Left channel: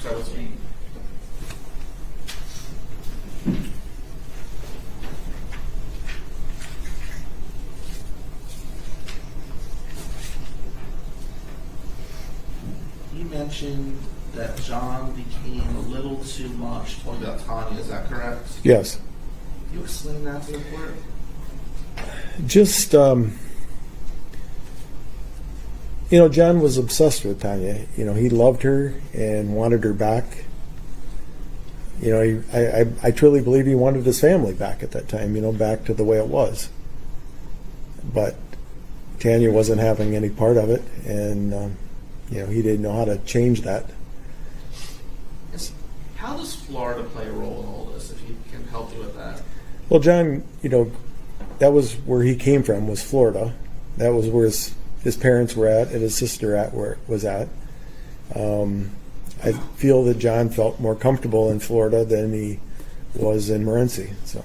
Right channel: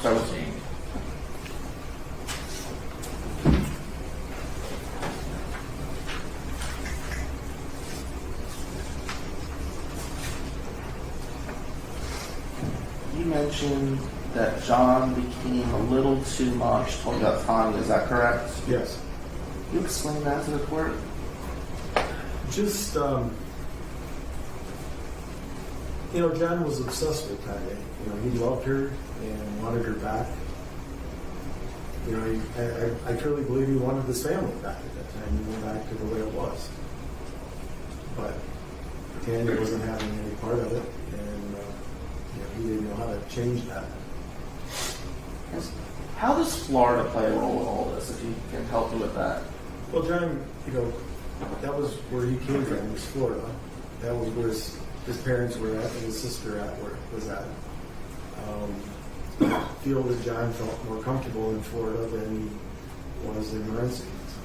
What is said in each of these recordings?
Start with Jamie. You mentioned that John became a little too much talking about Tanya, is that correct? Yes. Can you explain that to the court? Just, John was obsessed with Tanya. He loved her and wanted her back. I truly believe he wanted his family back at that time, back to the way it was. But Tanya wasn't having any part of it, and, he didn't know how to change that. How does Florida play a role with all this, if you can help me with that? Well, John, that was where he came from, was Florida. That was where his parents were at and his sister was at. I feel that John felt more comfortable in Florida than he was in Morenci. So.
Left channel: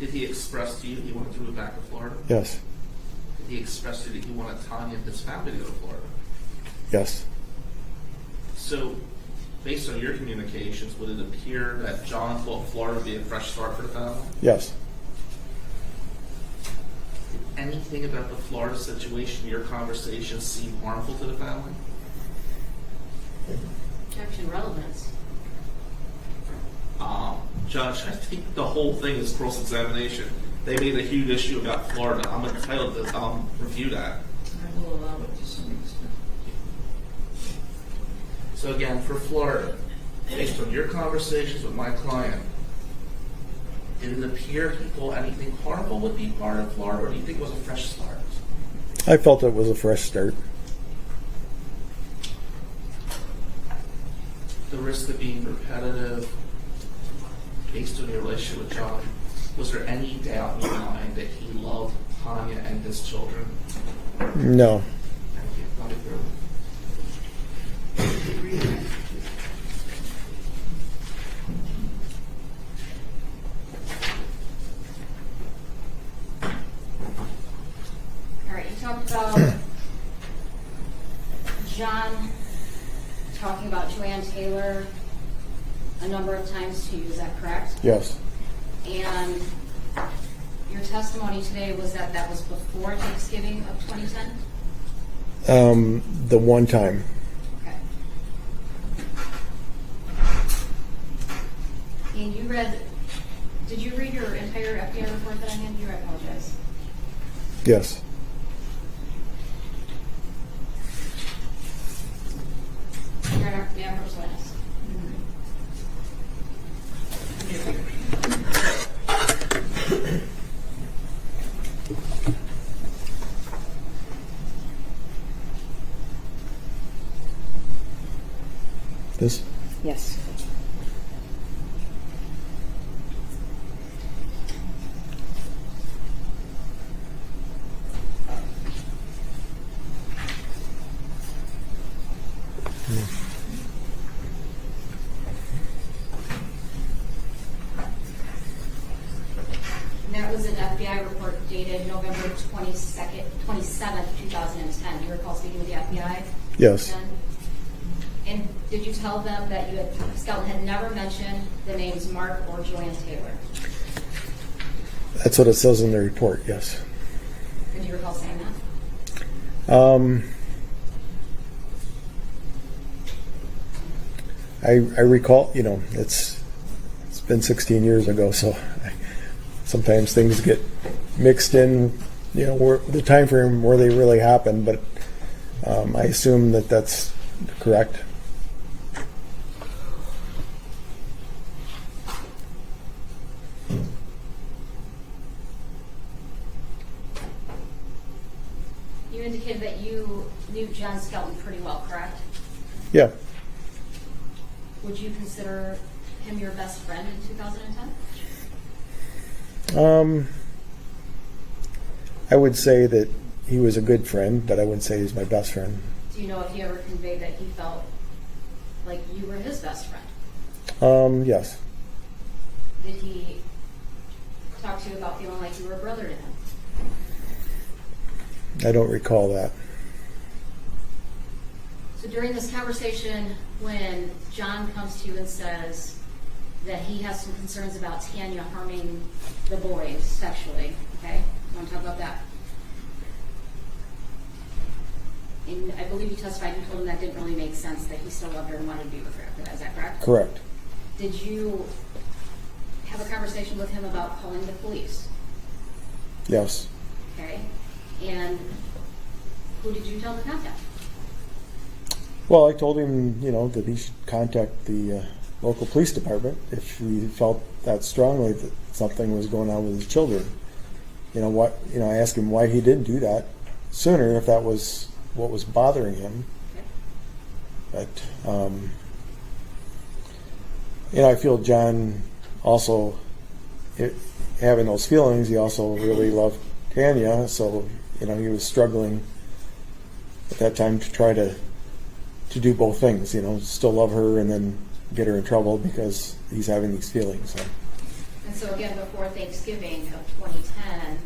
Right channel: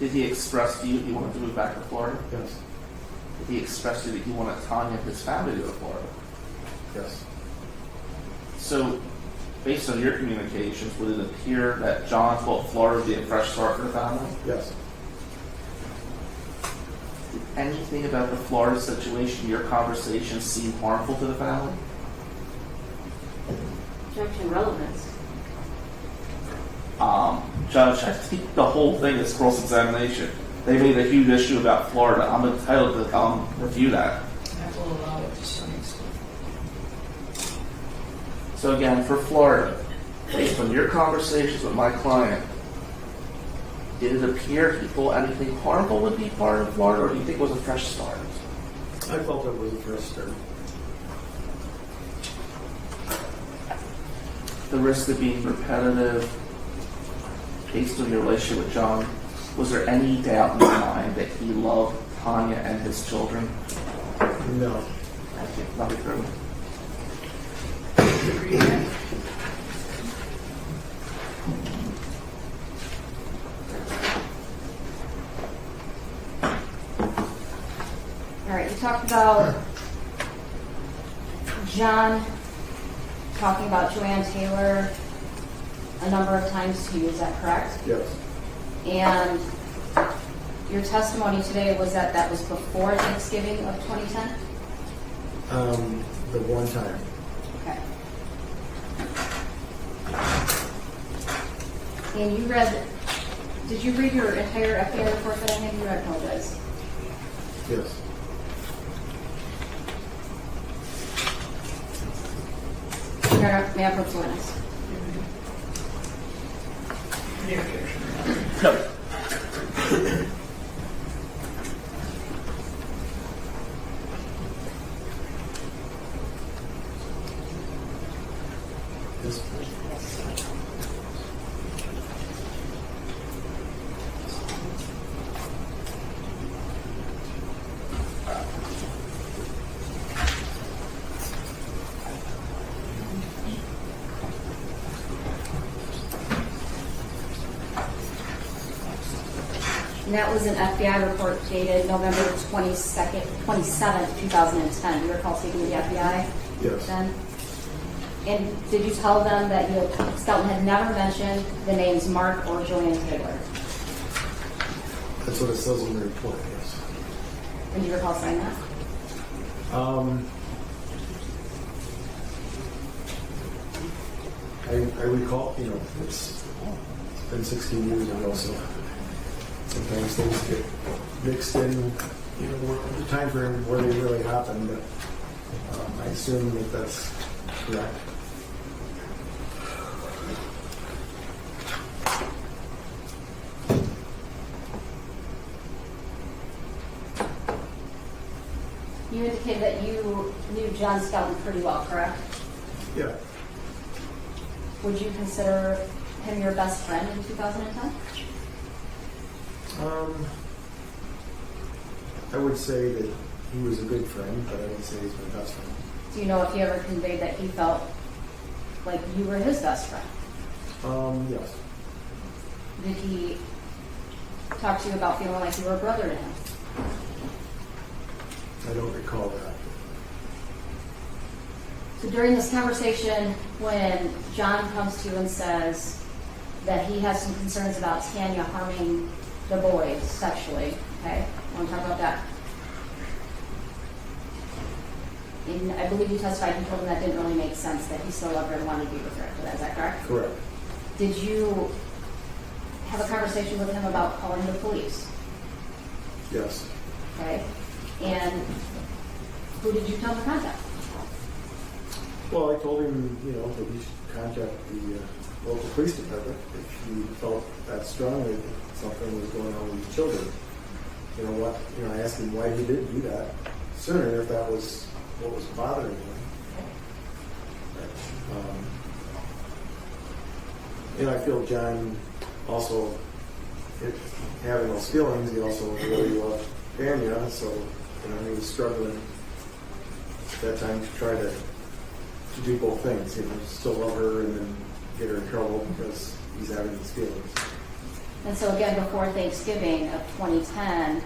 Did he express to you he wanted to move back to Florida? Yes. Did he express to you that he wanted Tanya and his family to go to Florida? Yes. So, based on your communications, would it appear that John thought Florida would be a fresh start for the family? Yes. Did anything about the Florida situation, your conversation, seem harmful to the family? Objection relevance. Judge, I think the whole thing is cross-examination. They made a huge issue about Florida. I'm entitled to review that. I will allow it to some extent. So again, for Florida, based on your conversations with my client, did it appear he thought anything harmful would be part of Florida, or do you think it was a fresh start? I felt it was a fresh start. The risk of being repetitive, based on your relationship with John, was there any doubt in your mind that he loved Tanya and his children? No. Thank you. Not be through. All right, you talked about John talking about Joanne Taylor a number of times to you, is that correct? Yes. And your testimony today was that that was before Thanksgiving of 2010? The one time. Okay. And did you read your entire FBI report that I handed you? I apologize. Yes. Your Honor, may I approach the witness? Yes. Yes. And that was an FBI report dated November 27th, 2010. You recall speaking to the FBI Yes. then? And did you tell them that Skelton had never mentioned the names Mark or Joanne Taylor? That's what it says in the report, yes. And do you recall saying that? I recall, it's been 16 years ago, so sometimes things get mixed in, where the time frame where they really happen, but I assume that that's correct. You indicated that you knew John Skelton pretty well, correct? Yeah. Would you consider him your best friend in 2010? I would say that he was a good friend, but I wouldn't say he's my best friend. Do you know if he ever conveyed that he felt like you were his best friend? Yes. Did he talk to you about feeling like you were a brother to him? I don't recall that. So during this conversation, when John comes to you and says that he has some concerns about Tanya harming the boys sexually, okay? Want to talk about that? And I believe you testified you told him that didn't really make sense, that he still loved her and wanted to be with her. Is that correct? Correct. Did you have a conversation with him about calling the police? Yes. Okay. And who did you tell to contact? Well, I told him, that he should contact the local police department if he felt that strongly that something was going on with his children. I asked him why he didn't do that sooner, if that was what was bothering him. Okay. But, I feel John also, having those feelings, he also really loved Tanya, so, he was struggling at that time to try to do both things, still love her and then get her in trouble because he's having these feelings. So. And so again, before Thanksgiving of 2010,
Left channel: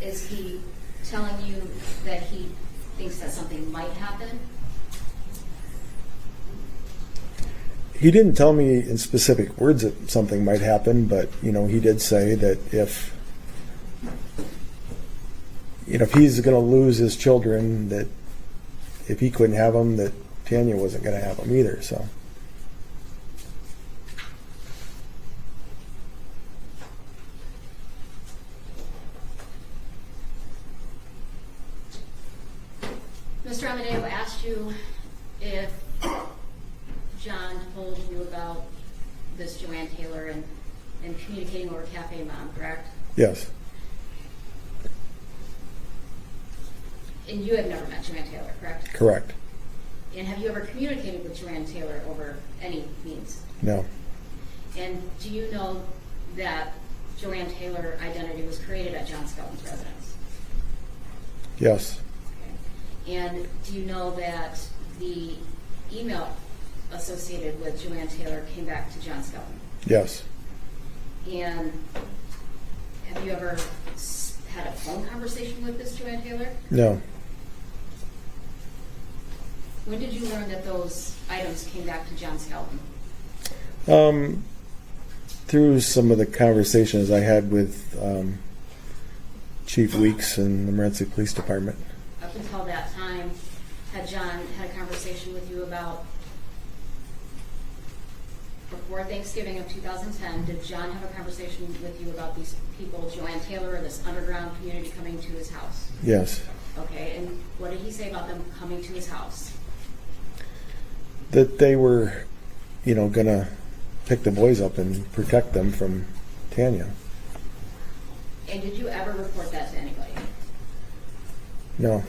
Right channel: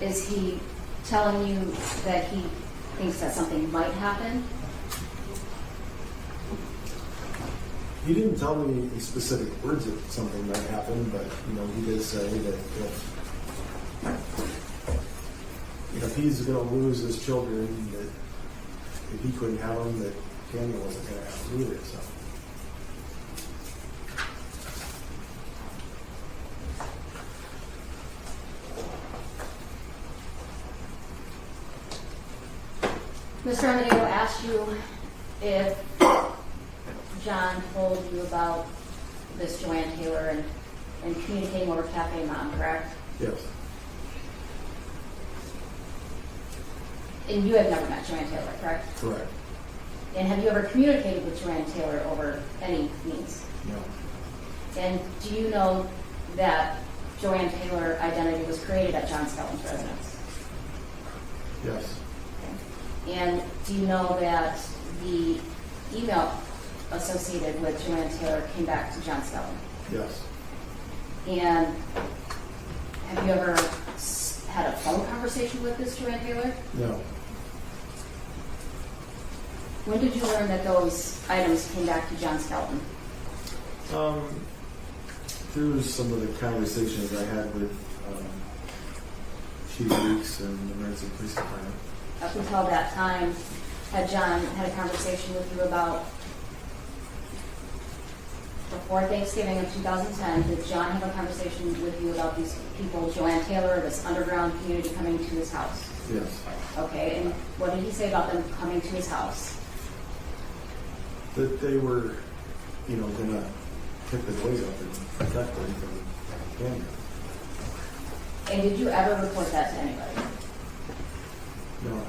is he telling you that he thinks that something might happen? He didn't tell me in specific words that something might happen, but, he did say that if he's going to lose his children, that if he couldn't have them, that Tanya wasn't going to have them either, so. Mr. Amadeo asked you if John told you about this Joanne Taylor and communicating over Cafe Mom, correct? Yes. And you have never met Joanne Taylor, correct? Correct. And have you ever communicated with Joanne Taylor over any means? No. And do you know that Joanne Taylor identity was created at John Skelton's residence? Yes. Okay. And do you know that the email associated with Joanne Taylor came back to John Skelton? Yes. And have you ever had a phone conversation with this Joanne Taylor? No. When did you learn that those items came back to John Skelton? Through some of the conversations I had with Chief Weeks and the Morenci Police Department. Up until that time, had John had a conversation with you about, before Thanksgiving of 2010, did John have a conversation with you about these people, Joanne Taylor, this underground community coming to his house? Yes. Okay, and what did he say about them coming to his house? That they were, going to pick the boys up and protect them from Tanya. And did you ever report that to anybody? No.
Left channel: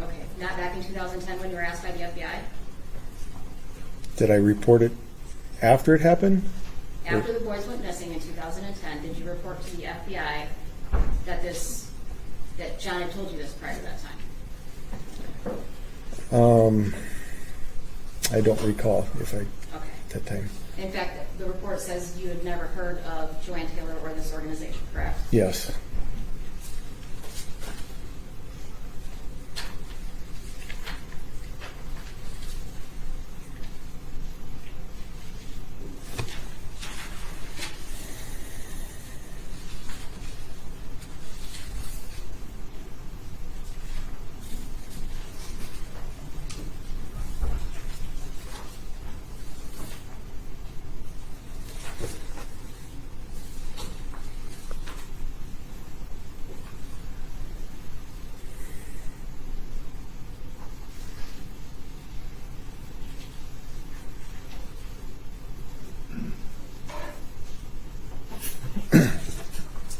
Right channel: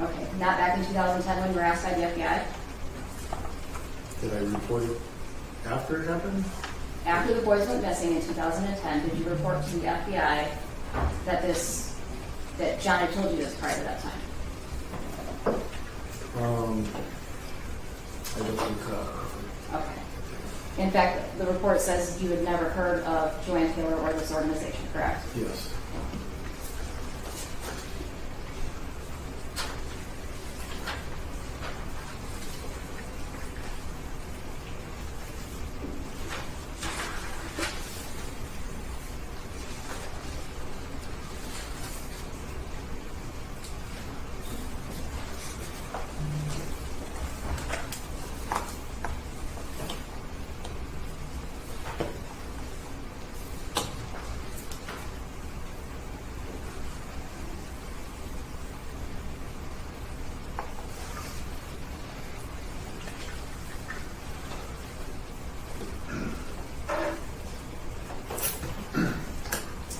Okay, not back in 2010 when you were asked by the FBI? Did I report it after it happened? After the boys went missing in 2010, did you report to the FBI that John had told you this prior to that time? I don't recall if I Okay. that time. In fact, the report says you had never heard of Joanne Taylor or this organization, correct? Yes.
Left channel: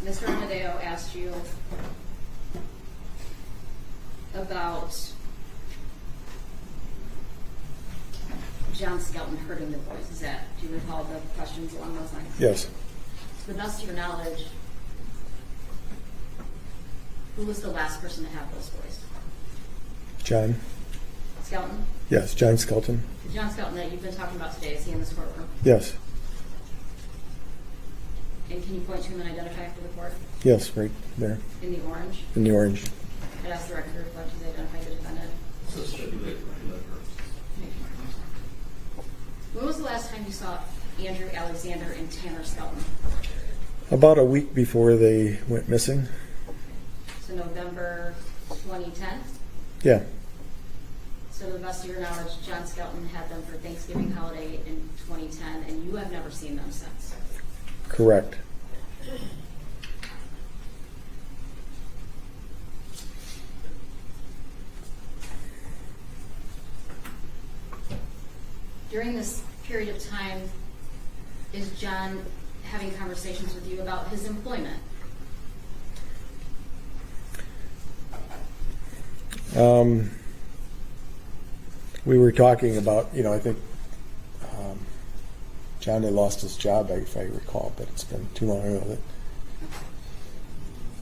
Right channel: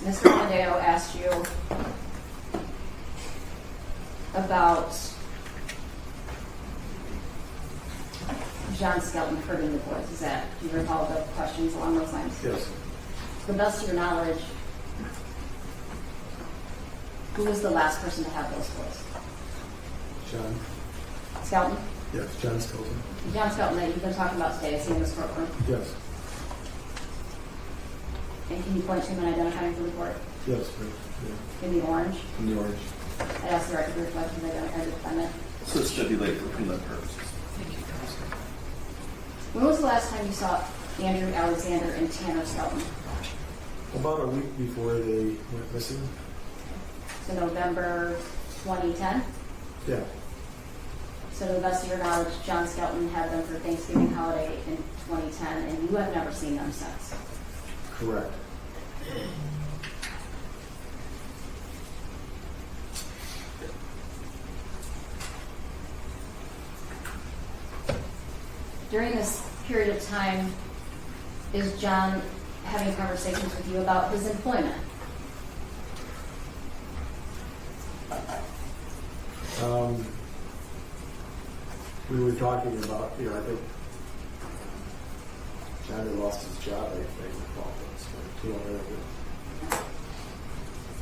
Mr. Amadeo asked you about John Skelton hurting the boys. Do you recall the questions along those lines? Yes. To the best of your knowledge, who was the last person to have those boys? John? Skelton? Yes, John Skelton. John Skelton that you've been talking about today, is he in this courtroom? Yes. And can you point to him and identify him for the court? Yes, right there. In the orange? In the orange. I'd ask the record to reflect his identified the defendant. So this should be late for prelim purposes. Thank you, Counselor. When was the last time you saw Andrew Alexander and Tanner Skelton? About a week before they went missing. So November 2010? Yeah, So to the best of your knowledge, John Skelton had them for Thanksgiving holiday in 2010, and you have never seen them since. correct. During this period of time, is John having conversations with you about his employment? We were talking about, I think John had lost his job, if I recall, but it's been too long ago.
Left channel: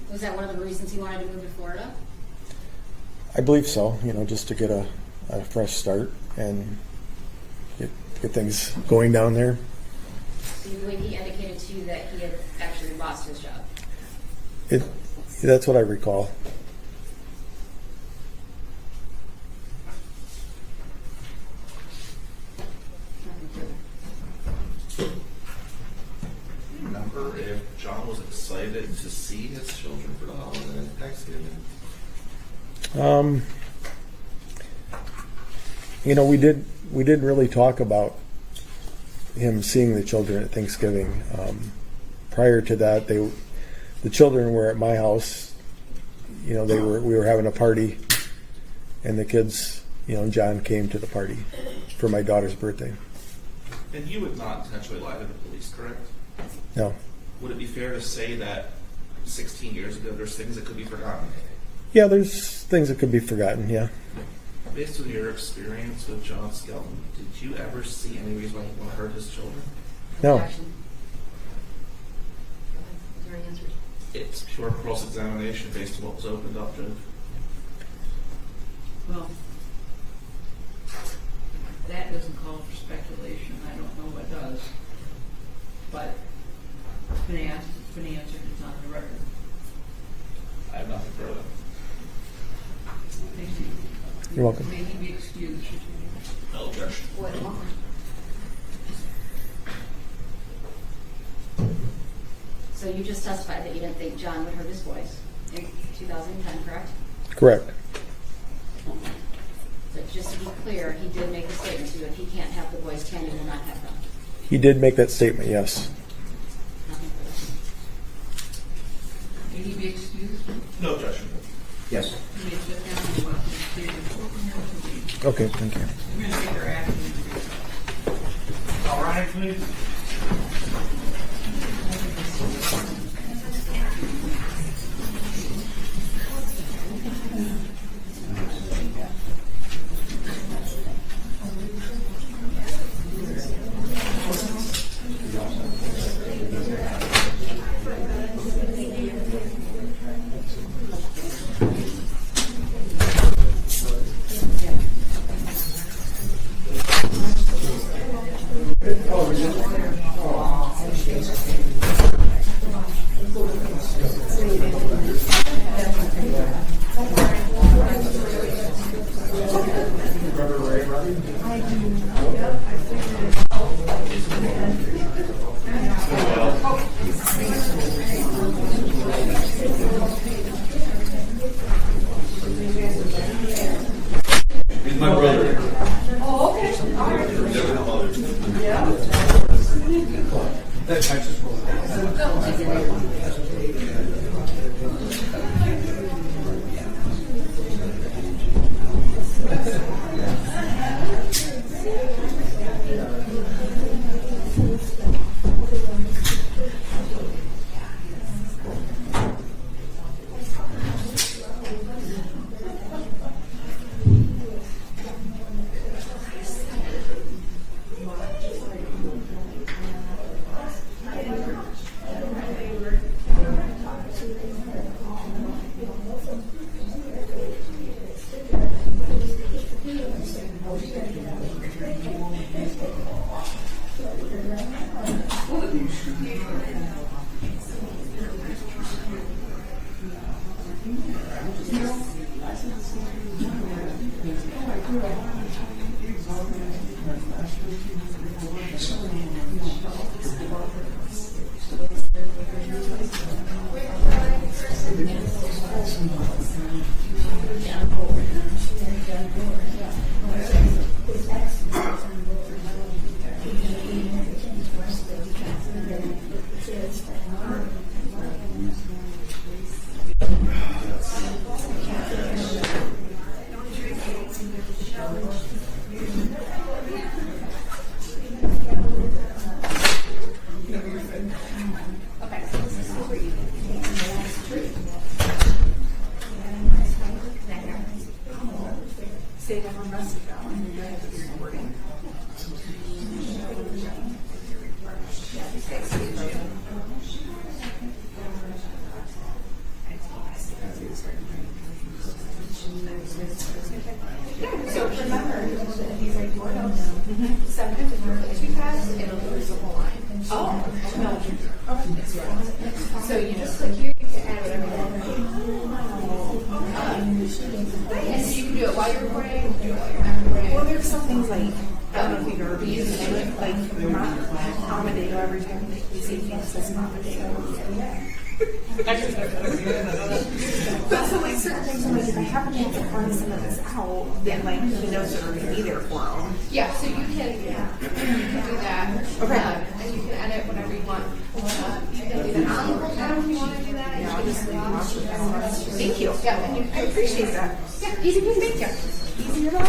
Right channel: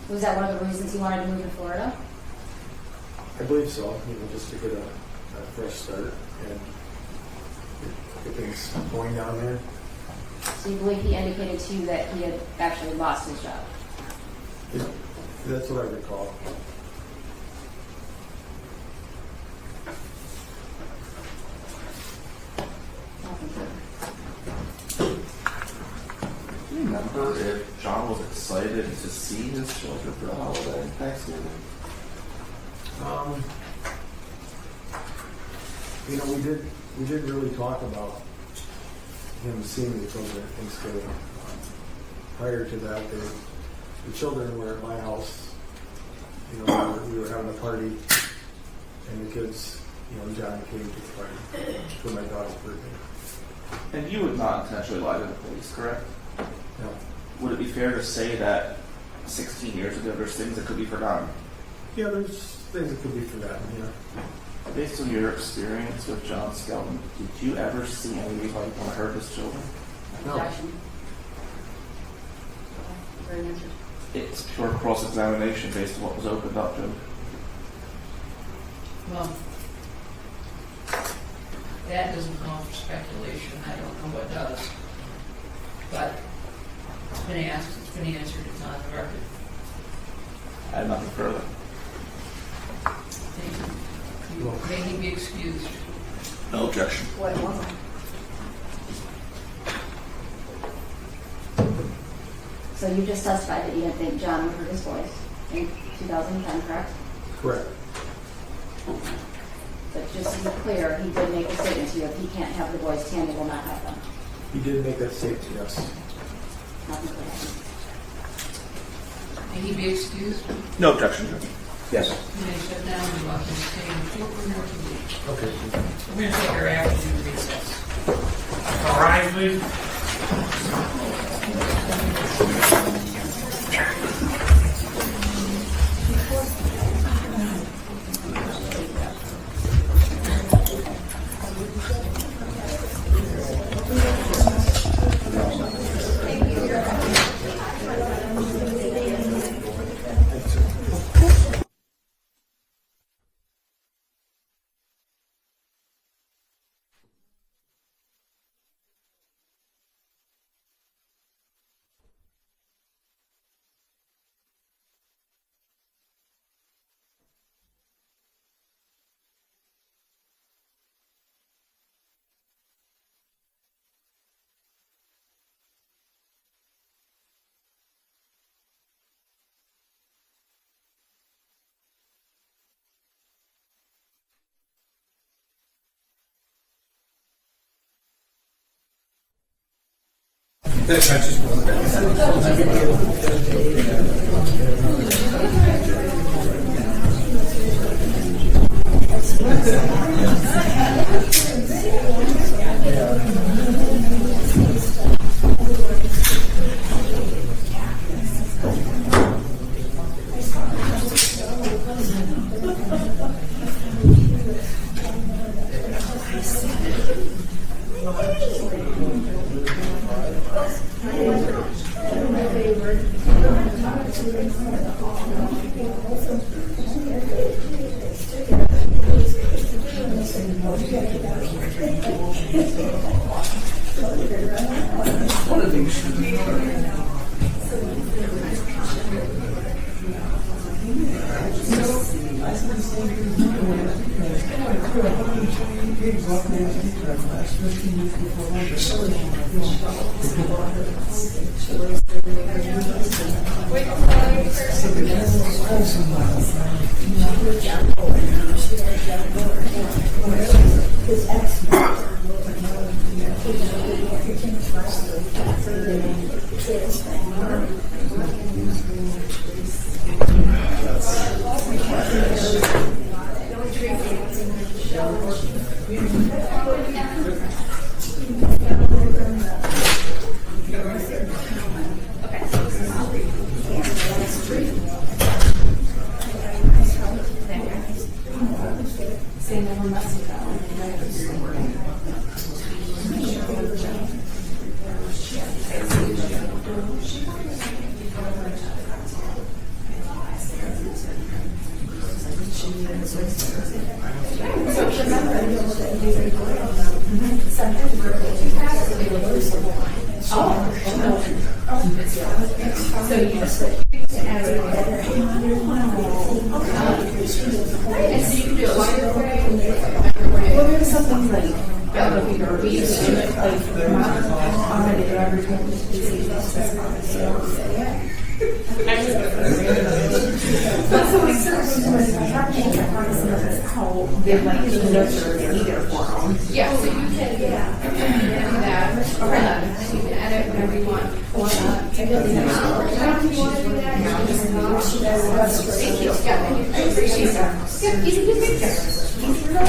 Was that one of the reasons he wanted to move to Florida? I believe so, just to get a fresh start and get things going down there. So you believe he indicated to you that he had actually lost his job? That's what I recall. Do you remember if John was excited to see his children for the holiday Thanksgiving? We did really talk about him seeing the children at Thanksgiving. Prior to that, the children were at my house. We were having a party, and the kids, John came to the party for my daughter's birthday. And you would not intentionally lie to the police, correct? No. Would it be fair to say that 16 years ago there's things that could be forgotten? Yeah, there's things that could be forgotten, yeah. Based on your experience with John Skelton, did you ever see any reason why he want to hurt his children? No. Objection. Your answer. It's pure cross-examination based on what was opened up, Judge. Well, that doesn't call for speculation. I don't know what does. But it's been asked, it's been answered, it's on the record. I have nothing further. Thank you. You're welcome. May he be excused. No objection. So you just testified that you didn't think John would hurt his boys in 2010, correct? Correct. But just to be clear, he did make a statement to you, if he can't have the boys, Tammy will not have them. He did make that statement, yes. Nothing further. May he be excused. No objection, Judge. Yes. You may shut down and go out and stay in the courtroom or to leave. Okay. We're going to take our afternoon recess. All right, please. My brother. Oh, okay. All right. Yeah. That's not just one Yeah, so you can do that. You can edit whenever you want. If you want to do that, thank you. Yeah, I appreciate that. Yeah, easy to make it. Easy to know.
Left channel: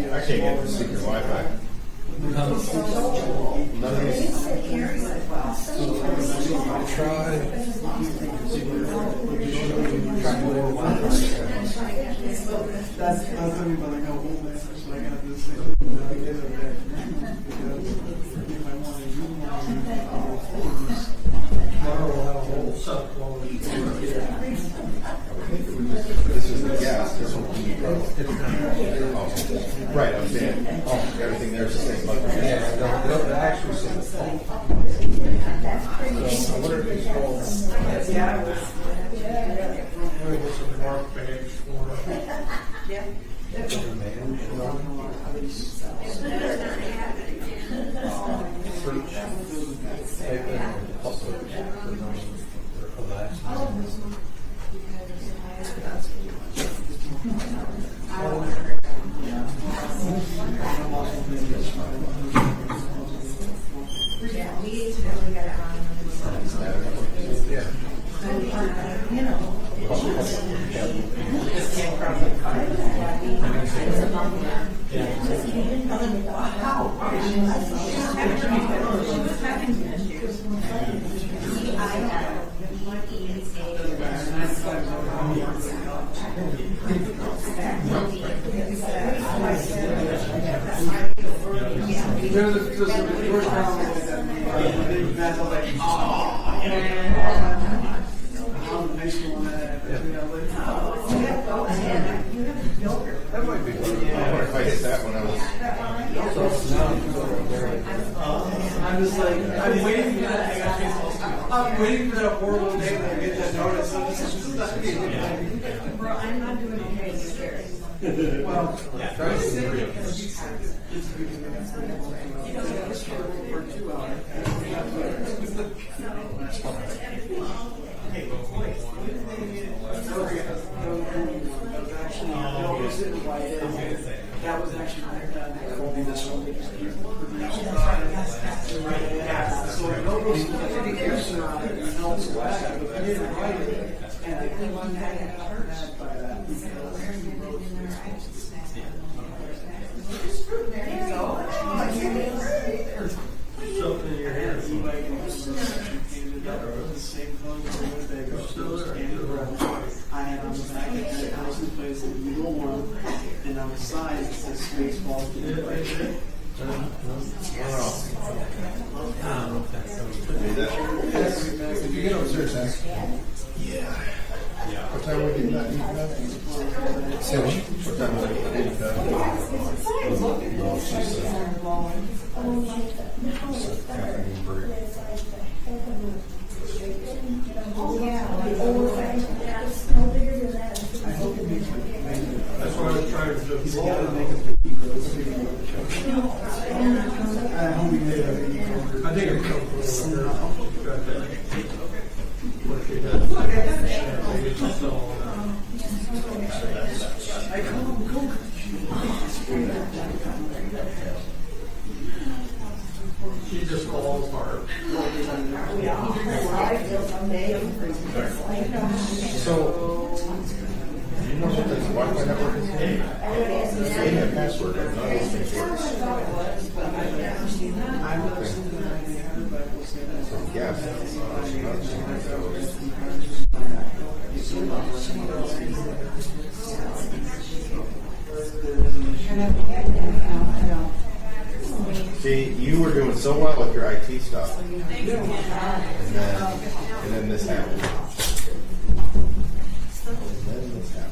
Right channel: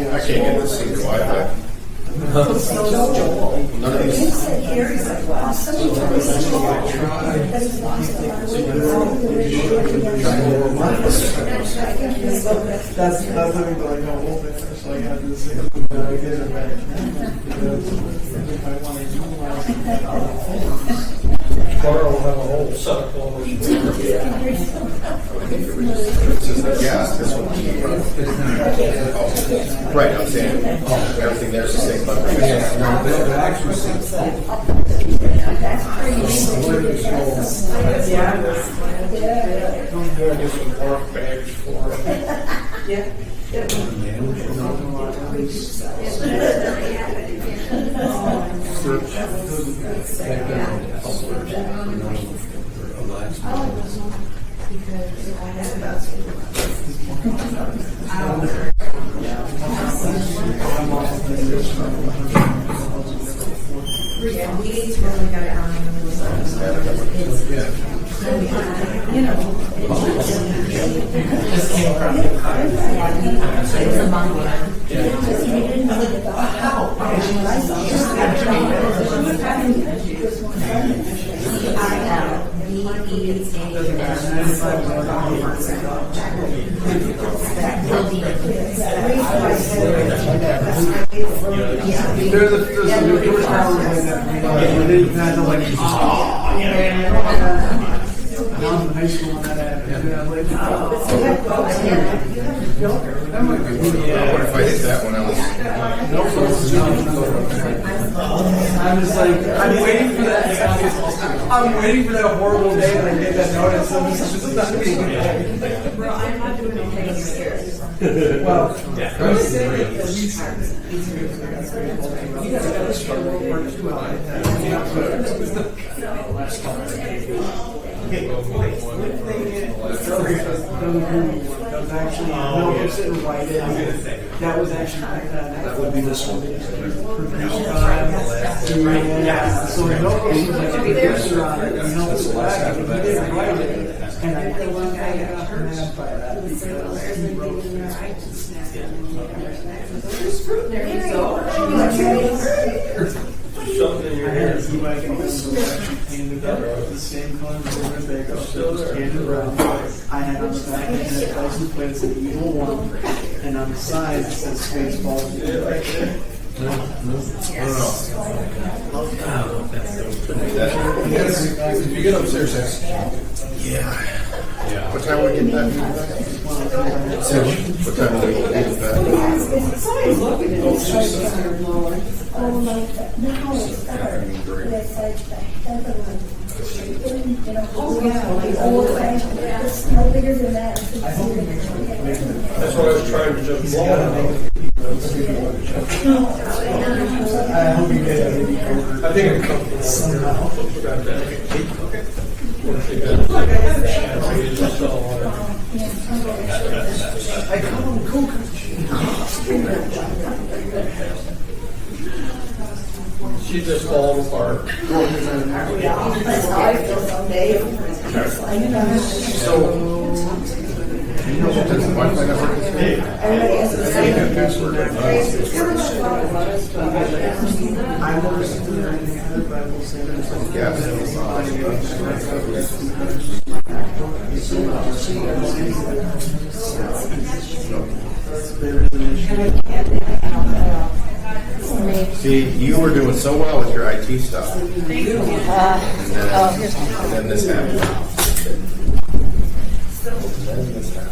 I can't get this secret Wi-Fi. None of these. That's how we like how old they are. So I got this thing now because of that. If I want to use Carl will have a whole set of clothes. Yeah, this one. Oh. Right, I'm saying everything there's the same. But Get some work bags for him. if I hit that one else. I'm just like, I'm waiting for that. I'm waiting for that horrible day when I get that notice. I'm just, this is not going to be a good day. Well, I'm not doing anything here. Well, for the sake of at least, it's a good thing. That's very cool. You gotta go to school, work too hard. That was actually notebooks and white. That was actually that would be this one. Yeah. So notebooks was like a picture on it, and no black, and he didn't write it. And I got mad by that because he wrote it. There you go. Something you're here. I had a e-bike and painted up with the same color as the Winnebago. And brown. I had on the back and it license plate said Evil One, and on the side it said Spaceballs. If you get upstairs, that's. Yeah. What time are we getting that? 6. What time are we getting that? That's what I was trying to jump I hope you get it. I think it comes from somehow. I come go. She just falls apart. So, do you know what this Wi-Fi network is? I think that password. Yes. See, you were doing so well with your IT stuff. And then this happened. And then this happened.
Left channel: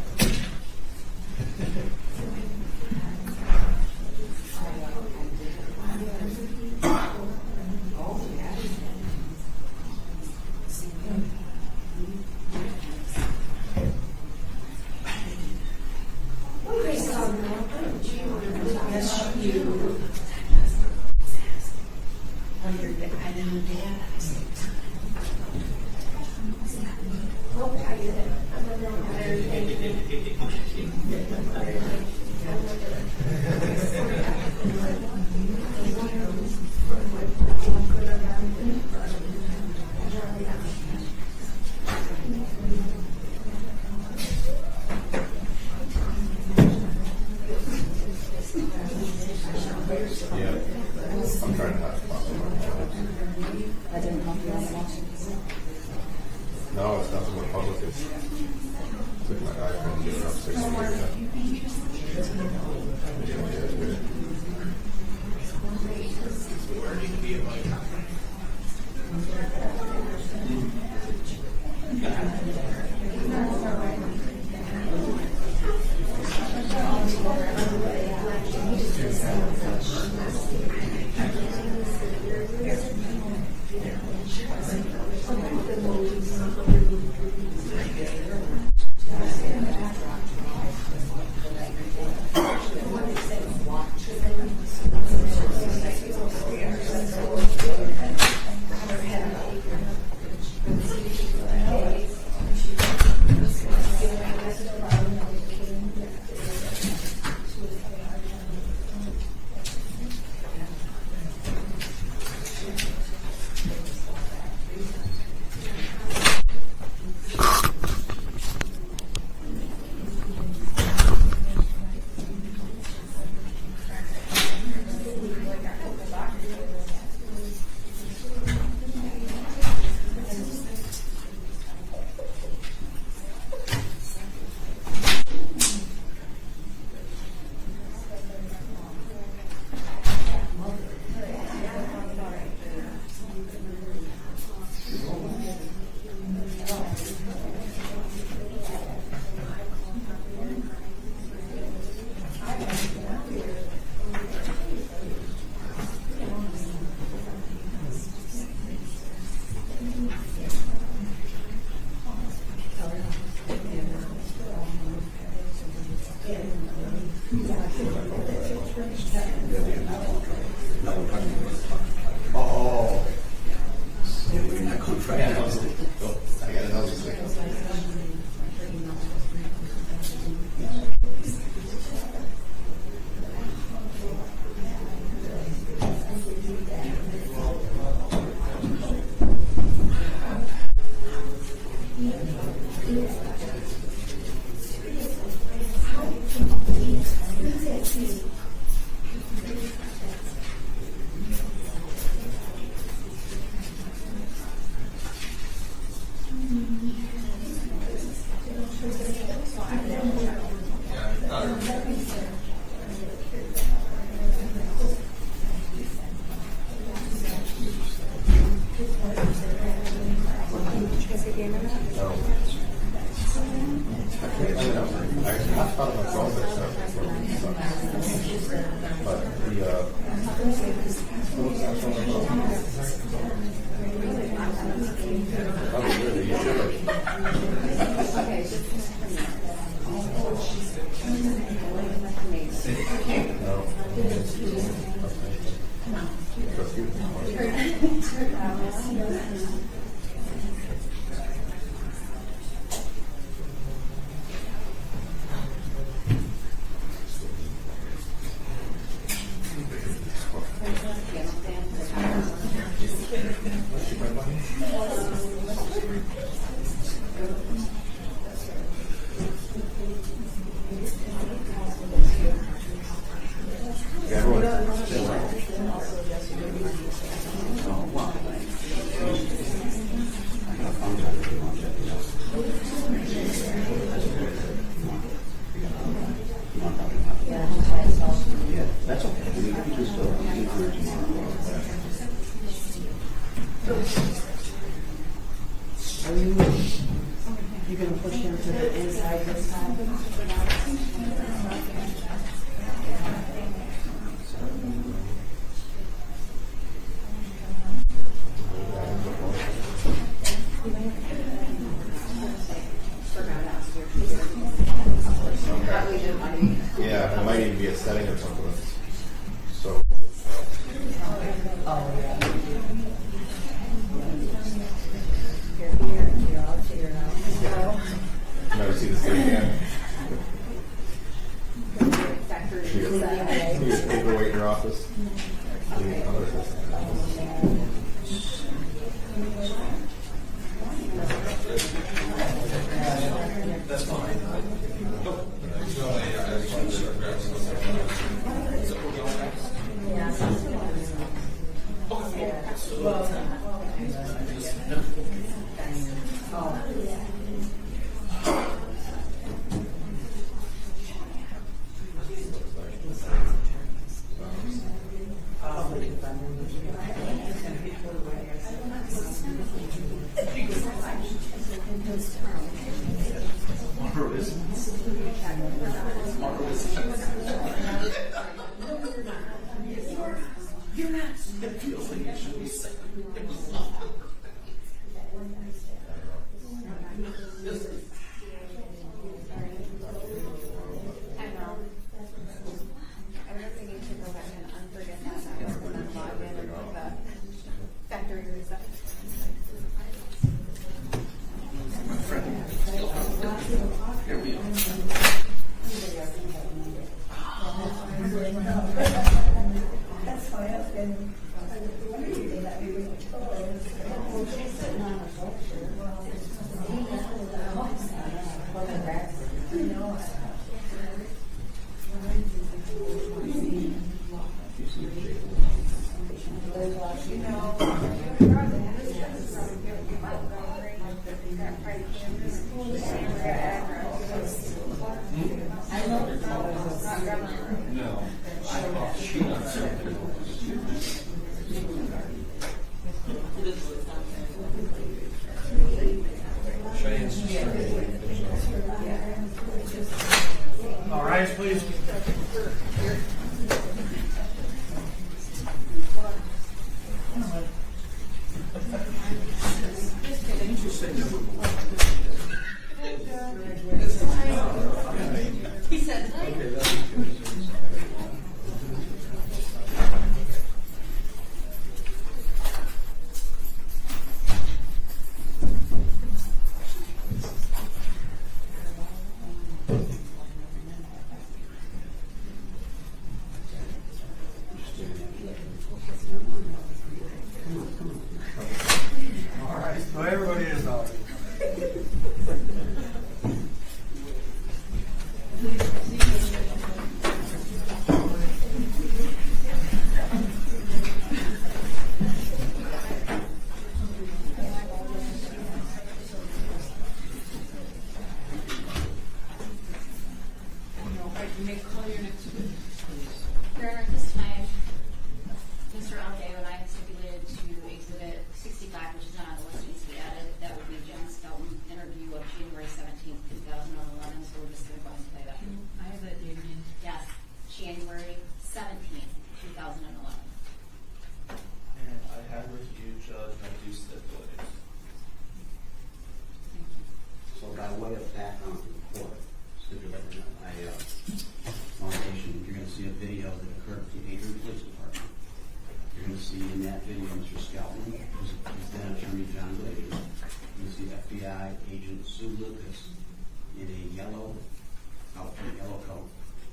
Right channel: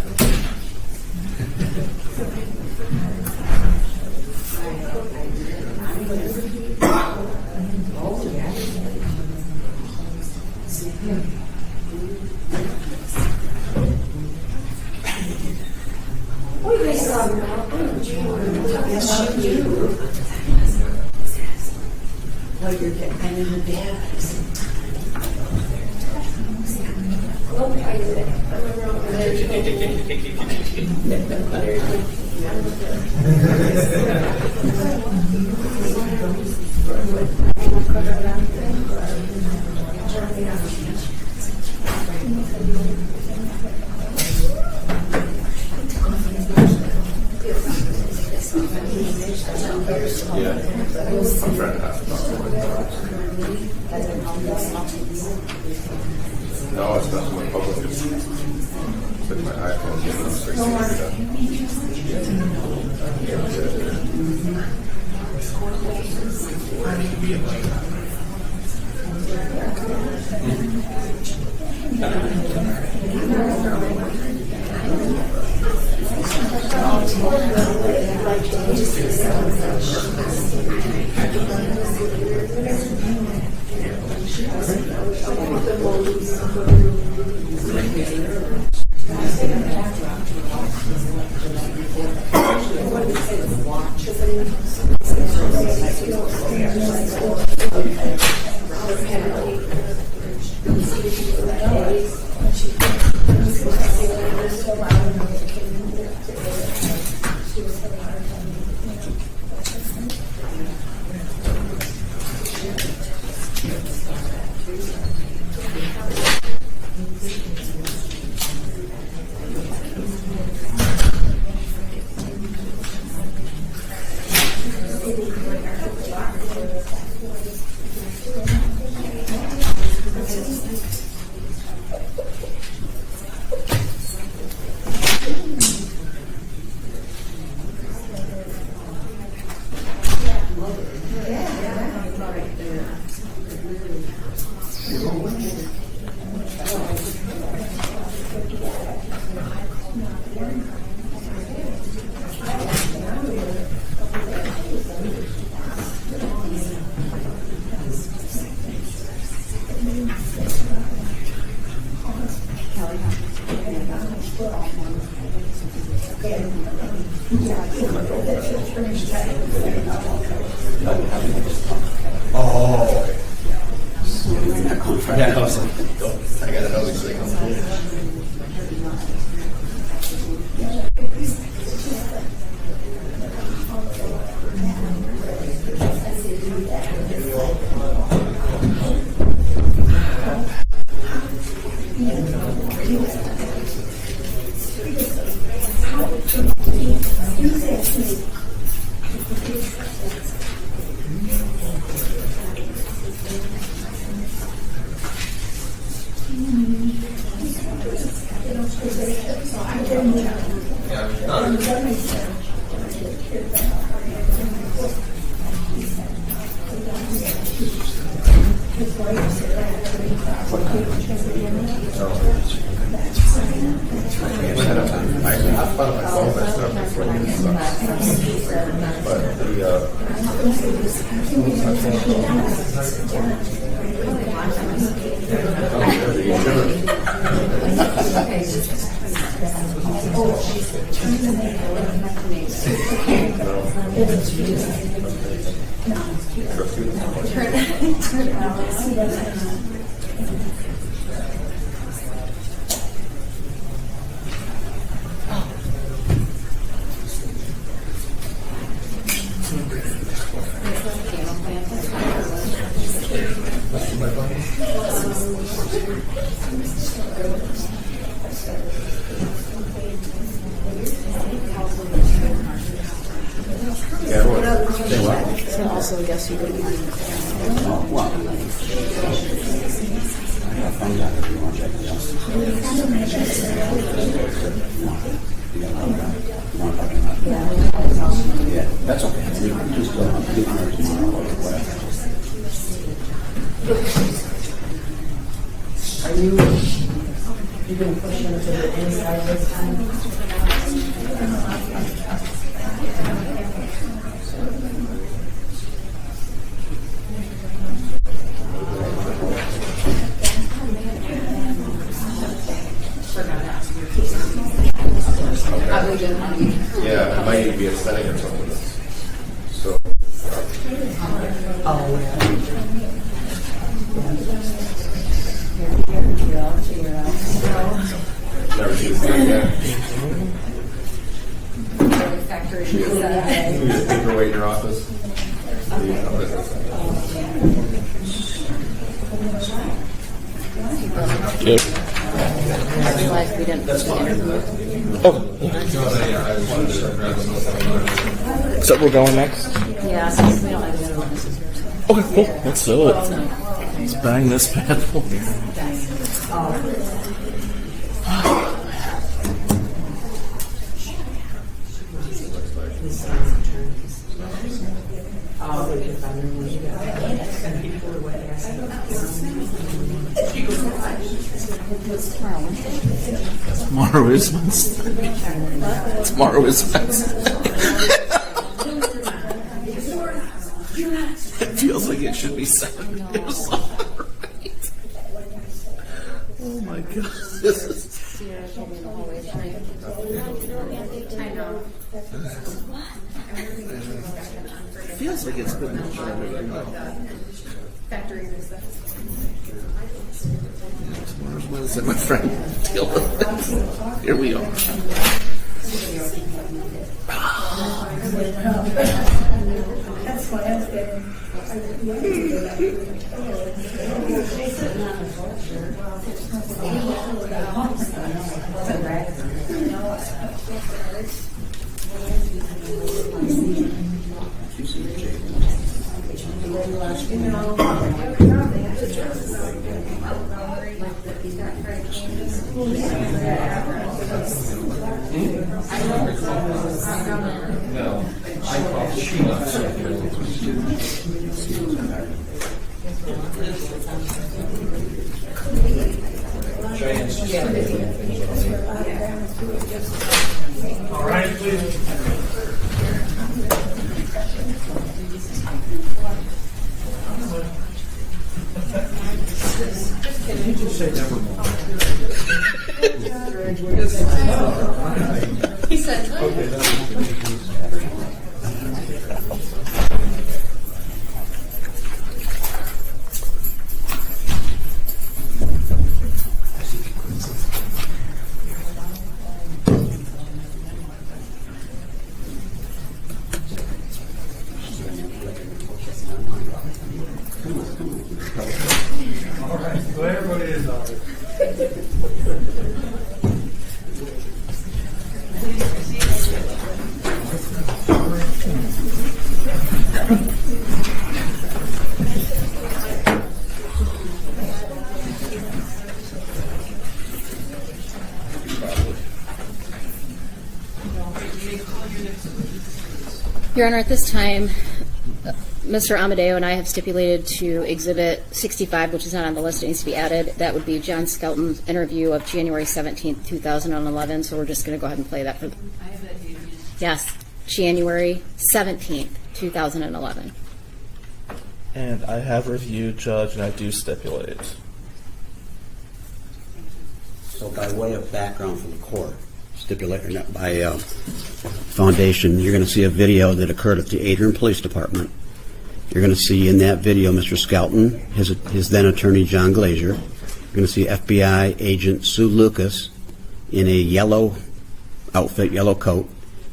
Yeah. I'm trying to have no, it's not more public. It's with my iPhone. Oh, okay. Yeah, I was like, nope, I got another signal. I thought myself that stuff before you but Also, yes, you would That's okay. We can just get on there tomorrow or whatever. Are you going to push them to the inside this time? yeah, it might even be a setting or something. So. Oh, yeah. Never seen this thing again. factory. You need a paperweight in your office. Yep. I realized we didn't put the interview. So we're going next? Yeah, since we don't have the other one. Okay, cool. Let's do it. Let's bang this bad boy. Tomorrow is Wednesday. Tomorrow is Wednesday. It feels like it should be Saturday or something, right? Oh my god. This is... I know. It feels like it's been Tomorrow's Wednesday, my friend. Deal with it. Here we are. That's why I'm saying. All right, please. You just say never mind. He said, Okay, that's all right. So everybody is all right. Your Honor, at this time, Mr. Amadeo and I have stipulated to Exhibit 65, which is not on the list, it needs to be added. That would be John Skelton's interview of January 17th, 2011. So we're just going to go ahead and play that for. I have that date again. Yes, January 17th, 2011. And I have reviewed, Judge, and I do stipulate. So by way of background for the court, by foundation, you're going to see a video that occurred at the Adrian Police Department. You're going to see in that video Mr. Skelton, his then attorney John Glazier. You're going to see FBI agent Sue Lucas in a yellow outfit, yellow coat,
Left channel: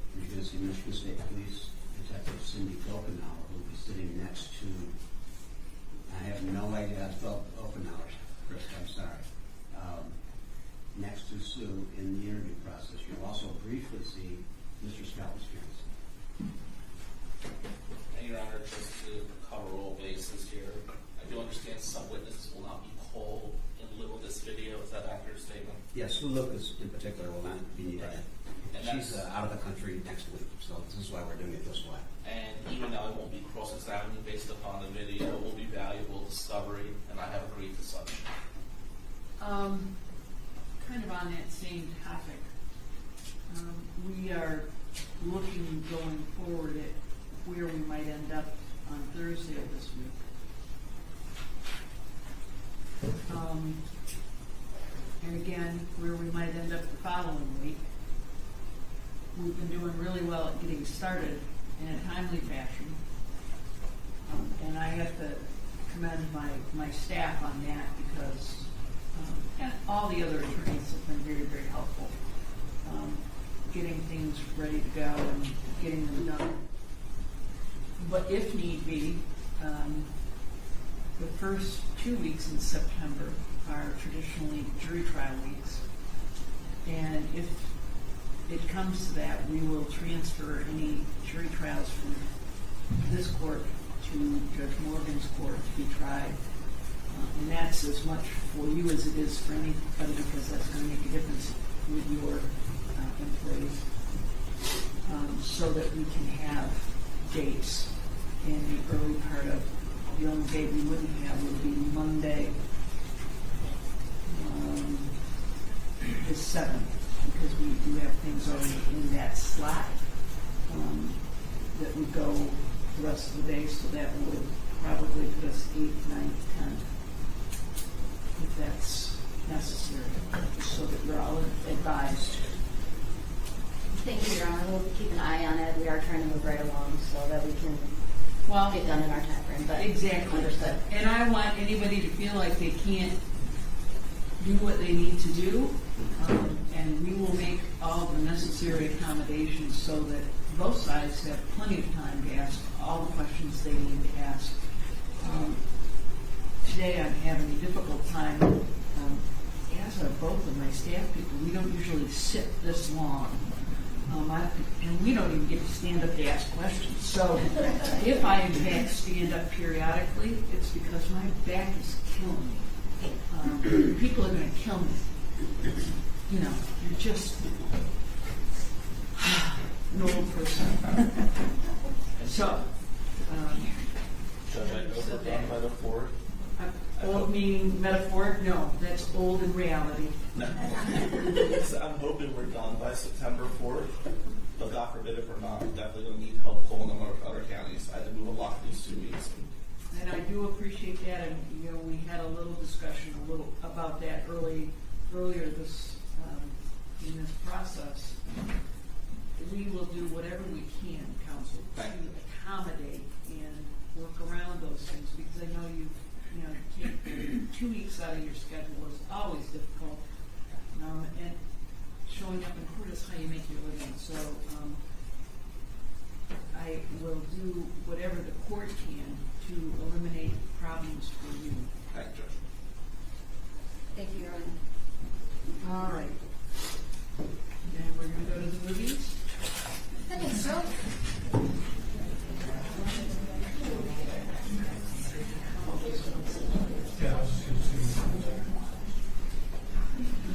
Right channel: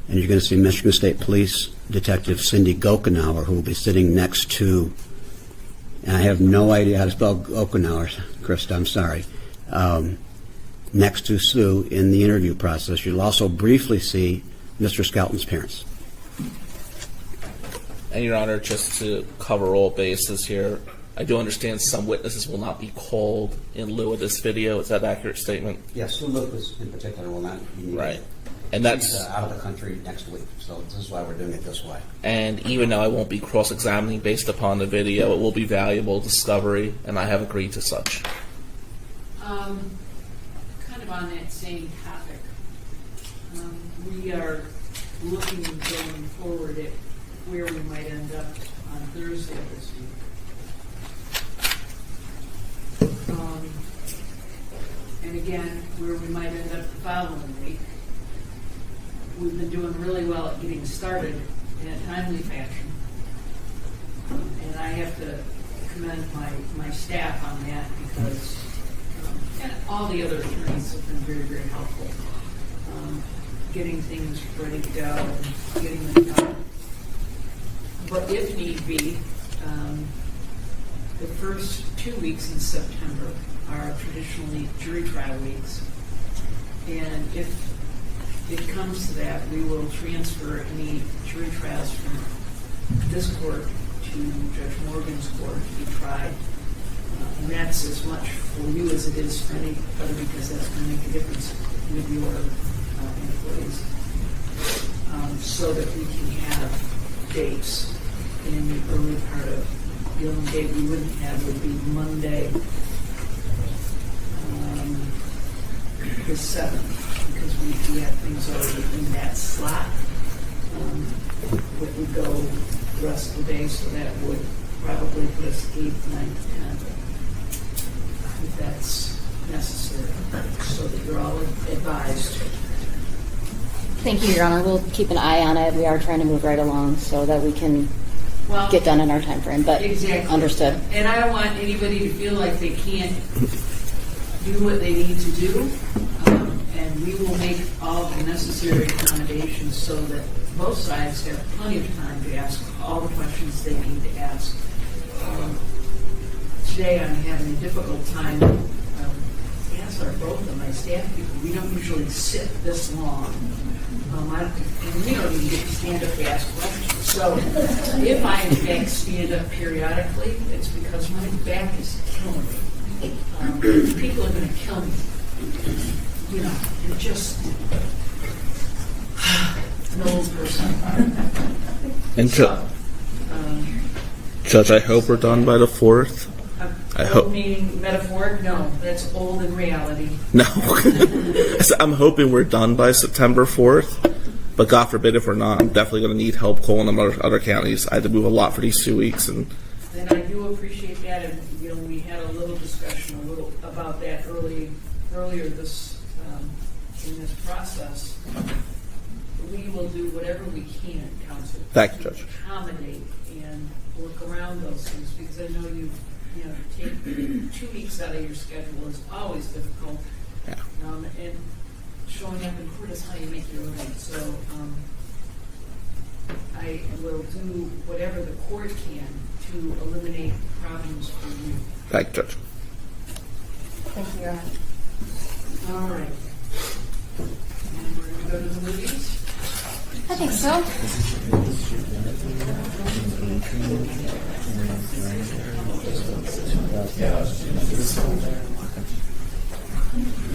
and you're going to see Michigan State Police Detective Cindy Gokenauer, who will be sitting next to, and I have no idea how to spell Gokenauer, Krista, I'm sorry, next to Sue in the interview process. You'll also briefly see Mr. Skelton's parents. And Your Honor, just to cover all bases here, I do understand some witnesses will not be called in lieu of this video. Is that an accurate statement? Yes, Sue Lucas in particular will not be needed. Right. And that's She's out of the country next week, so this is why we're doing it this way. And even though I won't be cross-examining based upon the video, it will be valuable discovery, and I have agreed to such. Kind of on that same topic, we are looking going forward at where we might end up on Thursday this week. And again, where we might end up the following week. We've been doing really well at getting started in a timely fashion. And I have to commend my staff on that because and all the other attorneys have been very, very helpful. Getting things ready to go and getting them done. But if need be, the first 2 weeks in September are traditionally jury trial weeks. And if it comes to that, we will transfer any jury trials from this court to Judge Morgan's court to be tried. And that's as much for you as it is for anybody because that's going to make a difference with your employees. So that we can have dates in the early part of the only date we wouldn't have would be Monday, the 7th, because we have things already in that slot that would go the rest of the day, so that would probably put us 8th, 9th, 10th, if that's necessary, so that you're all advised. Thank you, Your Honor. We'll keep an eye on it. We are trying to move right along so that we can get done in our time frame, but exactly. Understood. And I don't want anybody to feel like they can't do what they need to do, and we will make all the necessary accommodations so that both sides have plenty of time to ask all the questions they need to ask. Today I'm having a difficult time, as are both of my staff people. We don't usually sit this long. And we don't even get to stand up to ask questions. So if I, in fact, stand up periodically, it's because my back is killing me. People are going to kill me. You know, you're just an old person. And Judge, I hope we're done by the 4th. I hope. Meaning metaphoric? No, that's old in reality. No. I'm hoping we're done by September 4th, but God forbid if we're not, I'm definitely going to need help calling them other counties. I had to move a lot for these 2 weeks. And I do appreciate that, and you know, we had a little discussion about that earlier this in this process. We will do whatever we can, counsel, Thank you, Judge. to accommodate and work around those things, because I know you take 2 weeks out of your schedule is always difficult. Yeah. And showing up in court is how you make your living. So I will do whatever the court can to eliminate problems for you. Thank you, Judge. Thank you, Your Honor. All right. And we're going to go to the movies. I think so.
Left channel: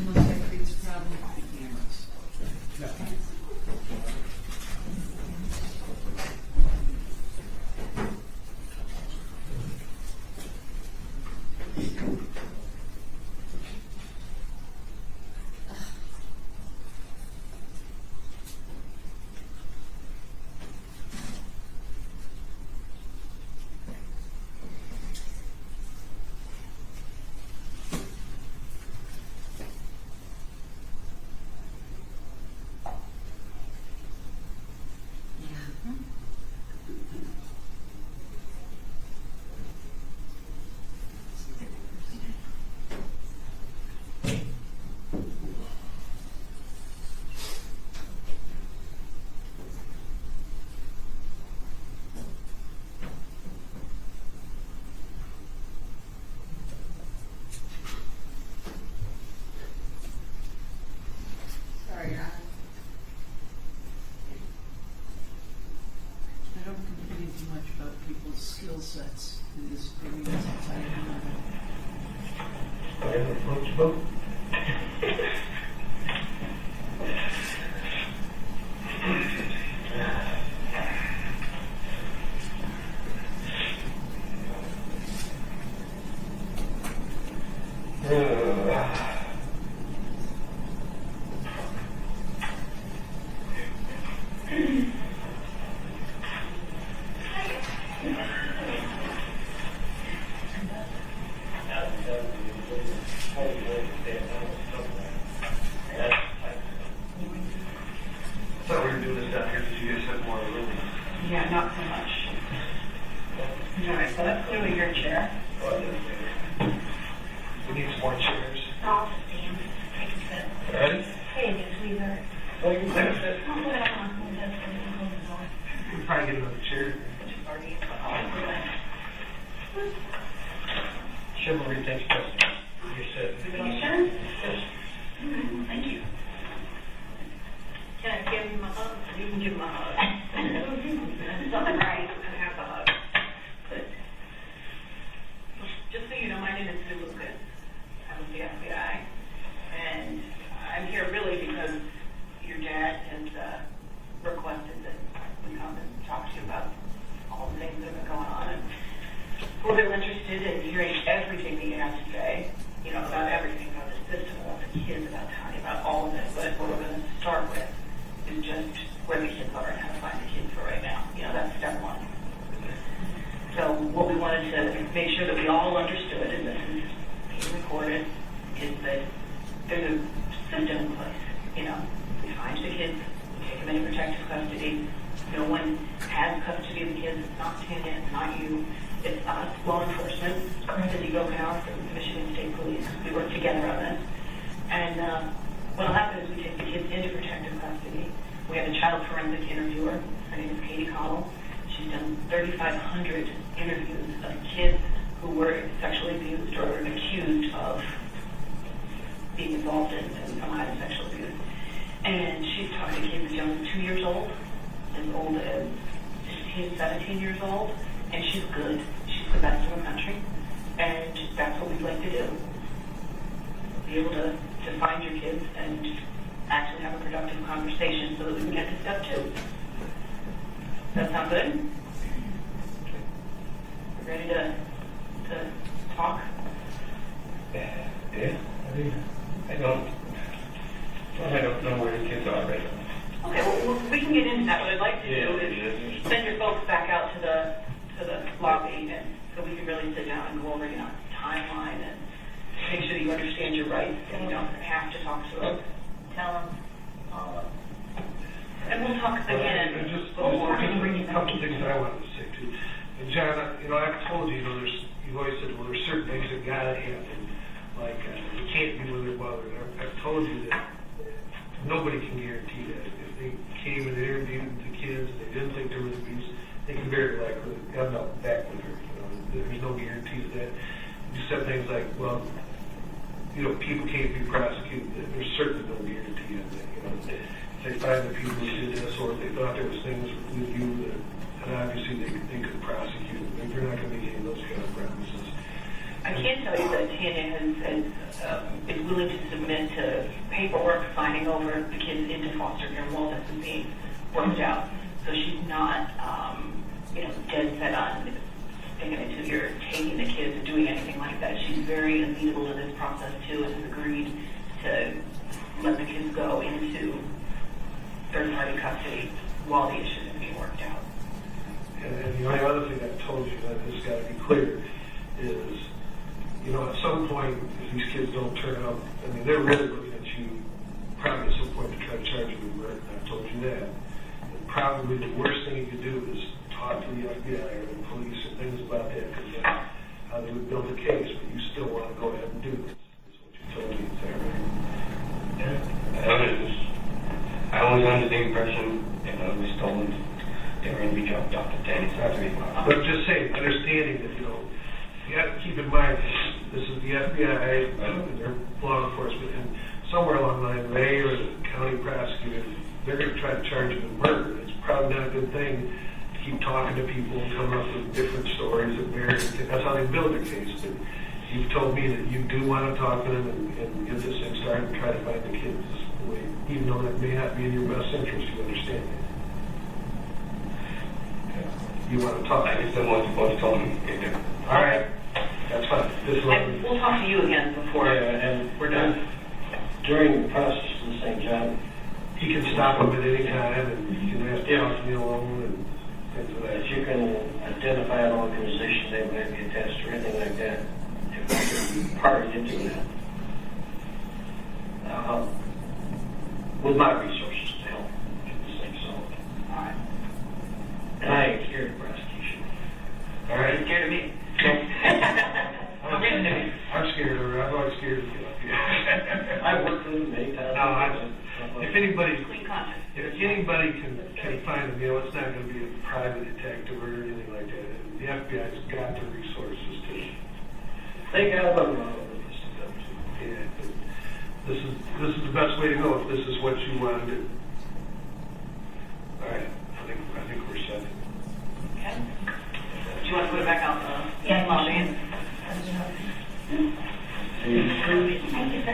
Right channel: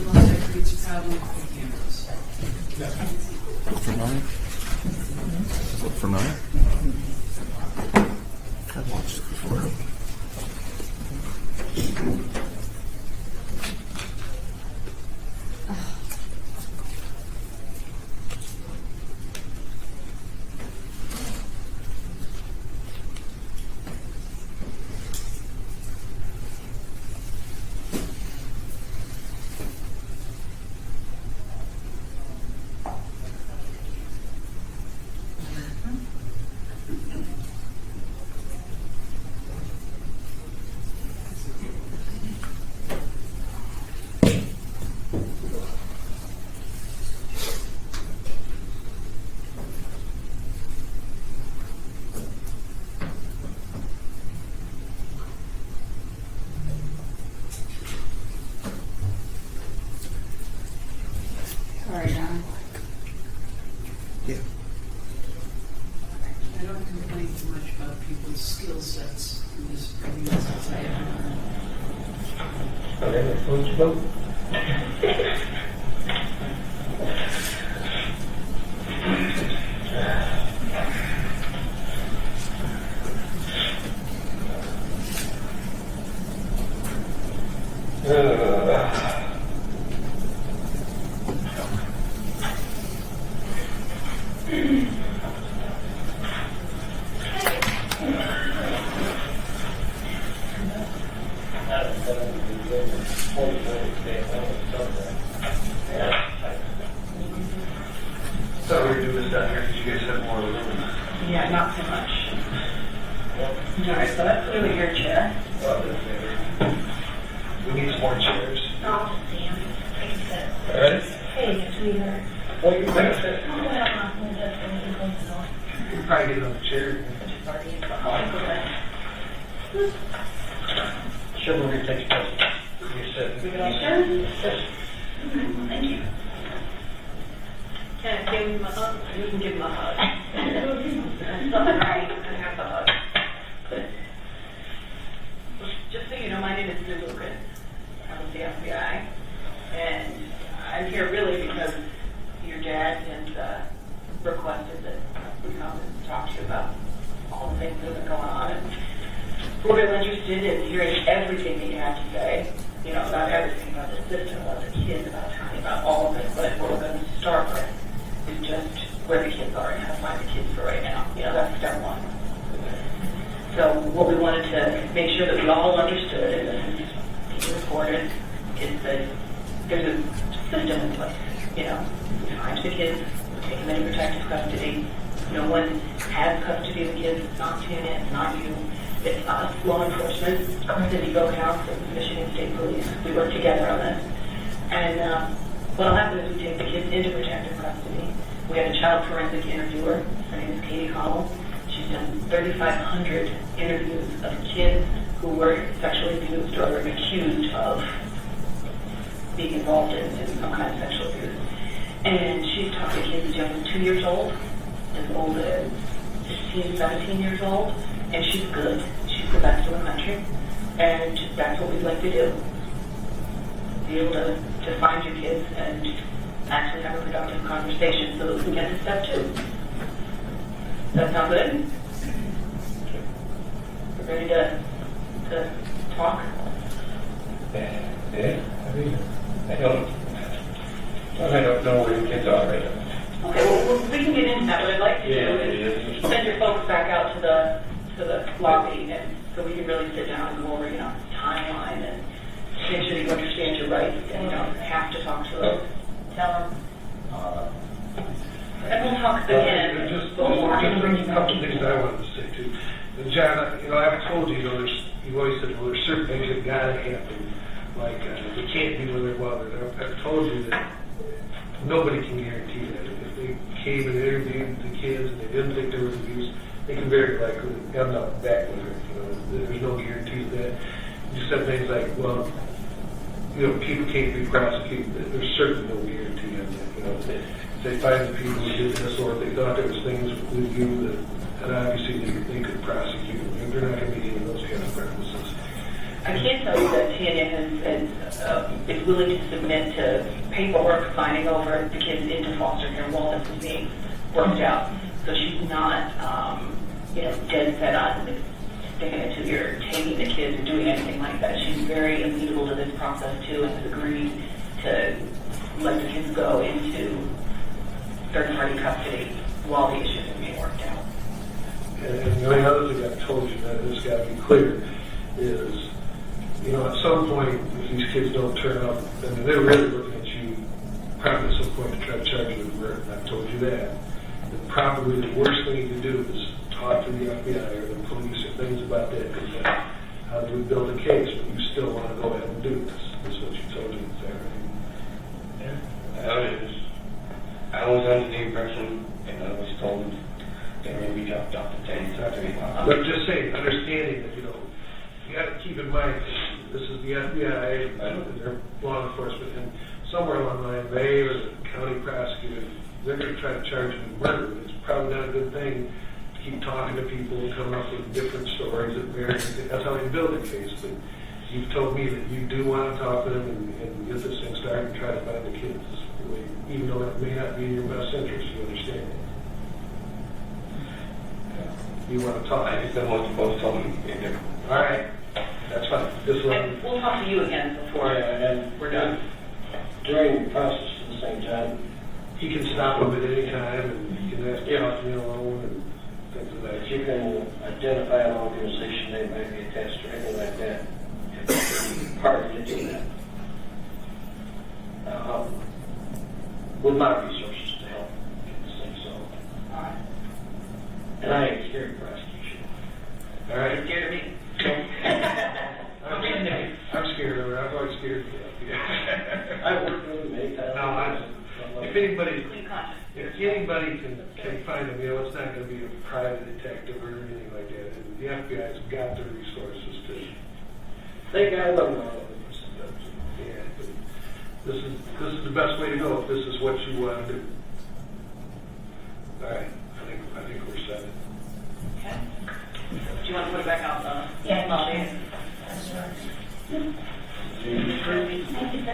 Unless that creates a problem with the cameras. For 9? For 9? Thought we were doing this down here because you guys had more room. Yeah, not so much. All right, so that's clearly your chair. We need some more chairs. I'll just stand. Take a sit. All right? Hey, sweetheart. Well, you can take a sit. Oh, well, I'm just going to go You can probably get on the chair. Sure, we're going to take a sit. You said. You sure? Yes. Thank you. Can I give him a hug? You can give him a hug. That's something right. And have a hug. Just so you know, my name is Sue Lucas. I'm with the FBI. And I'm here really because your dad has requested that we come and talk to you about all the things that are going on. And we're real interested in hearing everything that you have to say, you know, about everything, about the system, about the kids, about Tiny, about all of it. But what we're going to start with is just where the kids are and how to find the kids for right now. You know, that's step one. So what we wanted to make sure that we all understood, and this is being recorded, is that there's a system in place. You know, we find the kids, we take them into protective custody. No one has custody of the kids. It's not TNA, it's not you. It's us, law enforcement, City Eagle House, and Michigan State Police. We work together on this. And what'll happen is we take the kids into protective custody. We have a child forensic interviewer. Her name is Katie Connell. She's done 3,500 interviews of kids who were sexually abused or accused of being involved in some kind of sexual abuse. And she's talked to kids as young as 2 years old, as old as 16, 17 years old, and she's good. She's the best in the country, and that's what we'd like to do. Be able to find your kids and actually have a productive conversation so that we can get to step 2. Does that sound good? We're ready to talk? Yeah. I don't know where your kids are right now. Okay, well, we can get into that. What I'd like to do is send your folks back out to the lobby, and so we can really sit down and go over, you know, timeline and make sure that you understand your rights and you don't have to talk to them. Tell them. And we'll talk again. Just a couple things I wanted to say too. John, you know, I've told you, you've always said, well, there's certain things that gotta happen. Like, they can't be with their mother. I've told you that nobody can guarantee that. If they came and interviewed the kids and they didn't think there was abuse, they can very likely come out back with her. You know, there's no guarantee of that. You just said things like, well, you know, people can't be prosecuted. There's certainly no guarantee of that. You know, if they find the people who did this, or if they thought there was things with you that obviously they could prosecute. And they're not going to be in those kind of premises. I can tell you that TNA is willing to submit to paperwork signing over the kids into foster care while this is being worked out. So she's not, you know, dead set on sticking it to your taking the kids or doing anything like that. She's very amenable to this process too, and has agreed to let the kids go into third-party custody while the issues are being worked out. And the only other thing I've told you that has got to be clear is, you know, at some point, if these kids don't turn up, I mean, they're really looking at you probably at some point to try to charge you with murder. I've told you that. And probably the worst thing you can do is talk to the FBI or the police or things about that, because how do we build a case, but you still want to go ahead and do this. That's what you told me. Is that right? Yeah. I was under the impression, and I was told they were going to be dropped off at 10. But I'm just saying, understanding that, you know, you have to keep in mind, this is the FBI and their law enforcement, and somewhere along the line, they or the county prosecutor, they're going to try to charge you with murder. It's probably not a good thing to keep talking to people and coming up with different stories that marriage. That's how they build a case. But you've told me that you do want to talk to them and get this thing started and try to find the kids, even though that may not be in your best interest, you understand that. You want to talk. I just don't want to tell them in there. All right, that's fine. This is what We'll talk to you again before we're done. during the process at the same time, he can stop them at any time and he can ask to talk to me alone and things of that. If you can identify an organization they might be attached to or anything like that, to be part into that. With my resources to help get this thing solved. All right. And I ain't scared of breast tissue. All right? You're scared of me? I'm scared of her. I'm always scared of you. I've worked with them many times. No, if anybody can find them, it's not going to be a private detective or anything like that. The FBI's got the resources to. They got them. Yeah. This is the best way to go if this is what you want to do. All right. I think we're set. Okay. Do you want to put it back out the Yeah. lobby? Thank you, sir.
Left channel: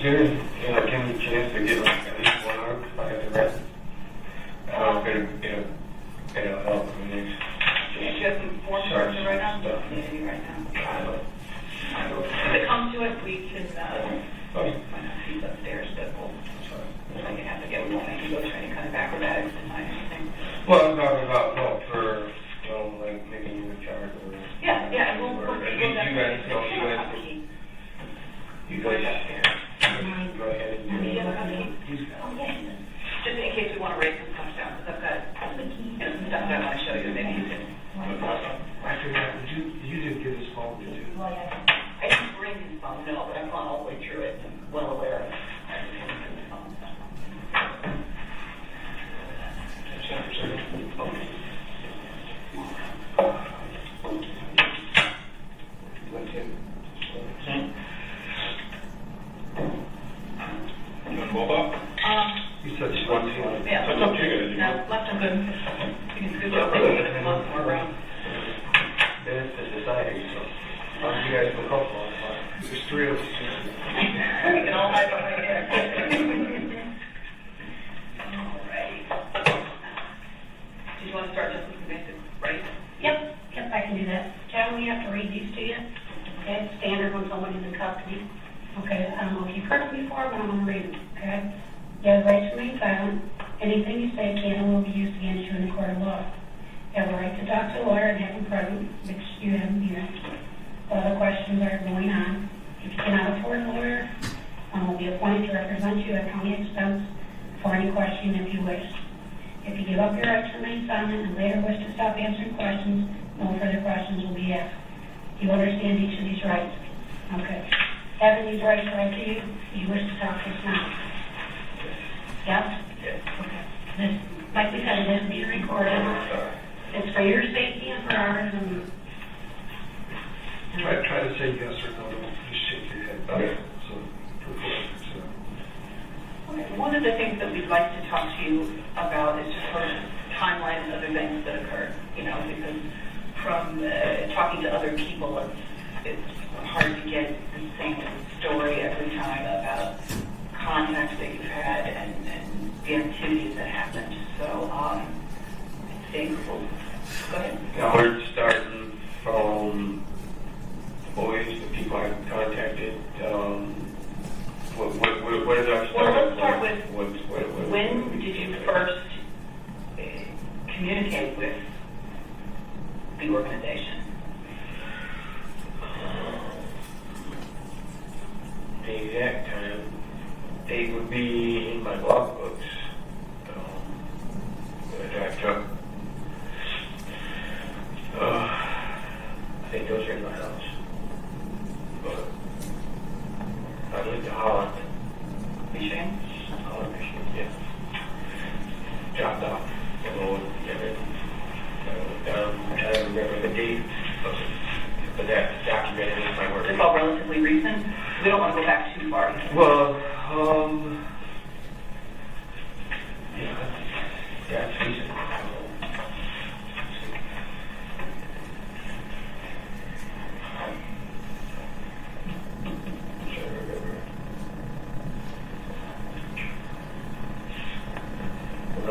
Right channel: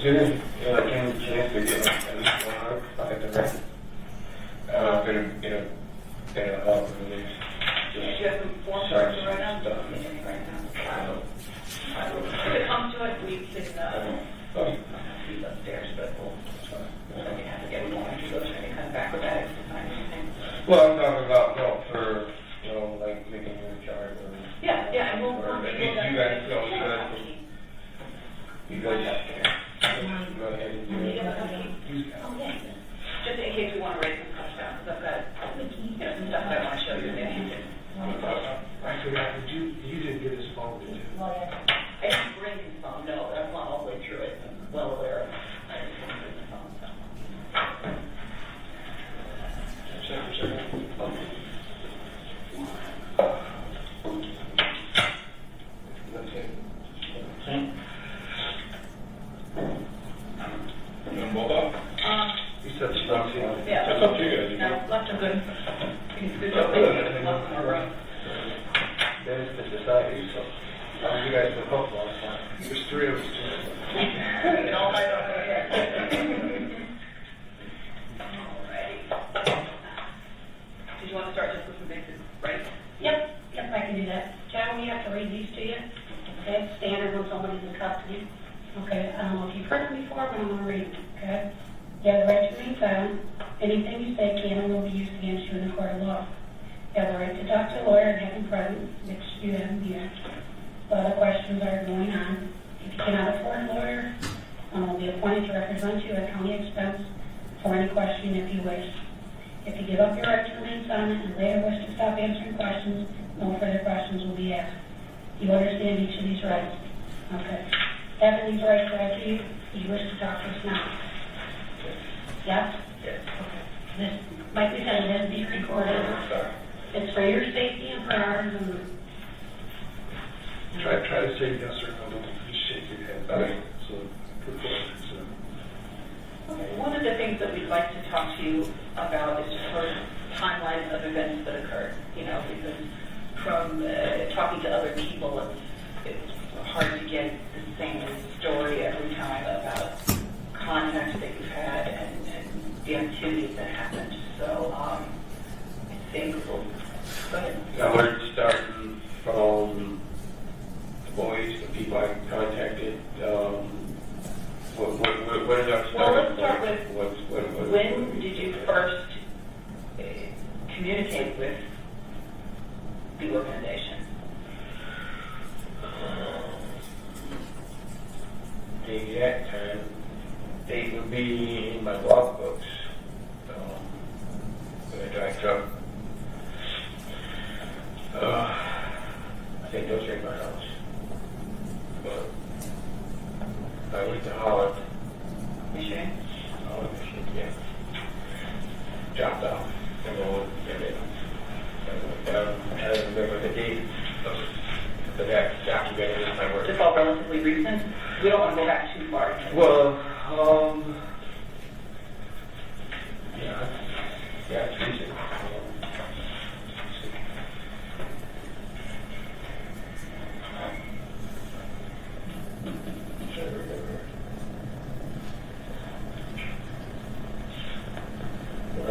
Can we chance to get at least 1 hour if I have the rest? I'm going to help with these. Do you have some forms to write down? Maybe right now. I don't. If it comes to it, we could, might not see upstairs, but we'll make it have to get one and go try to kind of acrobatics to find anything. Well, I'm talking about for, like making you in charge or. Yeah, and we'll Or at least you guys. You guys. Go ahead and do it. Just in case we want to write some stuff down, because I've got some stuff that I want to show you. Maybe you can. You didn't get his phone, did you? I didn't bring his phone, no, but I've gone all the way through it. I'm well aware of it. I just didn't bring his phone. He said she wants to. Yeah, left him good. Good job. We lost some more room. That is the society, so you guys can help on it. There's 3 of us. We can all hide up right here. Alrighty. Did you want to start this with the basic, right? Yep, I can do that. John, we have to read these to you. Okay, it's standard when somebody's in custody. Okay, I don't know if you've heard them before, but I'm going to read them. Okay? You have the right to remain silent. Anything you say can and will be used against you in the court of law. You have the right to talk to a lawyer and have him present, which you haven't here. While the questions are going on, if you cannot afford a lawyer, one will be appointed to represent you at county expense for any question if you wish. If you give up your right to remain silent and later wish to stop answering questions, no further questions will be asked. You understand each of these rights? Okay. Having these rights read to you, you wish to talk to us now? Yes? Yes. Okay. This, like we said, it is being recorded. It's for your safety and for ours. And Try to say yes or no. Don't just shake your head. Okay. So, for record, so. Okay. One of the things that we'd like to talk to you about is just sort of timelines of events that occurred. Because from talking to other people, it's hard to get the same story every time about contacts that you've had and the activities that happened. So I think we'll go ahead. Now we're starting from boys, the people I contacted. What is our start? Well, let's start with when did you first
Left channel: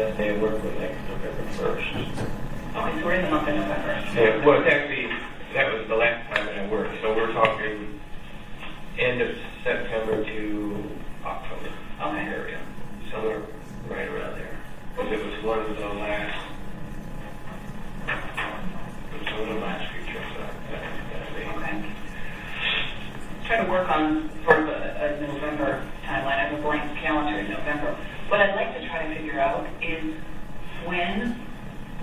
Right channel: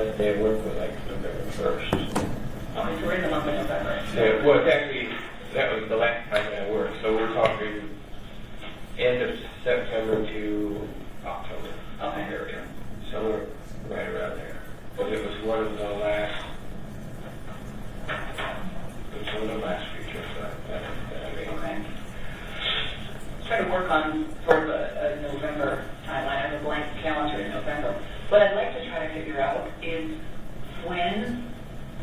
last day of work was like November 1st. Oh, so we're in the month of November. Yeah, well, actually, that was the last time that I worked, so we're talking end of September to October. Okay. Area. Somewhere right around there. But it was one of the last, features that I made. Okay. Try to work on sort of a November timeline. I have a blank calendar in November. What I'd like to try to figure out is when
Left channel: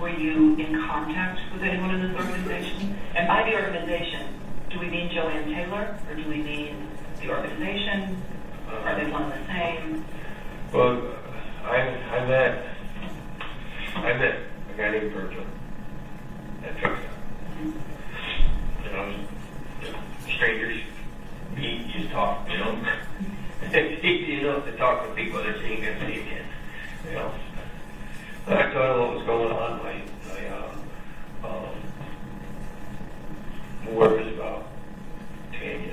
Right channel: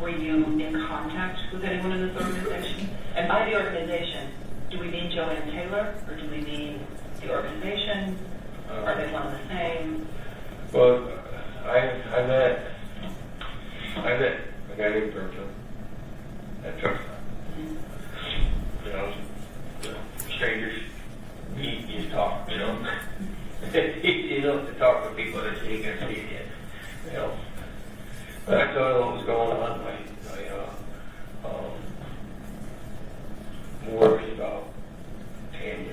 were you in contact with anyone in this organization? And by the organization, do we mean Joanne Taylor, or do we mean the organization? Are they one and the same? Well, I met a guy named Virgil at truck stop. You know, strangers, you just talk, you know. You know, to talk to people that see you again, you know. I told him what was going on. My work is about 10 years.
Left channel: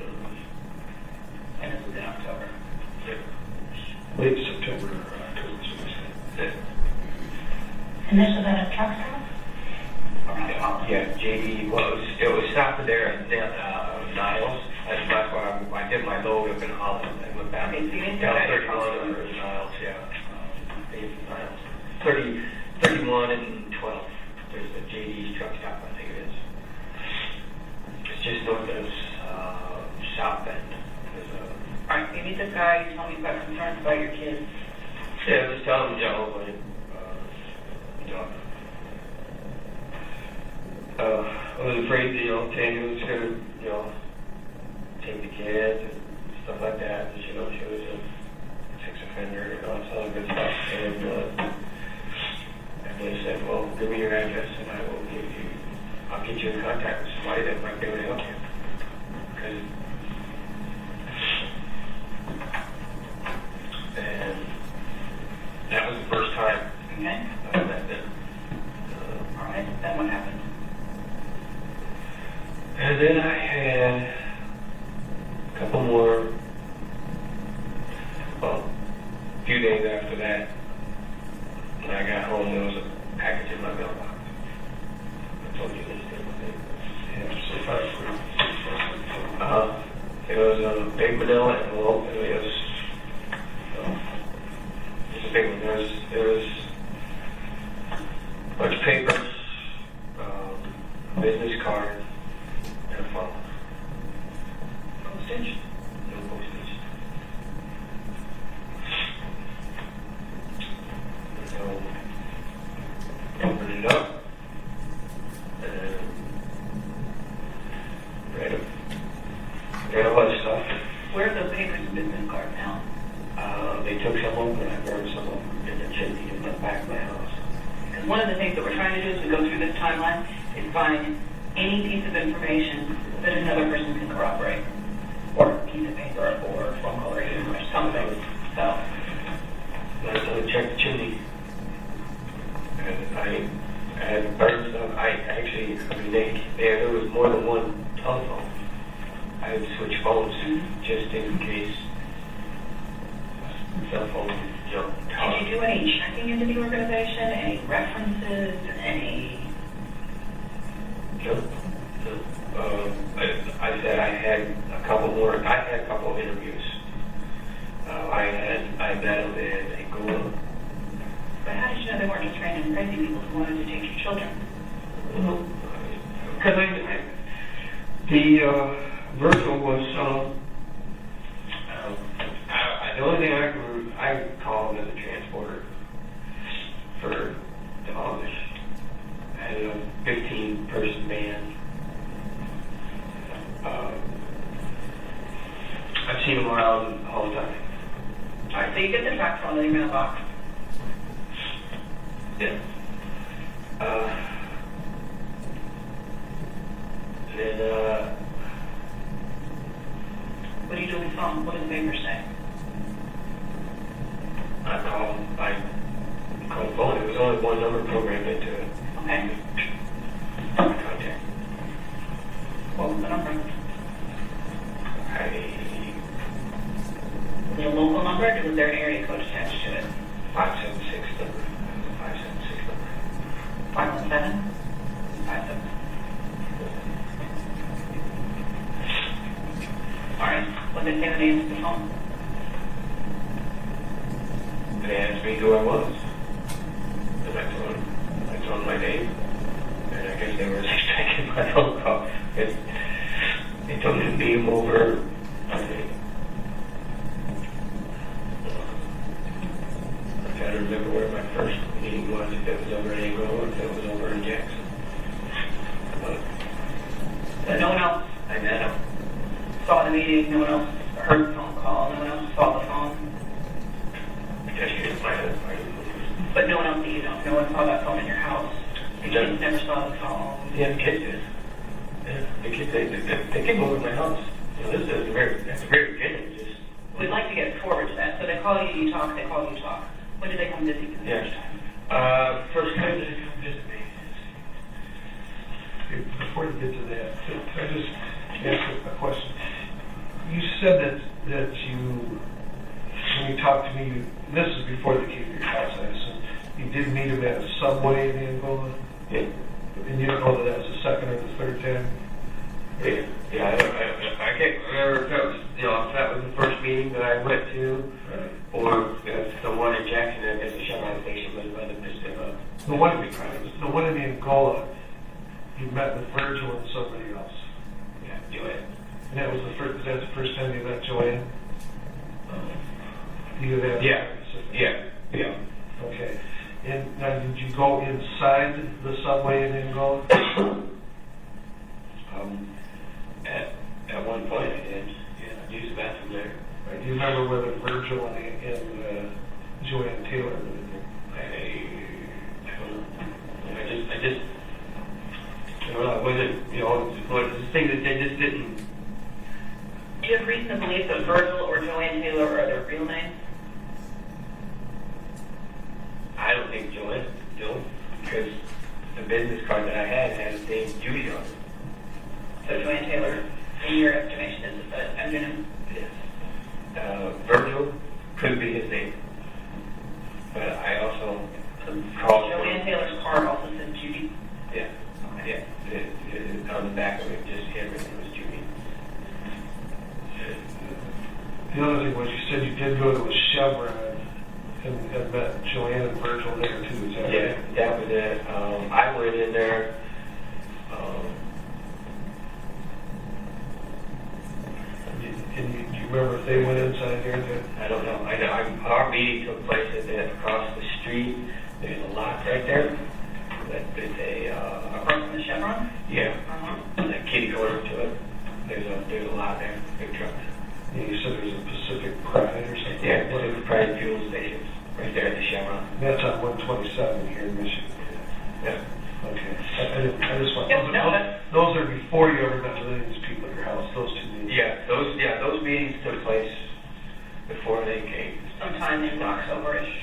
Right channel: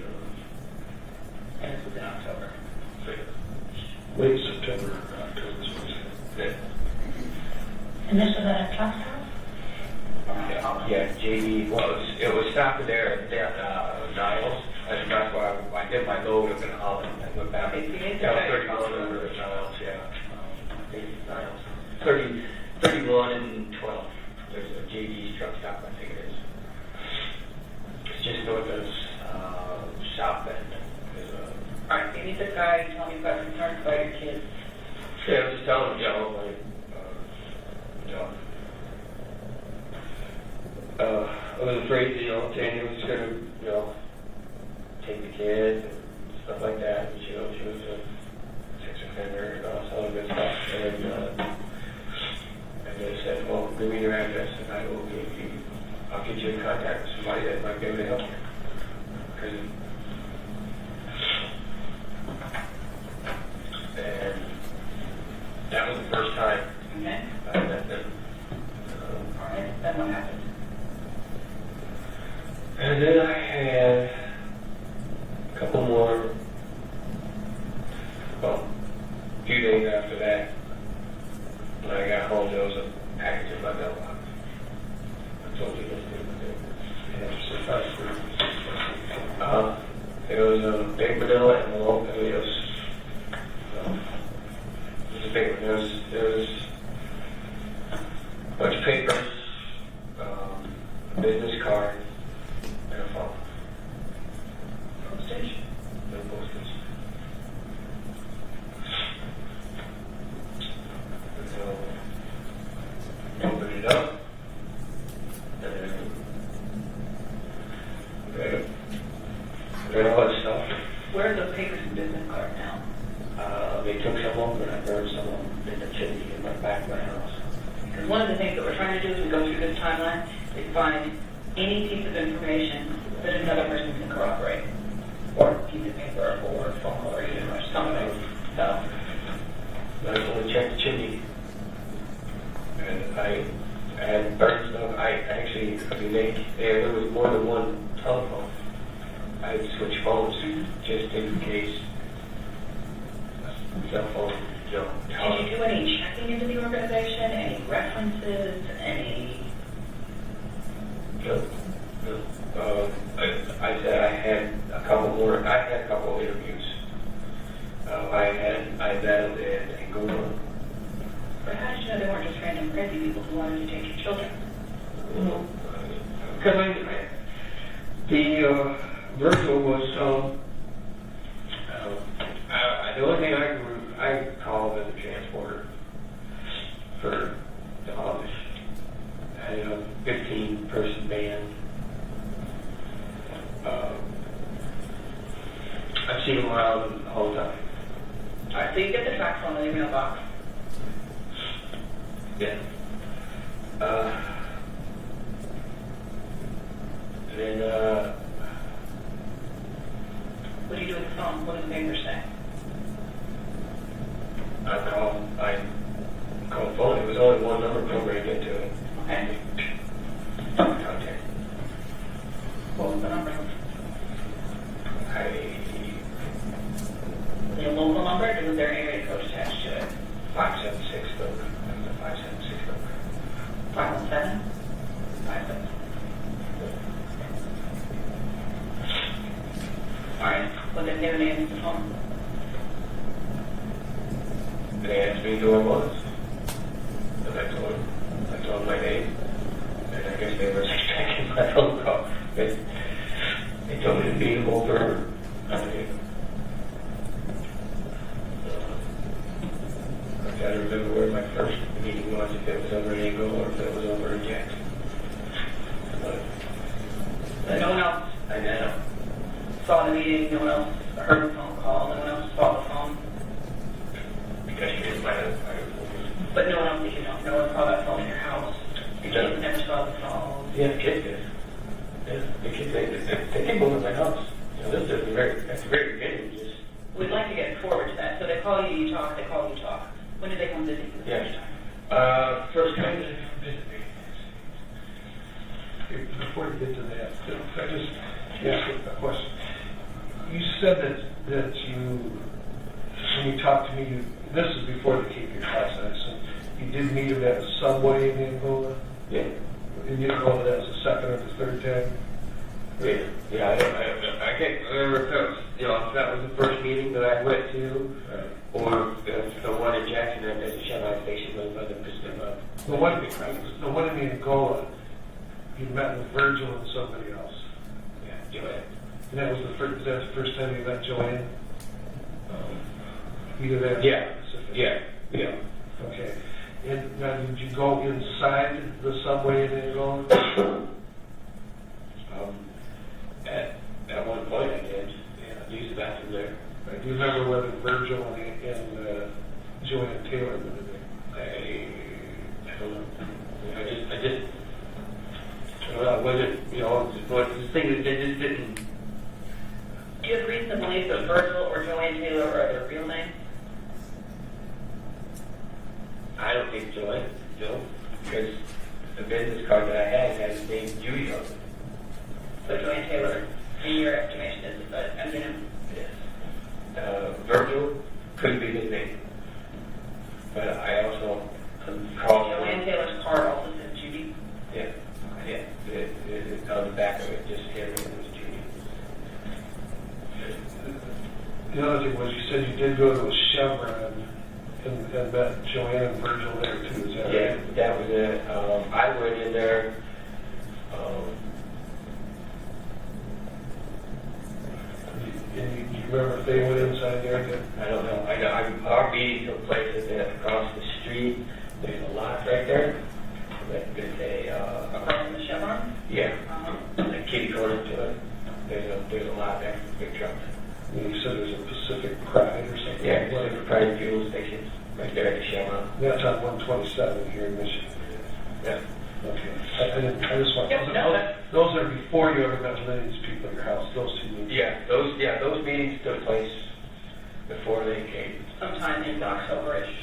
And this was in October. Late September or October. Yeah. And this was at a truck stop? Yeah, GD it was stopped there at Niles. That's why I did my load up in Holland. I went back. Okay, so you didn't Yeah, go 31 back. over at Niles, yeah. I think it's Niles. 31 and 12. There's the GD's truck stop, I think it is. It's just north of South Bend. All right, you meet this guy, you tell me you've got concerns about your kids. Yeah, I was just telling him, Joe, like, I was afraid, Tammy was going to, take the kids and stuff like that. And she was a sex offender and all this other good stuff. And they said, well, give me your address and I'll get you in contact with somebody that might be able to help you. And that was the first time Okay. I met them. All right, then what happened? And then I had a couple more, well, a few days after that, when I got home, there was a package in my mailbox. I told you this thing was in. Surprise. It was a big vanilla envelope, and it was, a big one. There was a bunch of papers, a business card, and a phone. Postage. No postage. So, opened it up, and read all this stuff. Where are the papers and business card now? They took some of them, and I burned some of them in the chimney in the back of my house. Because one of the things that we're trying to do as we go through this timeline is find any piece of information that another person can corroborate, or a piece of paper, or phone call, or even or something. So, And I told her, check the chimney. And I had burned stuff. There was more than one telephone. I had to switch phones just in case cell phone, did you do any checking into the organization, any references, any? Nope. I said I had a couple of interviews. I met them in Google. But how did you know they weren't just random crazy people who wanted to take your children? Because the virtual was, the only thing I called as a transporter for the Amish. I had a 15-person band. I've seen them around all the time. All right, so you get the track phone in your mailbox. Yeah. And then, What do you do with the phone? What do the papers say? I called the phone. There was only one number programmed into it. Okay. Contact. What was the number? I Was it a local number, or was there an area code attached to it? didn't answer the phone. They asked me who I was. And I told them my name. And I guess they were expecting my phone call. And they told me to leave over. I gotta remember where my first meeting was, if it was over in England or if it was over in Jackson. But no one else I met him. saw the meeting, no one else heard the phone call, no one else saw the phone. Because you didn't plan it. But no one else that you know, no one saw that phone in your house. The kids never saw the phone. Yeah, the kids did. Yeah, the kids, they came over to my house. So this is that's very good. Just, We'd like to get forward to that. So they call you, you talk, they call you, talk. When did they come visit you the yeah. first time? First time they come visit me. Before you get to that, I just ask a question. You said that you, when you talked to me, this is before the QP process, you did meet him at the subway in Angola? Yeah. And you don't know that that's the second or the third time? Yeah, I can't remember if that was, if that was the first meeting that I went to, or the one in Jackson at the Chevron station was by the Pacific. The one in Angola, you met with Virgil and somebody else. Yeah, Joanne. And that was that's the first time you met Joanne? You could have Yeah. Okay. And now, did you go inside the subway in Angola? At one point I did. Yeah, I used the bathroom there. Do you remember whether Virgil and Joanne Taylor were there? I don't know. I just went out with it, but the thing is, they just didn't. Do you have reason to believe that Virgil or Joanne Taylor are their real names? I don't think Joanne, no, because the business card that I had his name Judy on it. So Joanne Taylor, in your estimation, is the engine? Virgil could be his name, but I also called Joanne Taylor's card also says Judy. Yeah, it on the back of it, just handwritten was Judy. The other thing was you said you did go to a Chevron and met Joanne and Virgil there too. Is that Yeah, right? that was it. I went in there. Do you remember if they went inside there? I don't know. I know. Our meeting took place across the street. There's a lot right there. There's Across from the Chevron? yeah, a kitty corner to it. There's a lot there. Big trucks. Yeah, you said there's a Pacific Pride or something. Yeah, Pacific Pride fuel stations right there at the Chevron. That's on 127 here in Michigan. Yeah. Okay. I just want Yep, those are before you ever met any of these people at your house. Those two meetings. Those meetings took place before they came. Sometime in October-ish.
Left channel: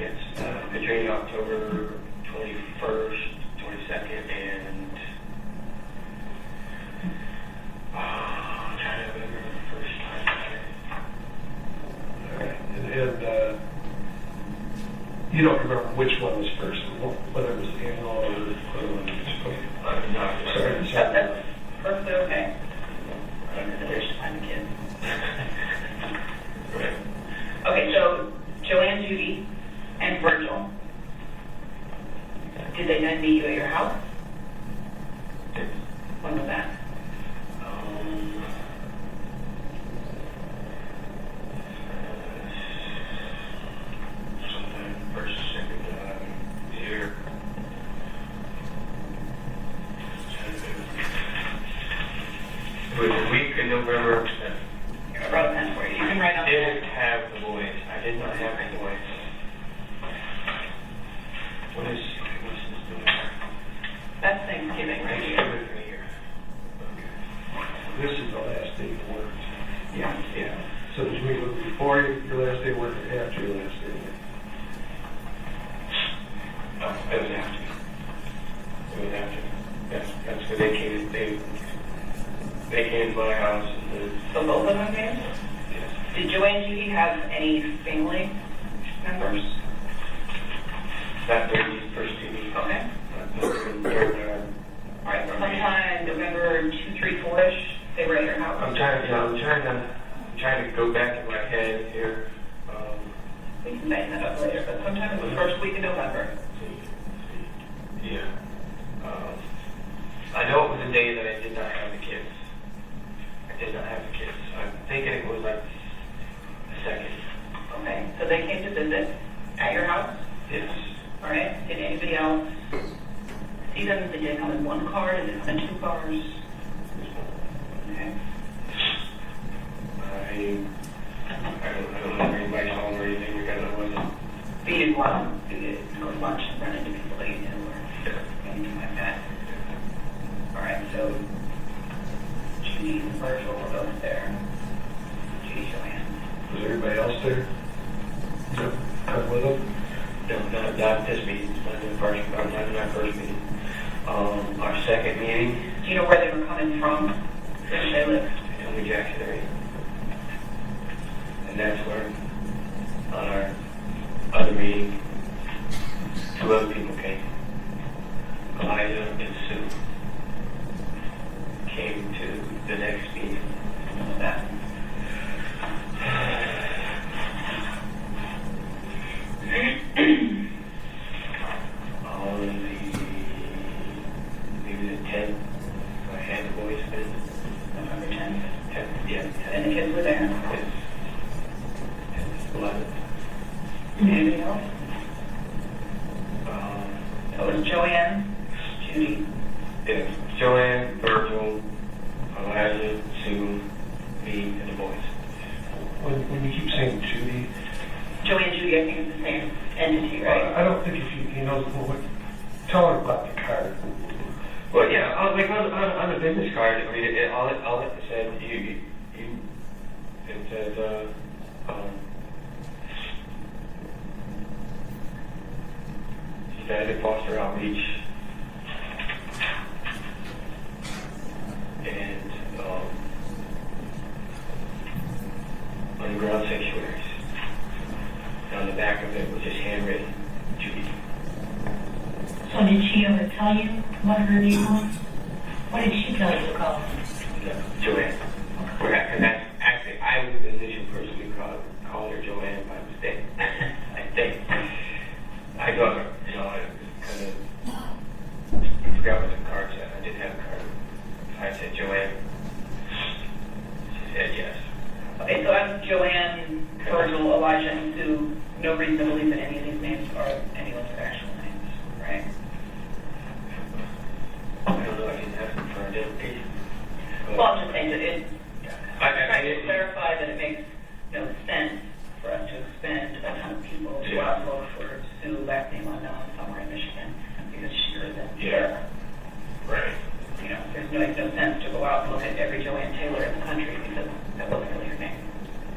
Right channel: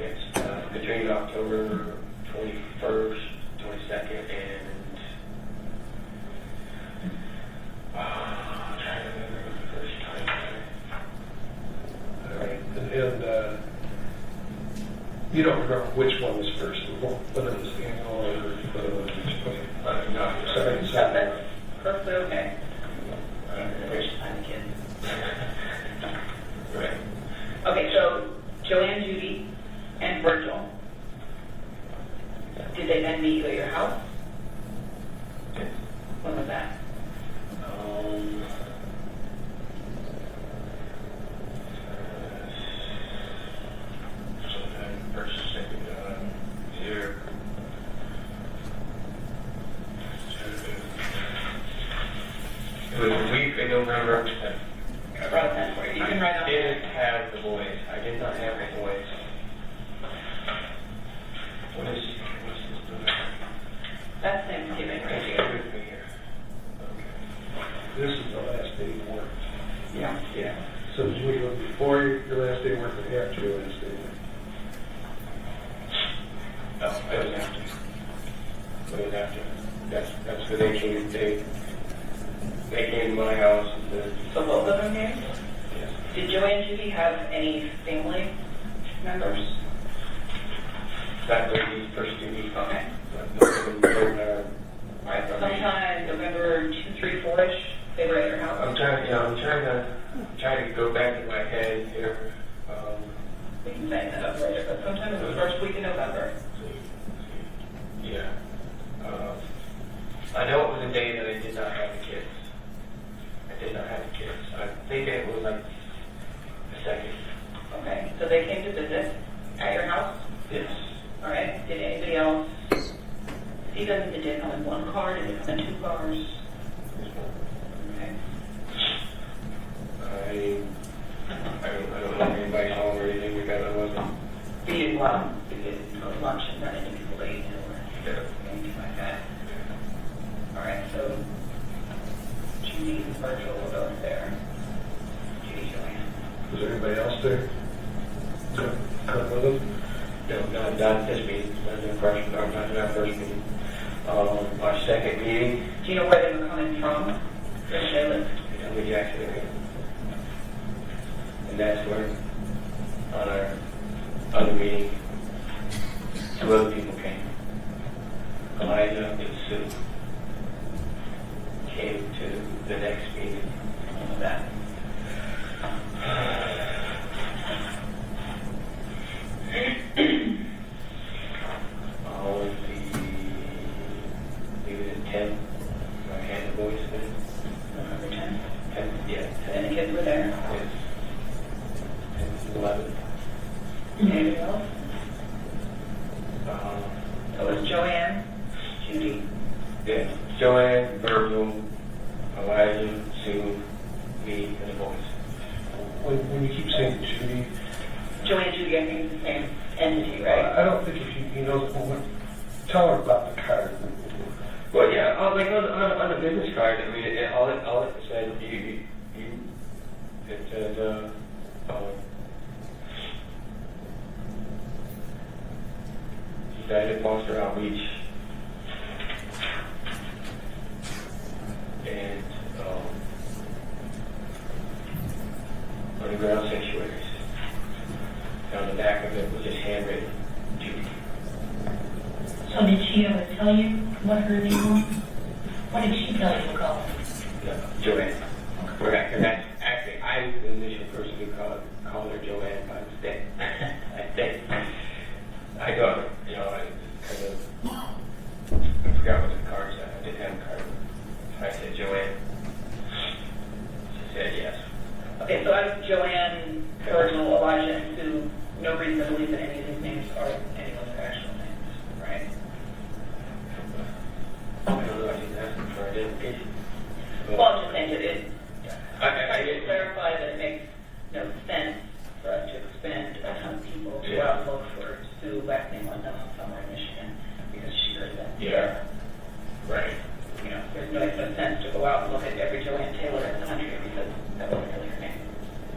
It's between October 21st, 22nd, and I'm trying to remember the first time there. All right. And you don't remember which one was first, whether it was the annual or whether it was each one. No, sorry. That's perfectly okay. I'm a kid. Right. Okay, so Joanne, Judy, and Virgil. Did they then meet you at your house? When was that? Sometime first or second year. It was a week in November. I brought a pen for you. You can write I out. didn't have the voice. I did not have any voice. What is That's Thanksgiving, I right? think I would be here. This is the last day you worked. Yeah. Yeah. So did you meet with before your last day work or after your last day? No, it was after. It was after. Yes, that's because they came to my house and then, So both of them came? yes. Did Joanne, Judy have any family members? That lady first TV. Okay. All right, sometime November 2, 3, 4-ish, they were at your house. I'm trying to to come in 2 cars? Okay. I don't know if anybody saw or anything because I wasn't. But you didn't go out, you didn't go to lunch and run into people that you didn't know or anything like that? All right, so Judy and Virgil were both there. Judy, Joanne. Was everybody else there? No. Not with them? No, not this meeting. Not the first, not first meeting. Our second meeting. Do you know where they were coming from? Where they lived? In the Jackson area. And that's where, on our other meeting, some other people came. Eliza and Sue came to the next meeting. What was that? Maybe the 10th, I had the voice then. November 10th? 10th, yeah. And the kids were there? 10th, 11th. Anybody else? So it was Joanne, Judy. Yeah, Joanne, Virgil, Elijah, Sue, me, and the boys. When you keep saying Judy, Joanne and Judy, I think it's the same entity, right? I don't think if he knows the whole, tell her about the card. Well, yeah, like on the business card, I mean, all it said, it said, United Foster Outreach and underground sanctuaries. On the back of it was just handwritten, Judy. So did she ever tell you what her name was? What did she tell you to call? No, Joanne. Okay. And that's actually, I was the initial person who called her Joanne by mistake. I think. I thought, you know, kind of, I forgot what the card said. I didn't have a card. I said Joanne. She said yes. Okay, so I'm Joanne, Virgil, Elijah, and Sue. No reason to believe that any of these names are anyone's actual names, right? I don't know if you asked me for identification. Well, I'm just saying that it, I to didn't clarify that it makes no sense for us to expend a ton of people to go out and look for Sue Beckney somewhere in Michigan because she lives in Yeah. Right. You know, it makes no sense to go out and look at every Joanne Taylor in the country because that wasn't really her name.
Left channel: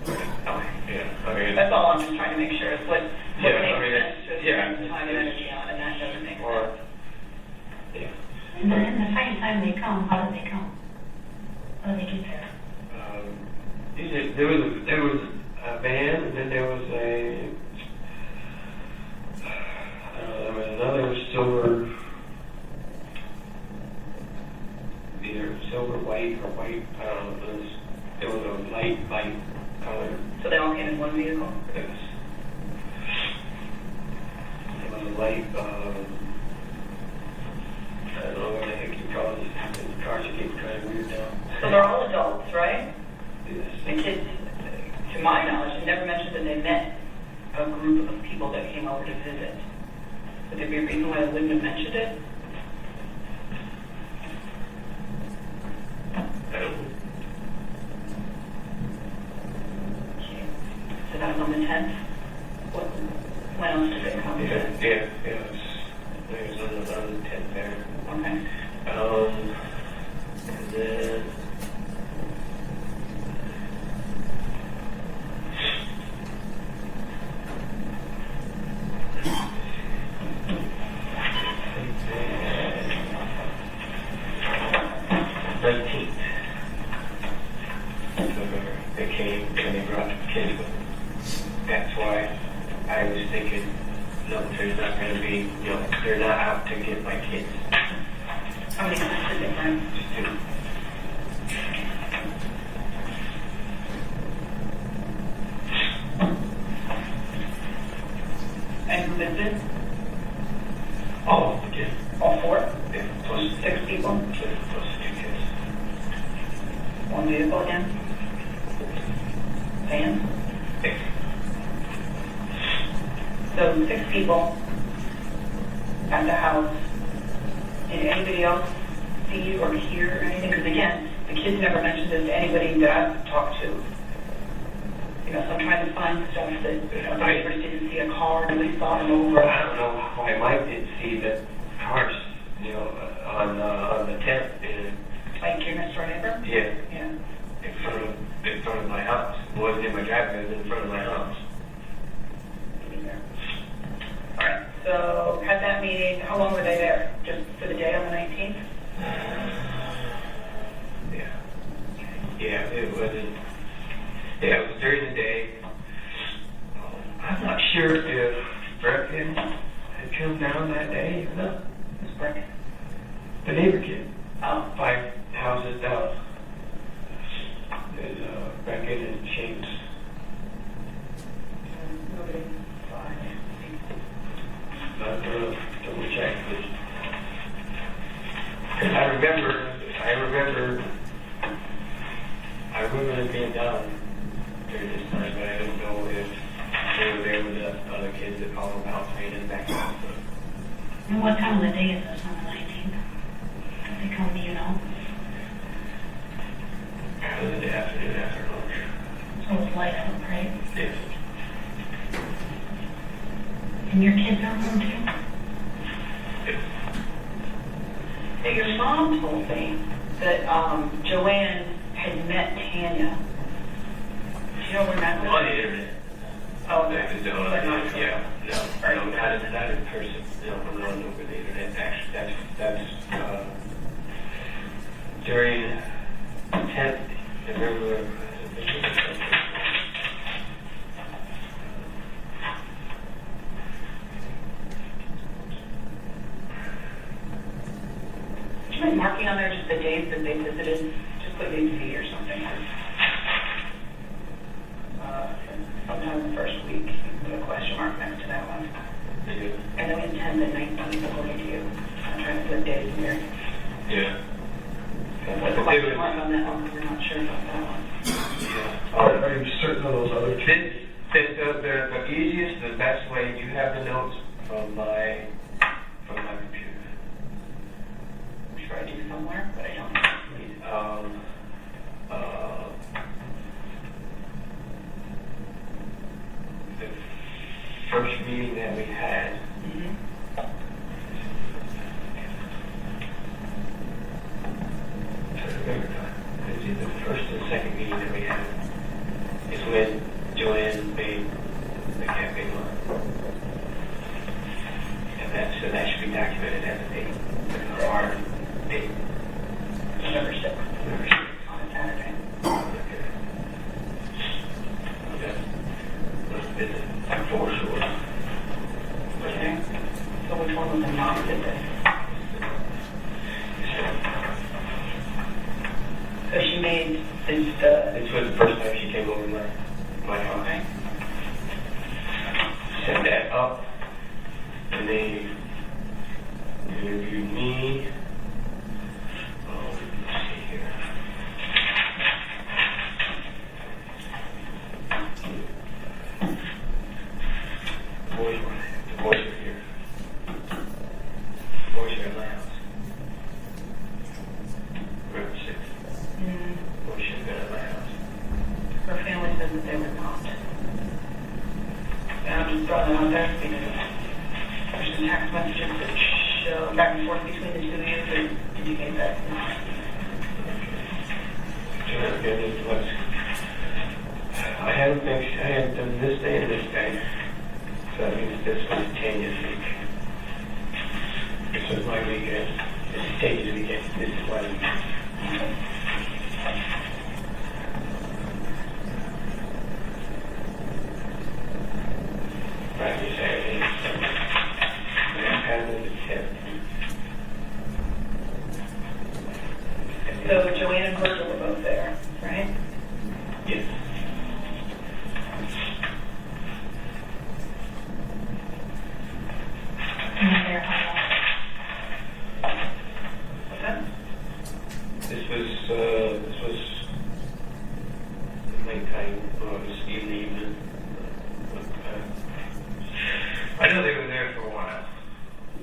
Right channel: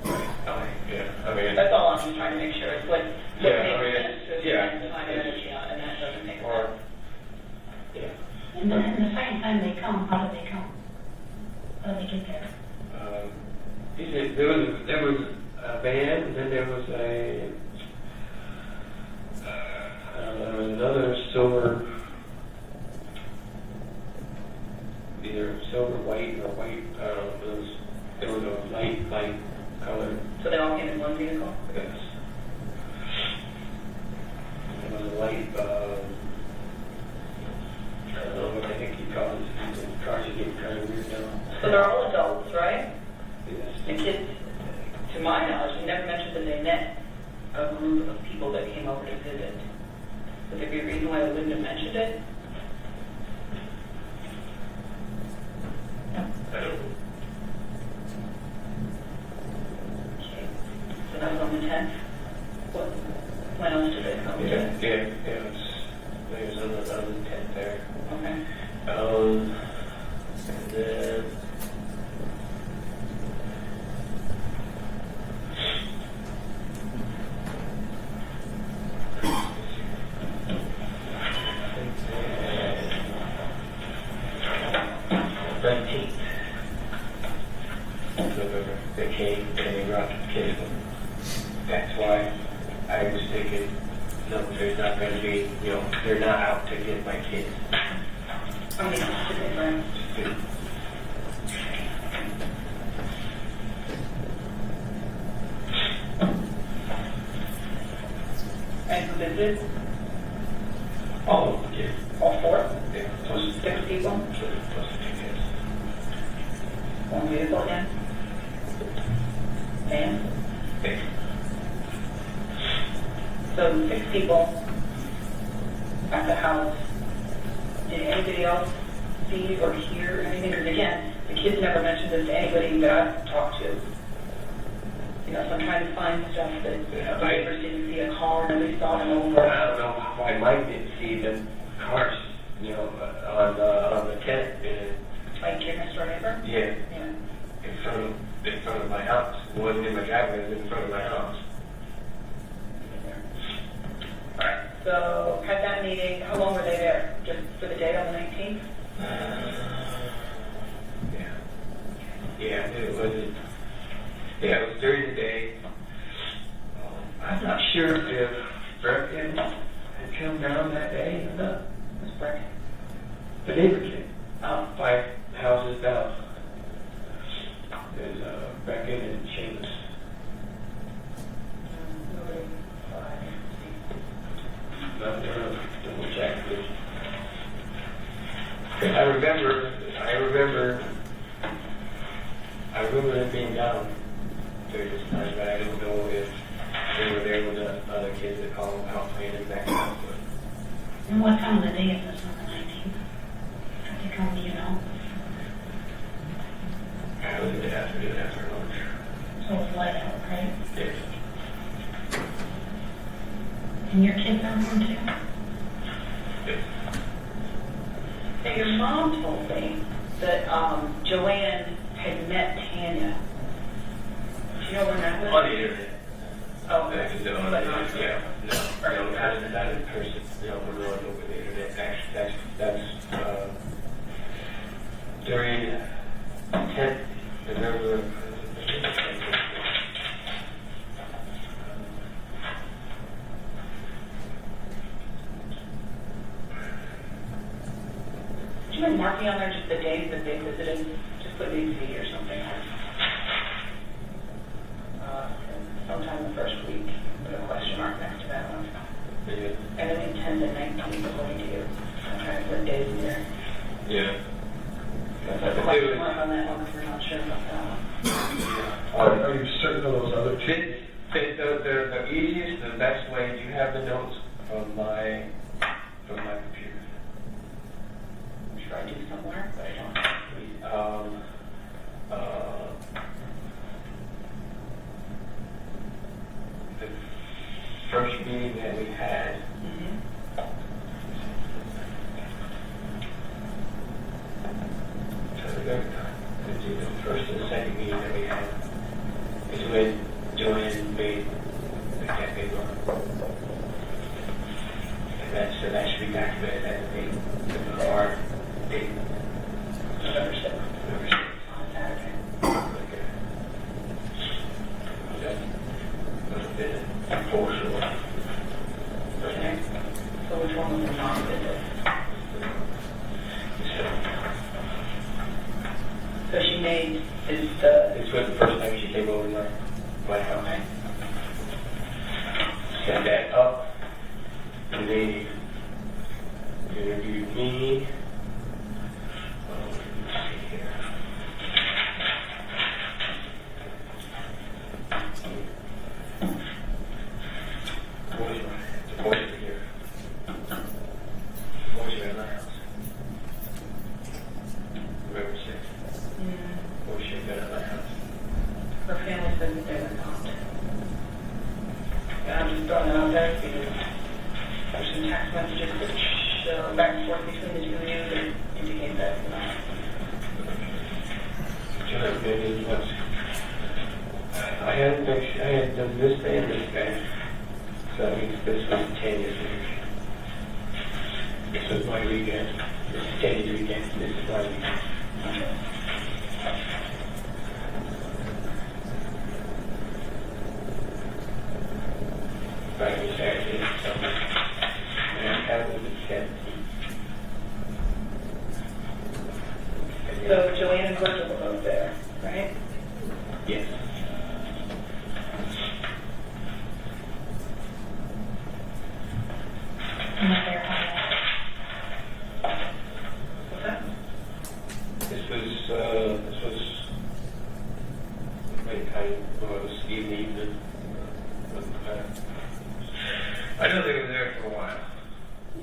Right. Yeah. I mean, That's all I'm just trying to make sure. It's what Yeah, makes I mean, sense to yeah. spend time and energy on, and that doesn't make or, sense. yeah. And the second time they come, how did they come? How did they get there? There was a van, and then there was another silver, either silver white or white. I don't know. There was a light color. So they all came in one vehicle? Yes. There was a light. I don't know what the heck you call it. The cars are getting kind of weird now. So they're all adults, right? Yes. The kids, to my knowledge, you never mentioned that they met a group of people that came over to visit. Would there be a reason why they wouldn't have mentioned it? I don't know. Okay. So that was on the 10th? When else did they come? Yeah, it was on the 10th there. Okay. And then they came and they brought the kids. That's why I was thinking, no, there's not going to be, you know, they're not out to get my kids. How many kids did they bring? Just two. And who lived in? All of the kids. All four? Yeah, plus 6 people? plus the 2 kids. One vehicle again? Van? 6. So 6 people at the house. Did anybody else see you report here or anything, because again, the kids never mentioned this to anybody that I've talked to. You know, so I'm trying to find stuff that the neighbors didn't see a car, nobody saw them over. I don't know why Mike didn't see the cars, you know, on the tent. Like your next door neighbor? Yeah, Yeah. in front of my house. It wasn't in my driveway, it was in front of my house. All right, so had that meeting, how long were they there? Just for the day on the 19th? Yeah, it was during the day. I'm not sure if Brecken had come down that day or not. Who's Brecken? The neighbor kid, 5 houses down. There's Brecken and Seamus. Double check this. I remember it being down during this time, but I don't know if they were there with the other kids that called them housemates and that kind of stuff. And what time of the day is this on the 19th? Did they come, do you know? Kind of the day after lunch. So it's light out, right? Yes. And your kids are home too? Yes. Now, your mom told me that Joanne had met Tanya. Do you know where that was? On the internet. Oh, I could do it. but not Yeah. No, not in person. No, we're not over the internet. Actually, that's during the 10th. I remember. Would you mind marking on there just the dates that they visited? Just put VC or something. Sometime the first week, you can put a question mark next to that one. Yeah. I know it's 10 and 19 according to you. I'm trying to put days in there. Yeah. Put a question mark on that one if you're not sure about that one. Are you certain of those other two? The easiest, the best way, you have the notes from my computer. I'm sure I do somewhere, but I don't know. The first meeting that we had, the first and the second meeting that we had is when Joanne made the campaign law. And that should be documented as a date. Our date. November 6th. November 6th. On a Saturday. That must have been enforceable. Okay. So which one was the mom that did? So she made This was the first time she came over to my house. Okay. Set that up. And they interviewed me. Oh, let's see here. Boys were here. Boys were at my house. Whoever said. Boys should have been at my house. Her family said that they were not. And I'm just throwing that out there because there's some text messages that show back and forth between the two of you that indicate that it's not. I had done this day and this day. So I think this was Tanya's week. This was my weekend. This is Tanya's weekend. This is my weekend. Friday, Saturday, Sunday. And I found it at 10. So Joanne and Virgil were both there, right? Yes. And then they're what's that? This was late night, or it was evening. I know they were there for a while.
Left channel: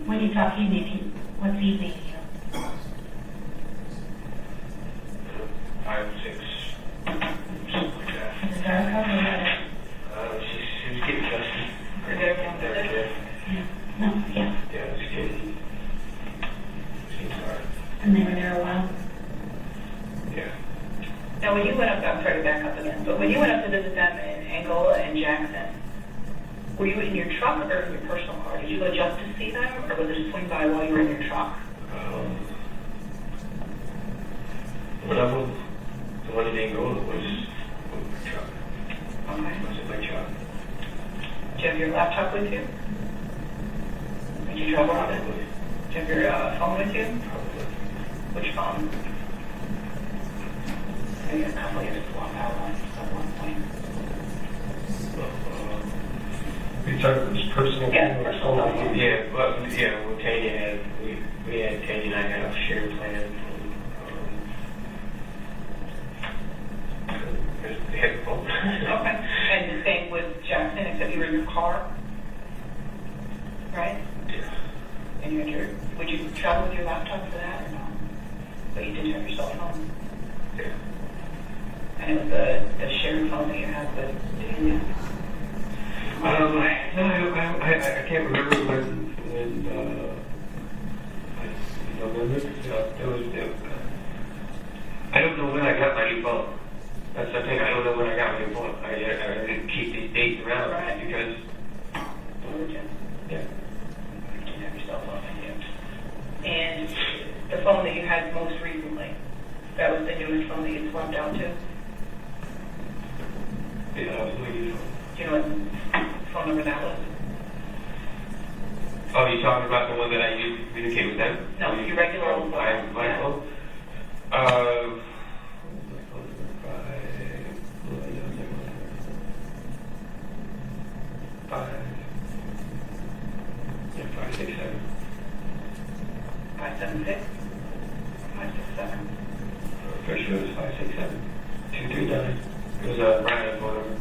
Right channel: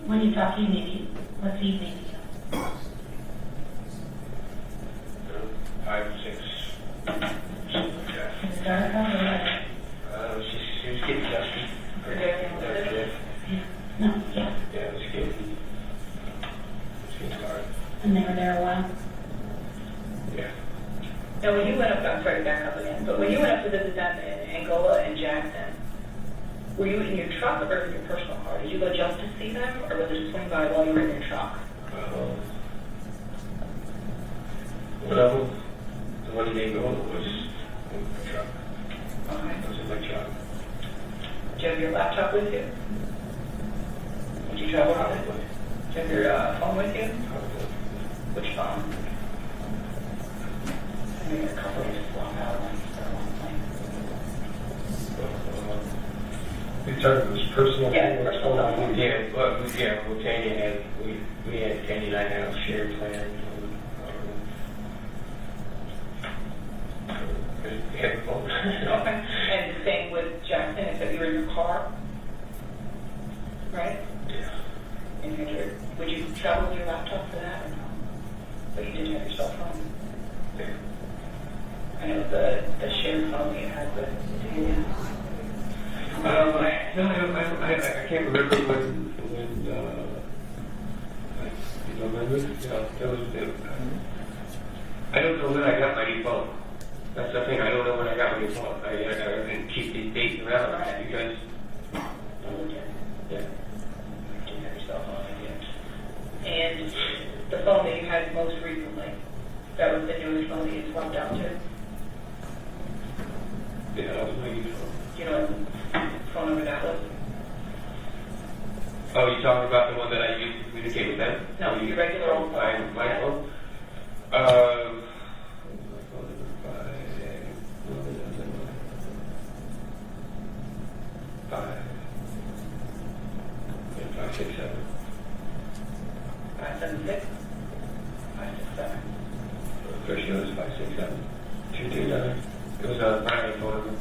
When you talk evening, what's evening? Now, when you went up, I'm sorry to back up again, but when you went up to visit them in Angola and Jackson, were you in your truck or in your personal car? Did you go just to see them, or was it swing by while you were in your truck? When I was, the one in Angola was my truck. Okay. It was in my truck. Do you have your laptop with you? Did you travel on it? Do you have your phone with you? Which phone? I know you had a couple years to walk out on at one point. You talking about his personal? Yeah, personal phone. Yeah, well, yeah, when Tanya had, we had, Tanya and I had a shared plan. Okay. And the same with Jackson, except you were in your car, right? Yeah. And you had your, would you travel with your laptop for that or no? But you did have your cell phone. Yeah. And it was the shared phone that you had with Tanya. I can't remember when I don't know when I got my new phone. That's the thing, I don't know when I got my new phone. I didn't keep these dates around because, Yeah. yeah. You didn't have your cell phone with you. And the phone that you had most recently, that was the newest phone that you swapped out to? Yeah, I was waiting for. You know what phone number that was? Oh, you talking about the one that I used to communicate with them? No, your regular old phone. My phone? Five, six, seven. 576? 567. First one was 567 239. It was Brian phone.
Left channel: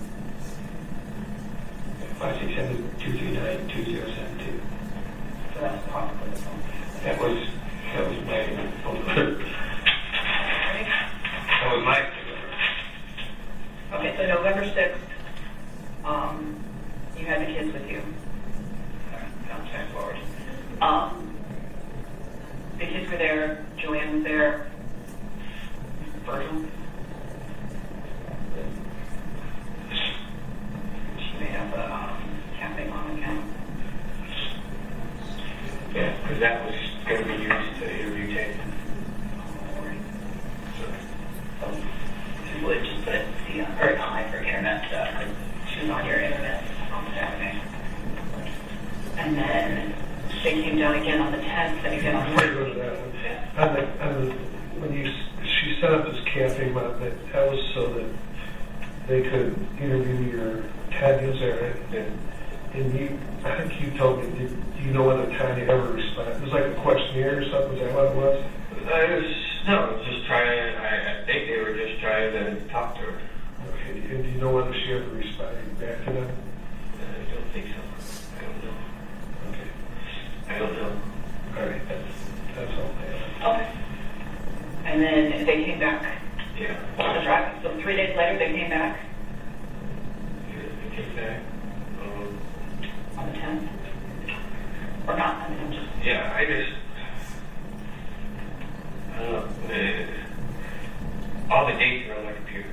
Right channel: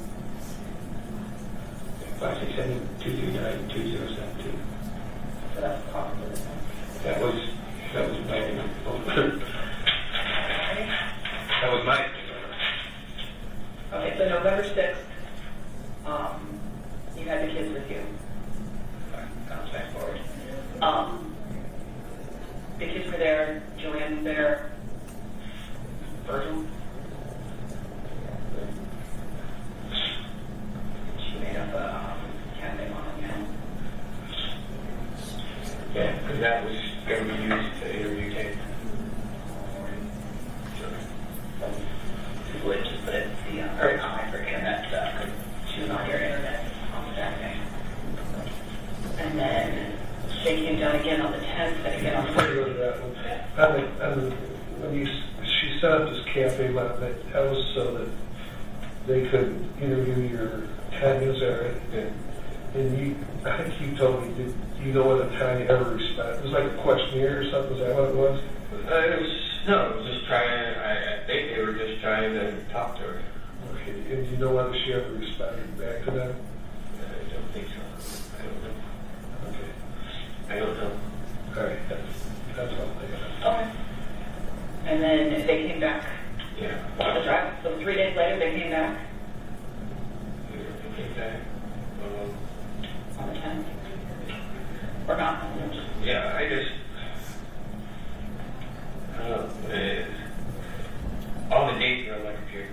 567 239 2072. So that's possible. That was my phone number. That was my phone number. Okay, so November 6th, you had the kids with you. Sorry, I'll fast forward. The kids were there, Joanne was there, Virgil. She made up a cafe mom account. Yeah, because that was going to be used to interview tape. So you would just put it the or not my procurement, she was on your internet on Saturday. And then they came down again on the 10th, and again on the Before you go to that, when she set up this cafe, that was so that they could interview your Tanya's there, and you, I think you told me, do you know whether Tanya ever responded? It was like a questionnaire or something, is that what it was? No, it was just trying, I think they were just trying to talk to her. And do you know whether she ever responded back to them? I don't think so. I don't know. Okay. I don't know. All right, that's all I have. Okay. And then they came back Yeah. on the drive. So 3 days later, they came back They came back. on the 10th. Or not, I mean, I'm just, Yeah, I don't know. All the dates are on my computer.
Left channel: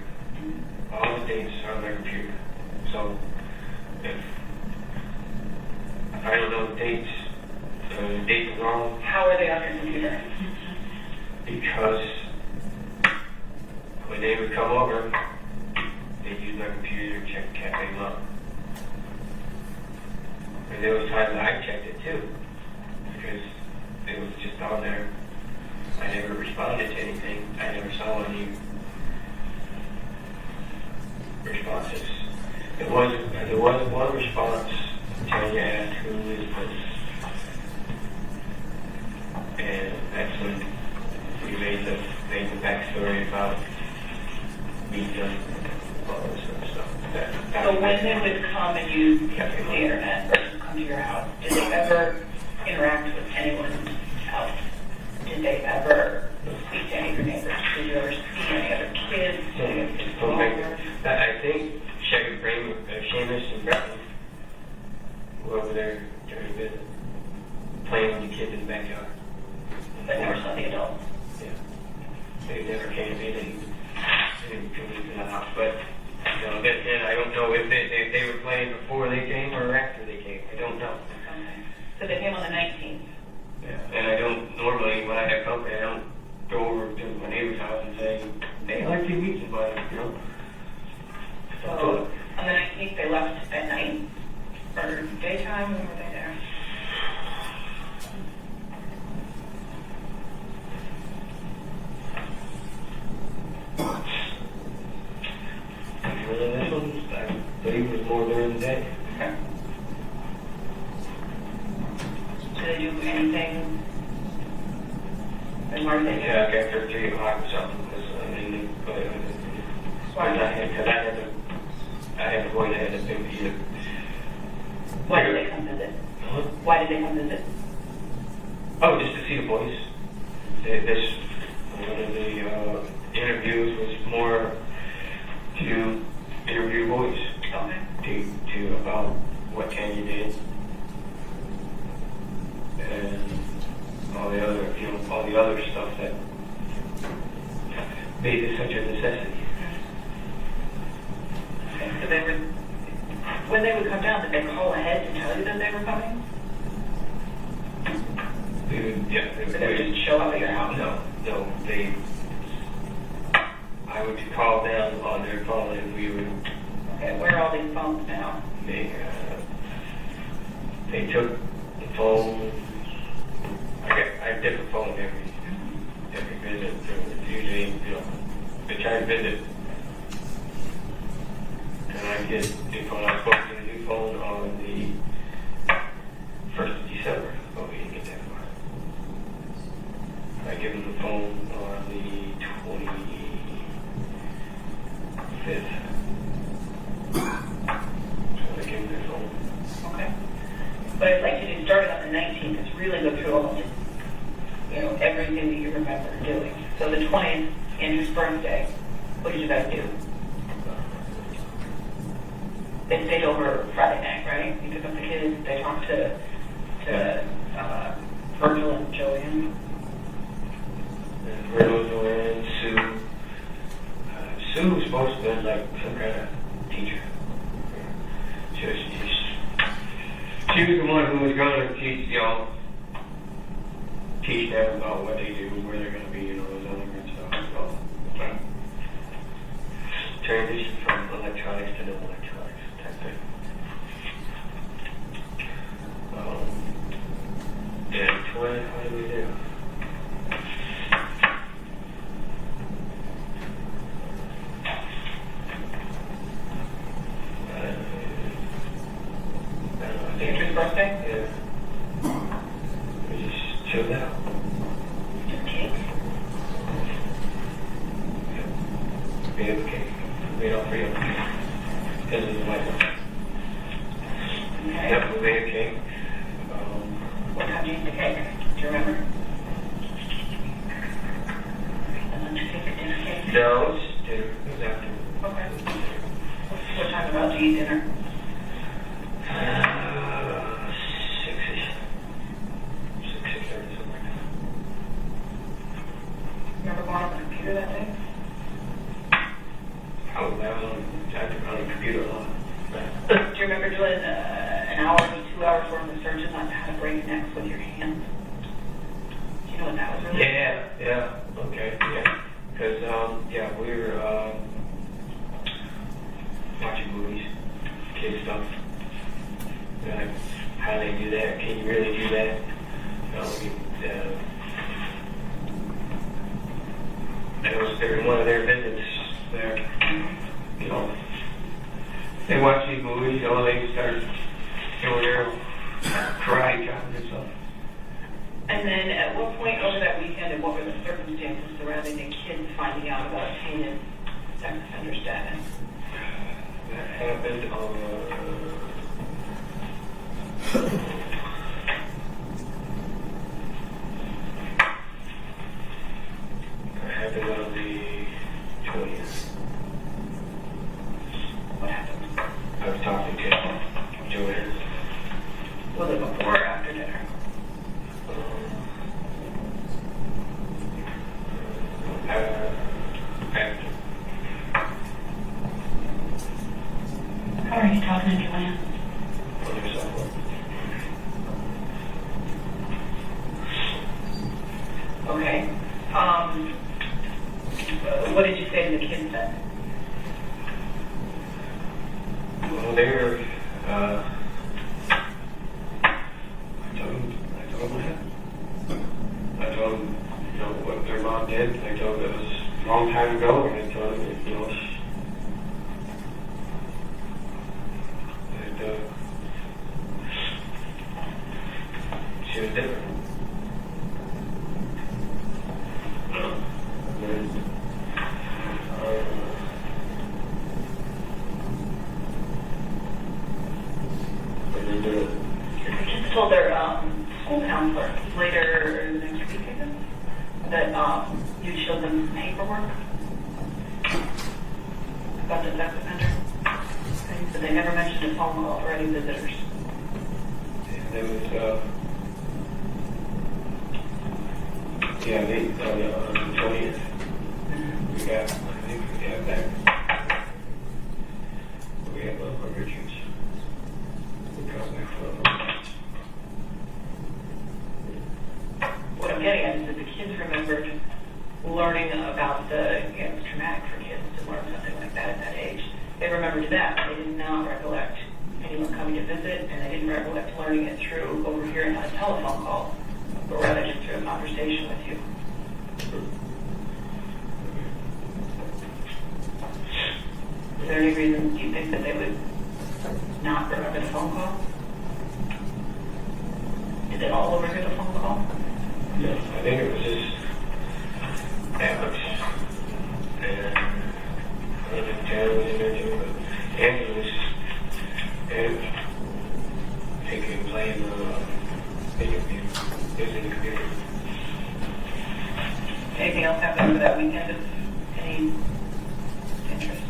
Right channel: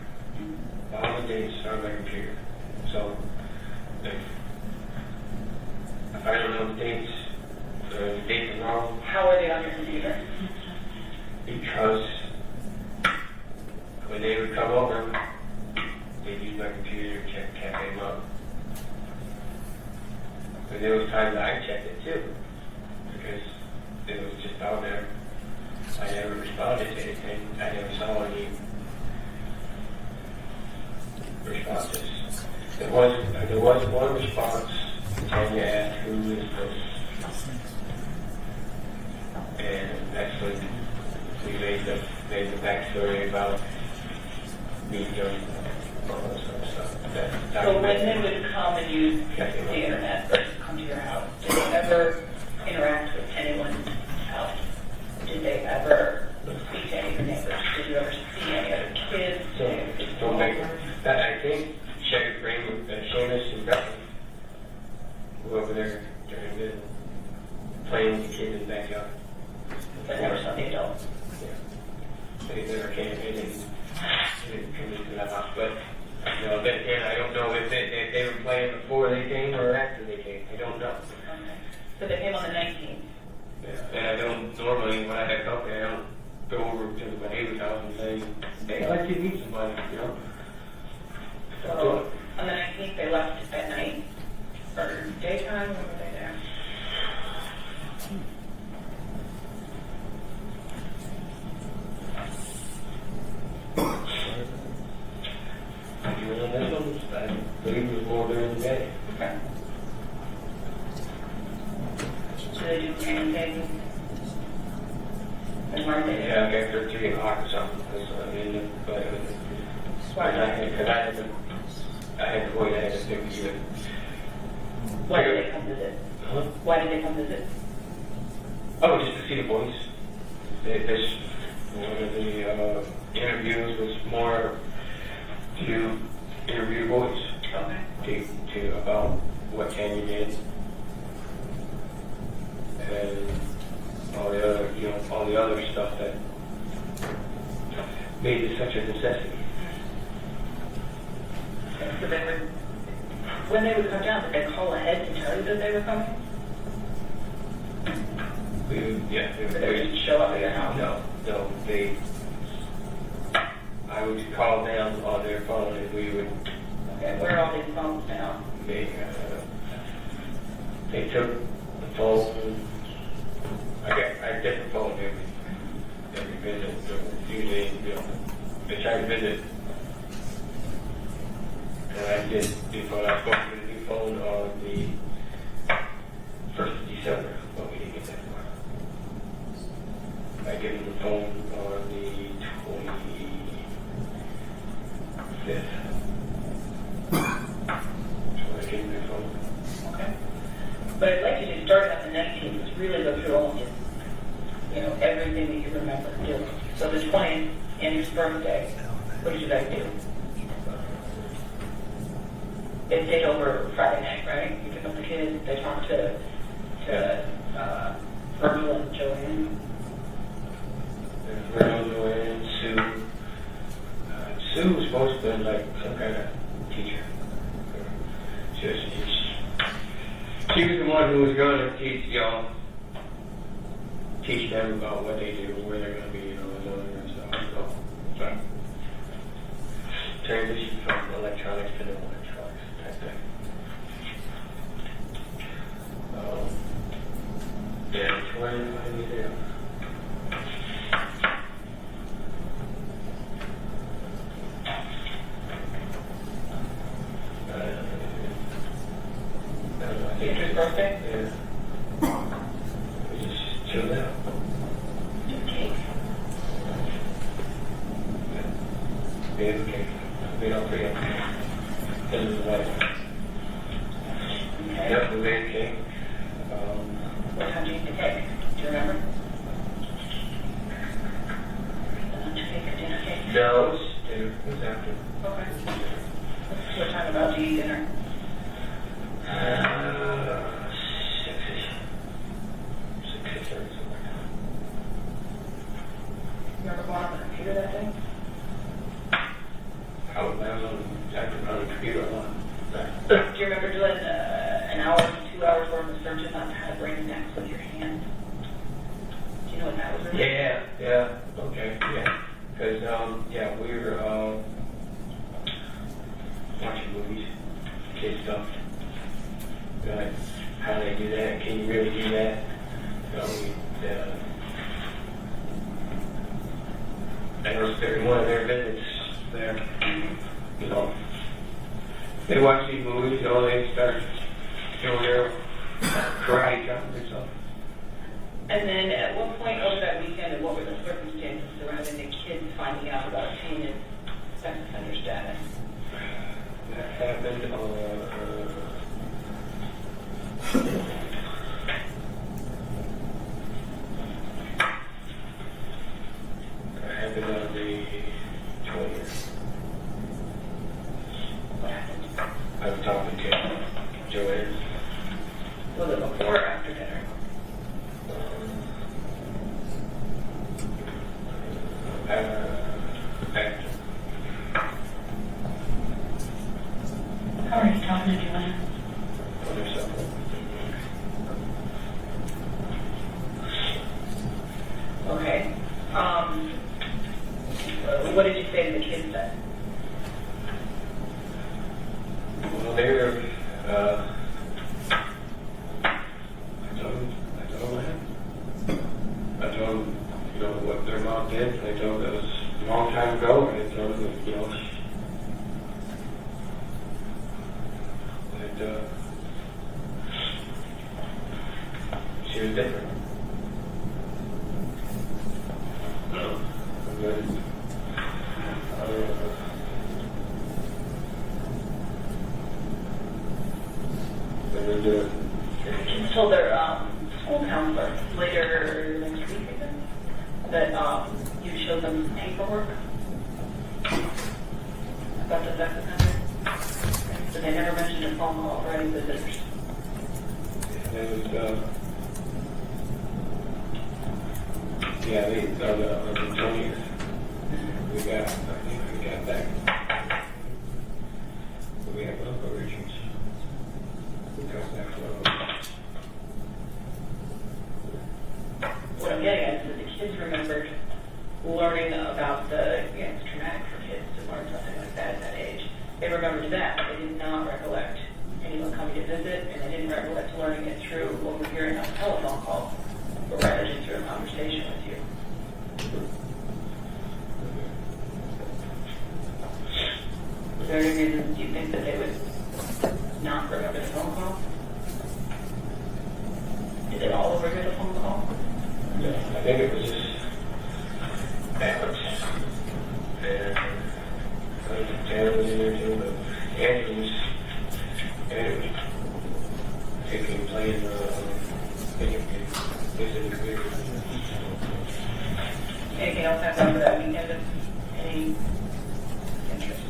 All the dates are on my computer. So, if I don't know the dates are wrong how are they on your computer? because when they would come over, they'd use my computer to check Cafe Mom. And there was times I checked it too, because it was just on there. I never responded to anything. I never saw any responses. There was one response. Tanya asked who is this, and that's when we made the backstory about meeting them and all that sort of stuff. So when they would come and use the internet versus come to your house, did they ever interact with anyone else? Did they ever speak to any of your neighbors? Did you ever see any other kids? Did they ever just go over? I think Shaq would bring Seamus and Bradley go over there during the playing with the kids in the backyard. But never saw the adults? Yeah. They never came in and talk to something. I mean, but I had to go ahead and think either. Why did they come visit? Huh? Why did they come visit? Oh, just to see the boys. This one of the interviews was more to interview boys. Okay. To about what Kenya did and all the other stuff that made it such a necessity. Okay, so when they would come down, did they call ahead to tell you that they were coming? Yeah. Did they just show up at your house? No, I would call them on their phone and we would. Okay, where are all these phones now? They took the phone. I get different phones every visit. Usually, they try to visit. And I get new phone. I spoke to the new phone on the 1st of December. Oh, we didn't get that far. I give them the phone on the 25th. But I'd like you to start on the 19th, is really go through all of it, everything that you remember doing. So the 20th, Andrew's birthday, what did you guys do? They stayed over Friday night, right? You took up the kids, they talked to Virgil and Joanne. Virgil, Joanne, Sue. Sue was supposed to be like some kind of teacher. She was the one who was going to teach them about what they do, where they're going to be, and all that stuff. So, transition from electronics to no electronics type thing. Yeah, 25 video. Andrew's birthday? Yeah. We just chilled out. Did cake. Yeah. We had cake. We don't have cake. Into the white one. Okay. Yep, we made a cake. What time did you eat the cake? Do you remember? The lunch cake, dinner cake? No, it's dinner. It was after. Okay. What time about to eat dinner? 6-ish. 6:30, something like that. You ever go on the computer that day? I was on the computer a lot. Do you remember doing an hour to 2 hours worth of searches on how to break necks with your hands? Do you know what that was? Yeah, okay, yeah. Because, we were watching movies, kid stuff. Like, how do they do that? Can you really do that? That was every one of their visits there. They watch these movies, they start doing their karate chopping and stuff. And then at what point over that weekend, and what were the circumstances surrounding the kids finding out about Tanya's sex offender status? That happened on the 20th. What happened? I was talking to Joanne. Was it before or after dinner? After. How are you talking to Joanne? Okay. What did you say to the kids then? Well, they were, I told them, what their mom did. I told them it was a long time ago, and I told them that, she was different. And then paperwork about the sex offender? Okay, so they never mentioned a phone call or any visitors. That was, yeah, they, on the 20th, we got, I think we got back. We got Local Richards. We got back from What I'm getting at is that the kids remembered learning about it's traumatic for kids to learn something like that at that age. They remembered that, but they did not recollect anyone coming to visit, and they didn't recollect learning it through overhearing on a telephone call, or rather just through a conversation with you. Is there any reason you think that they would not remember the phone call? Did they all overhear the phone call? Yeah, I think it was just Alex and I think Dan was in there too, but Andrew was taking playing interview, using the computer. Anything else happened over that weekend of any interest?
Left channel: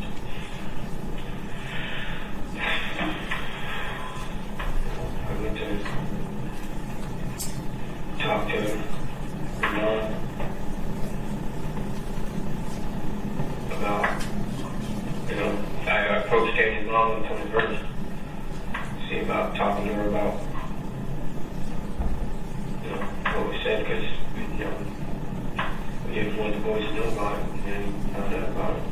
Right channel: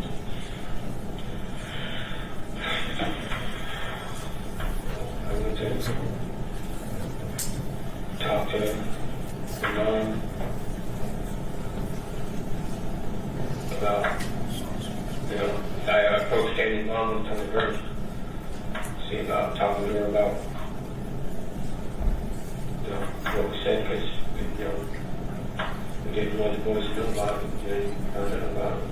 I went to talk to Mom about, I approached Tammy's mom and told her see about talking to her about, what was said, because, we didn't want the boys to know about it, and then found out about it.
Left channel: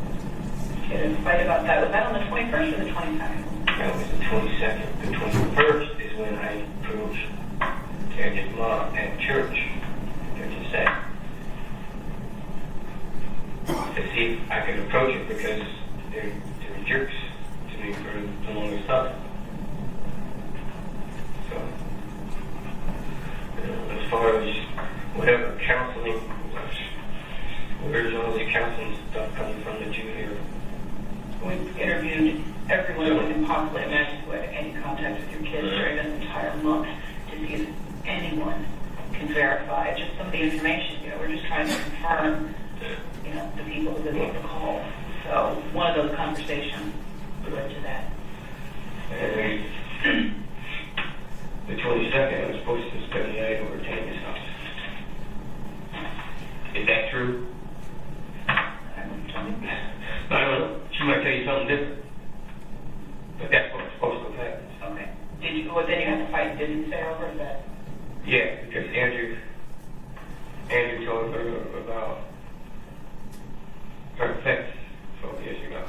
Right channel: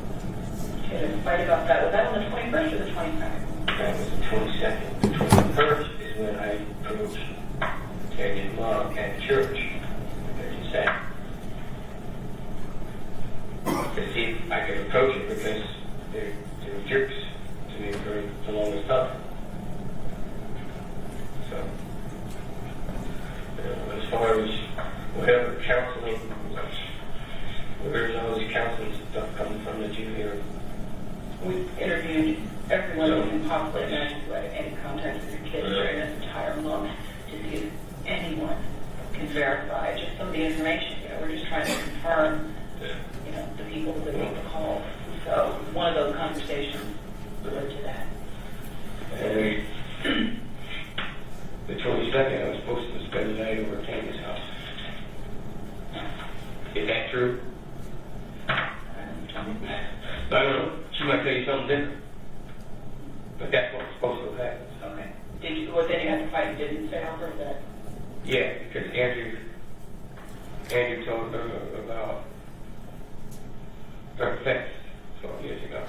Get a fight about that. Was that on the 21st or the 22nd? That was the 22nd. The 21st is when I approached Tammy's mom at church, to say, to see if I could approach it, because they were jerks to me for the longest time. So, as far as whatever counseling, where's all the counseling stuff coming from that you hear? We've interviewed everyone who can possibly imagine who had any contact with your kids during this entire month to see if anyone can verify just some of the information. We're just trying to confirm, the people who make the call. So one of those conversations led to that. And the 22nd, I was supposed to spend the night over at Tammy's house. Is that true? I don't know. She might tell you something different. But that's what was supposed to happen. Okay. Then you had to fight, didn't say over that? Yeah, because Andrew told her about her sex 12 years ago.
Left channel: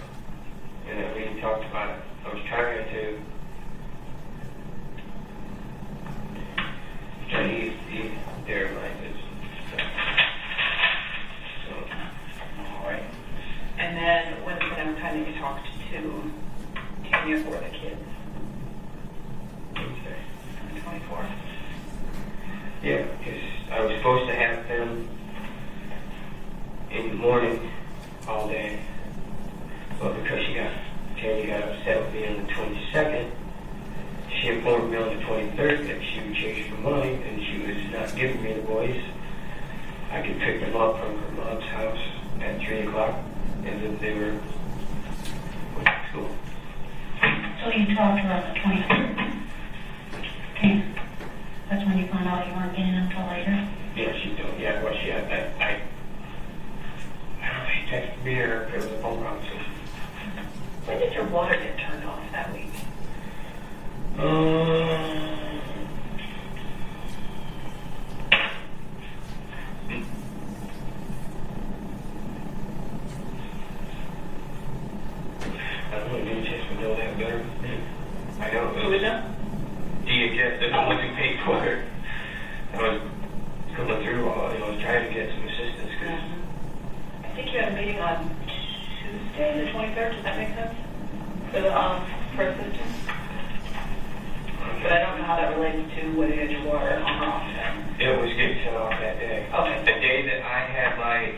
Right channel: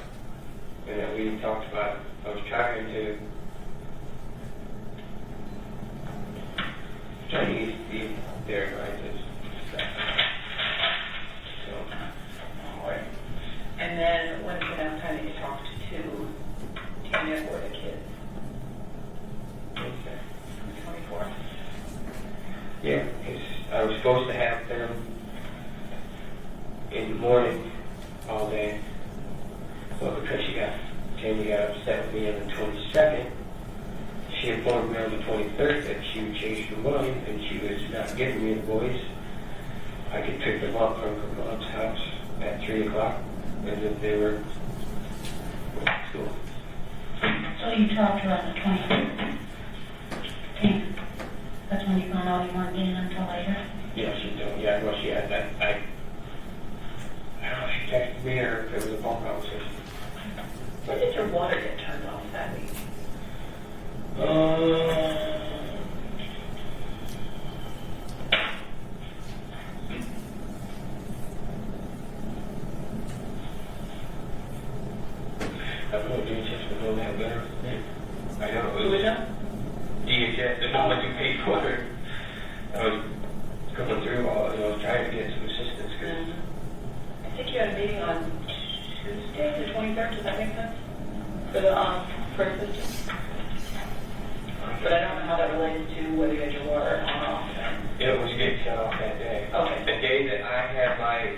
And that we talked about it. I was trying to ease their minds. So, All right. And then when was the next time that you talked to Tanya or the kids? okay. On the 24th? Yeah, because I was supposed to have them in the morning all day. But because Tanya got upset with me on the 22nd, she informed me on the 23rd that she would change her mind and she was not giving me the boys. I could pick them up from her mom's house at 3 o'clock, and then they were at school. So you talked to her on the 23rd? Okay. That's when you found out you weren't getting until later? Yeah, she told me. Yeah, well, she had that. I don't know, she texted me or it was a phone conversation. When did your water get turned off that week? I don't know, DHS would know that better. I know. Who would know? DHS, they're the ones who paid for it. I was coming through all, I was trying to get some assistance. I think you had a meeting on Tuesday, the 23rd, does that make sense? For assistance? But I don't know how that relates to whether you had your water on or off then. It was getting cut off that day. Okay. The day that I had my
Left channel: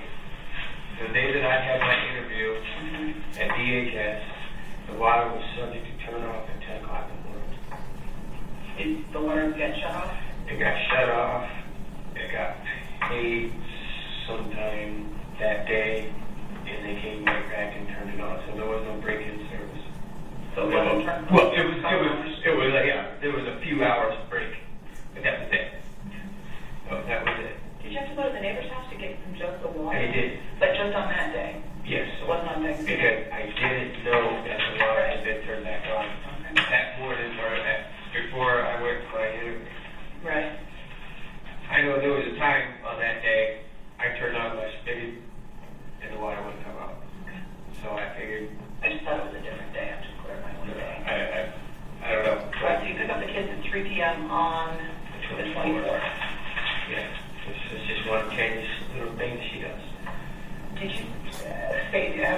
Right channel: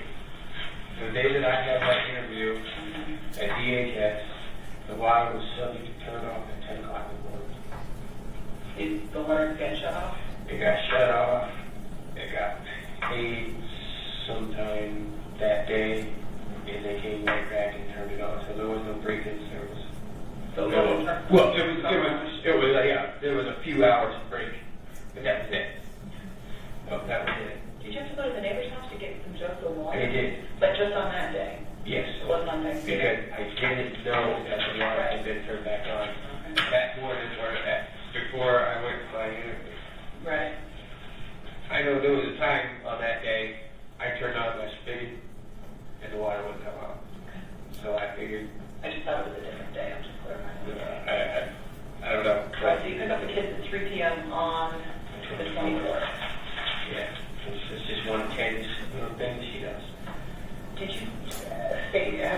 interview at DHS, the water was subject to turn off at 10 o'clock in the morning. Did the water get shut off? It got shut off. It got paid sometime that day.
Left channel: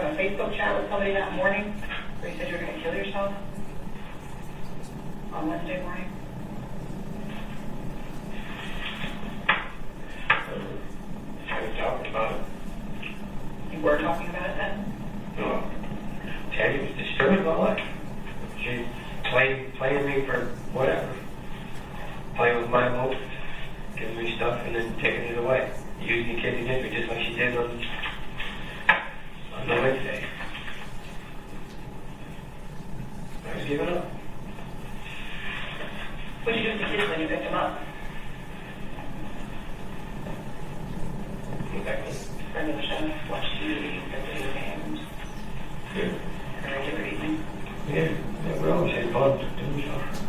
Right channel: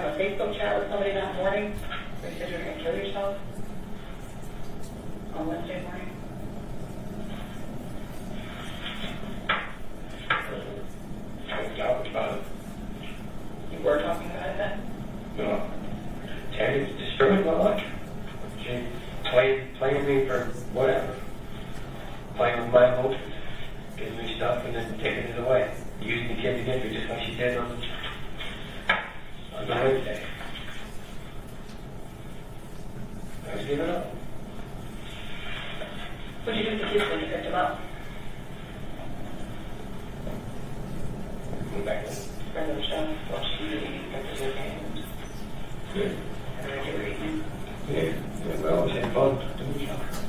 have a Facebook chat with somebody that morning? Where you said you were going to kill yourself? On Wednesday morning? I was talking about it. You were talking about it then? No. Teddy was disturbing my life. She playing me for whatever. Playing with my emotions. Giving me stuff and then taking it away. Using the kids against me just like she did on the Wednesday. I was giving up. What did you do with the kids when you picked them up? Went back home. Spend the show, watch TV, back to their games. Yeah. Or regular evening. Yeah. We always had fun doing stuff.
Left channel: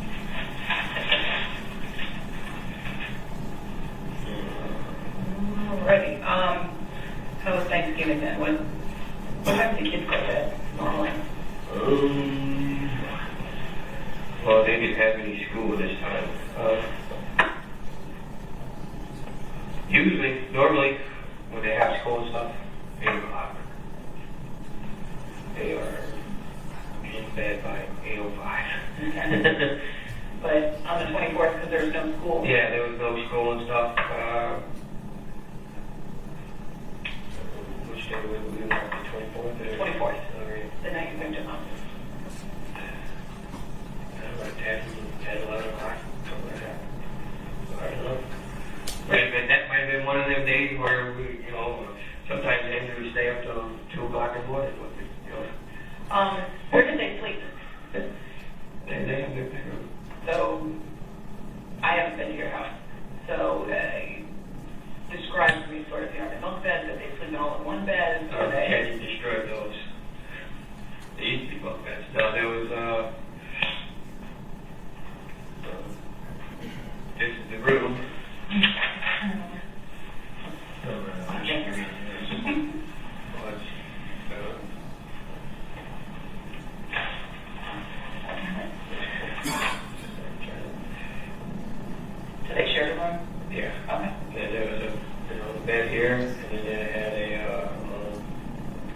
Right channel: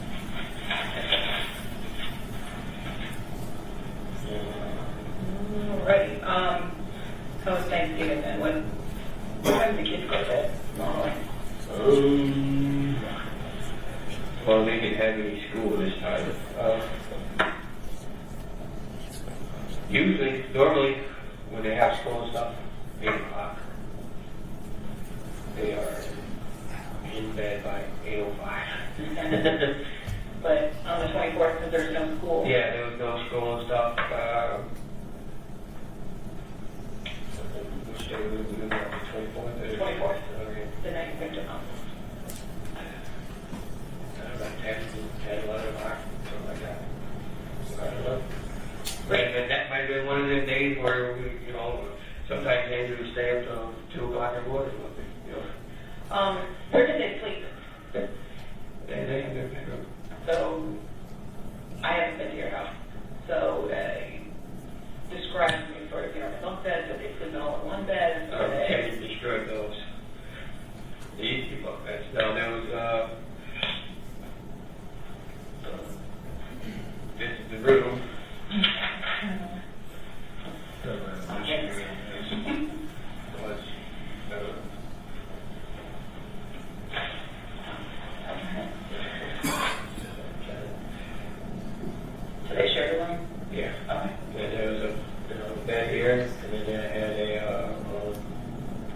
Alrighty. How was Thanksgiving then? What time do the kids go to bed normally? Well, they get heavy school this time. Normally, when they have school and stuff, 8 o'clock. They are in bed by 8:05. But on the 24th, because there's no school? Yeah, there was no school and stuff. Which day were we doing that? The 24th? 24th. The night you picked them up. About 10, 11 o'clock, something like that. I don't know. That might have been one of the days where we, sometimes they would stay up till 2 o'clock in the morning. Where did they sleep? They So, I haven't been to your house. So, describe to me sort of, are they bunk beds? Are they sleeping all in one bed? Are they... you destroyed those. They used to be bunk beds. No, there was, the room. They shared a room? Yeah. Okay. And there was a bed here, and then it had a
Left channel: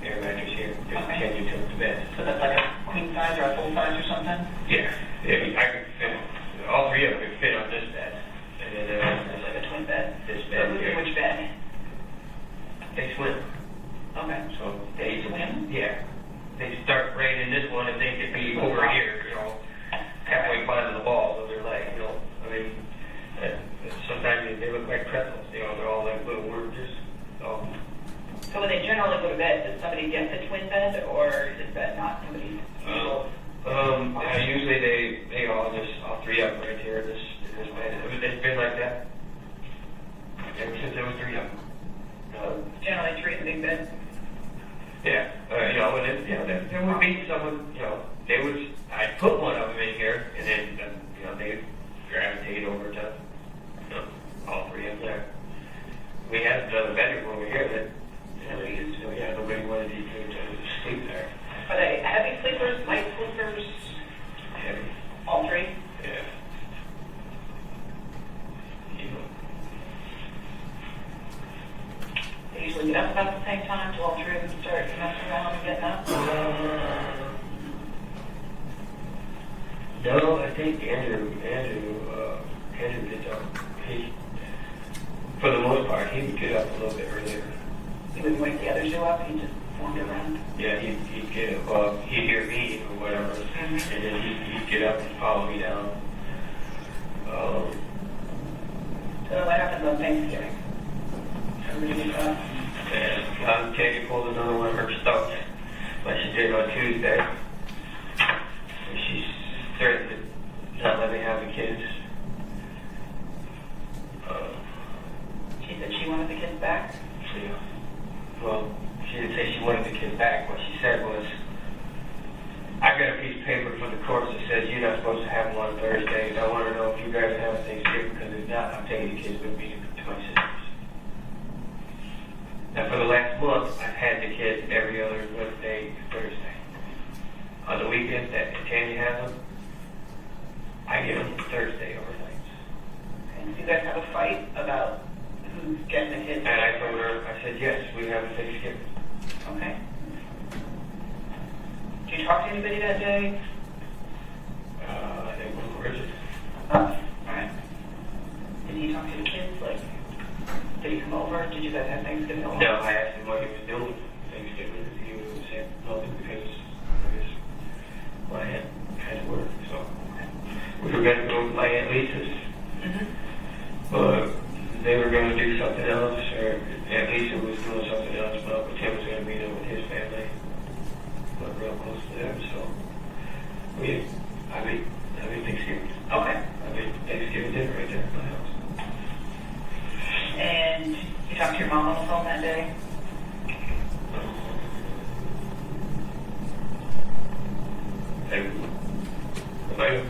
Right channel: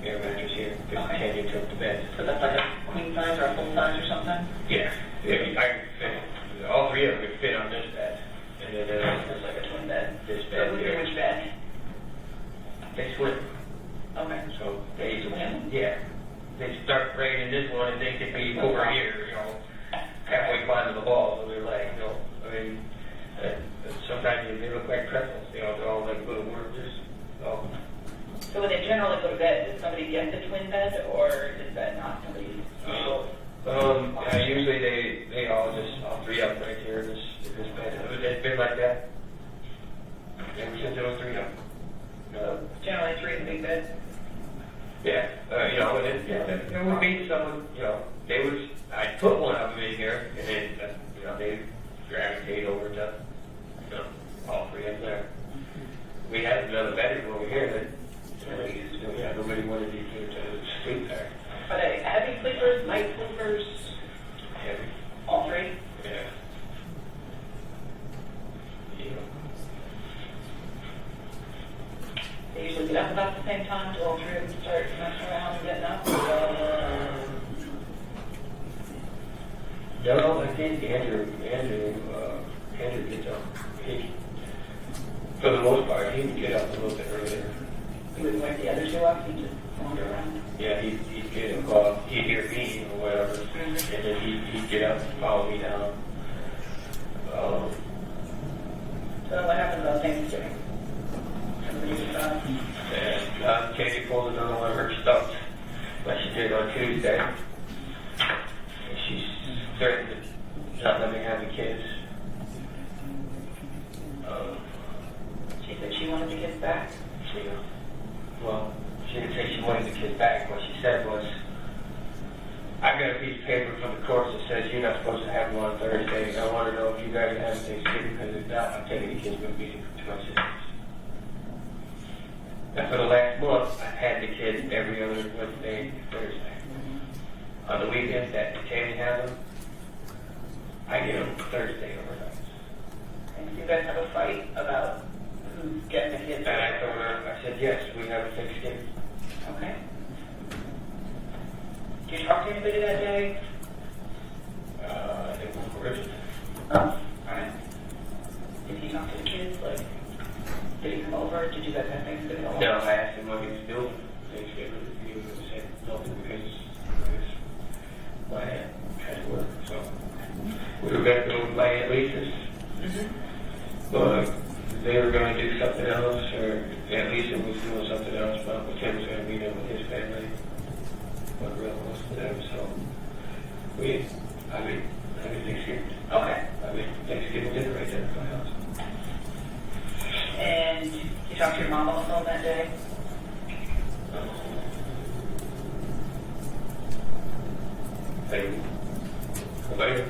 air mattress here. Just Okay. Teddy took the bed. So that's like a queen size or a full size or something? Yeah. I could fit. All three of them could fit on this bed. And then It's like a twin bed. this So bed who's in here. which bed? They swim. Okay. So They swim? yeah. They start right in this one, and they could be over here, halfway climbing the walls of their leg. I mean, sometimes they look like pretzels. They're all like little worms. So when they generally go to bed, does somebody get the twin bed, or is that not somebody's usual? Usually they all three up right here in this bed. It's been like that ever since there was three of them. Generally three in the big bed? Yeah, and then, there would be someone, I'd put one of them in here, and then, they gravitate over to, all three of them there. We had another bedroom over here that, nobody wanted to sleep there. Are they heavy sleepers, light sleepers, Heavy. all three? Yeah. They usually get up about the same time, do all three of them start messing around and getting up? No, I think Andrew gets up. For the most part, he would get up a little bit earlier. He wouldn't wake the others up, he just wander around? Yeah, he'd get up, he'd hear me or whatever, and then he'd get up and follow me down. So what happens on Thanksgiving? Everybody gets up? And Katie pulled another one of her stuff, like she did on Tuesday. She's certain that not letting me have the kids. She said she wanted the kids back? Well, she didn't say she wanted the kids back. What she said was, I got a piece of paper from the courts that says you're not supposed to have them on Thursdays. I want to know if you guys have Thanksgiving, because if not, I'll take the kids with me to my sister's anybody that day? I think we're Chris. All right. Did you talk to the kids? Like, did you come over? Did you guys have Thanksgiving over? No, I asked him what he was doing. Thanksgiving. He was saying nothing because I guess my aunt had work. So we were going to go to my Aunt Lisa's. But they were going to do something else, or Aunt Lisa was doing something else, but Uncle Tim was going to be there with his family. We're real close to them, so I made Thanksgiving. Okay. I made Thanksgiving dinner right there at my house. And you talked to your mom on the phone that day? Thank you. Later.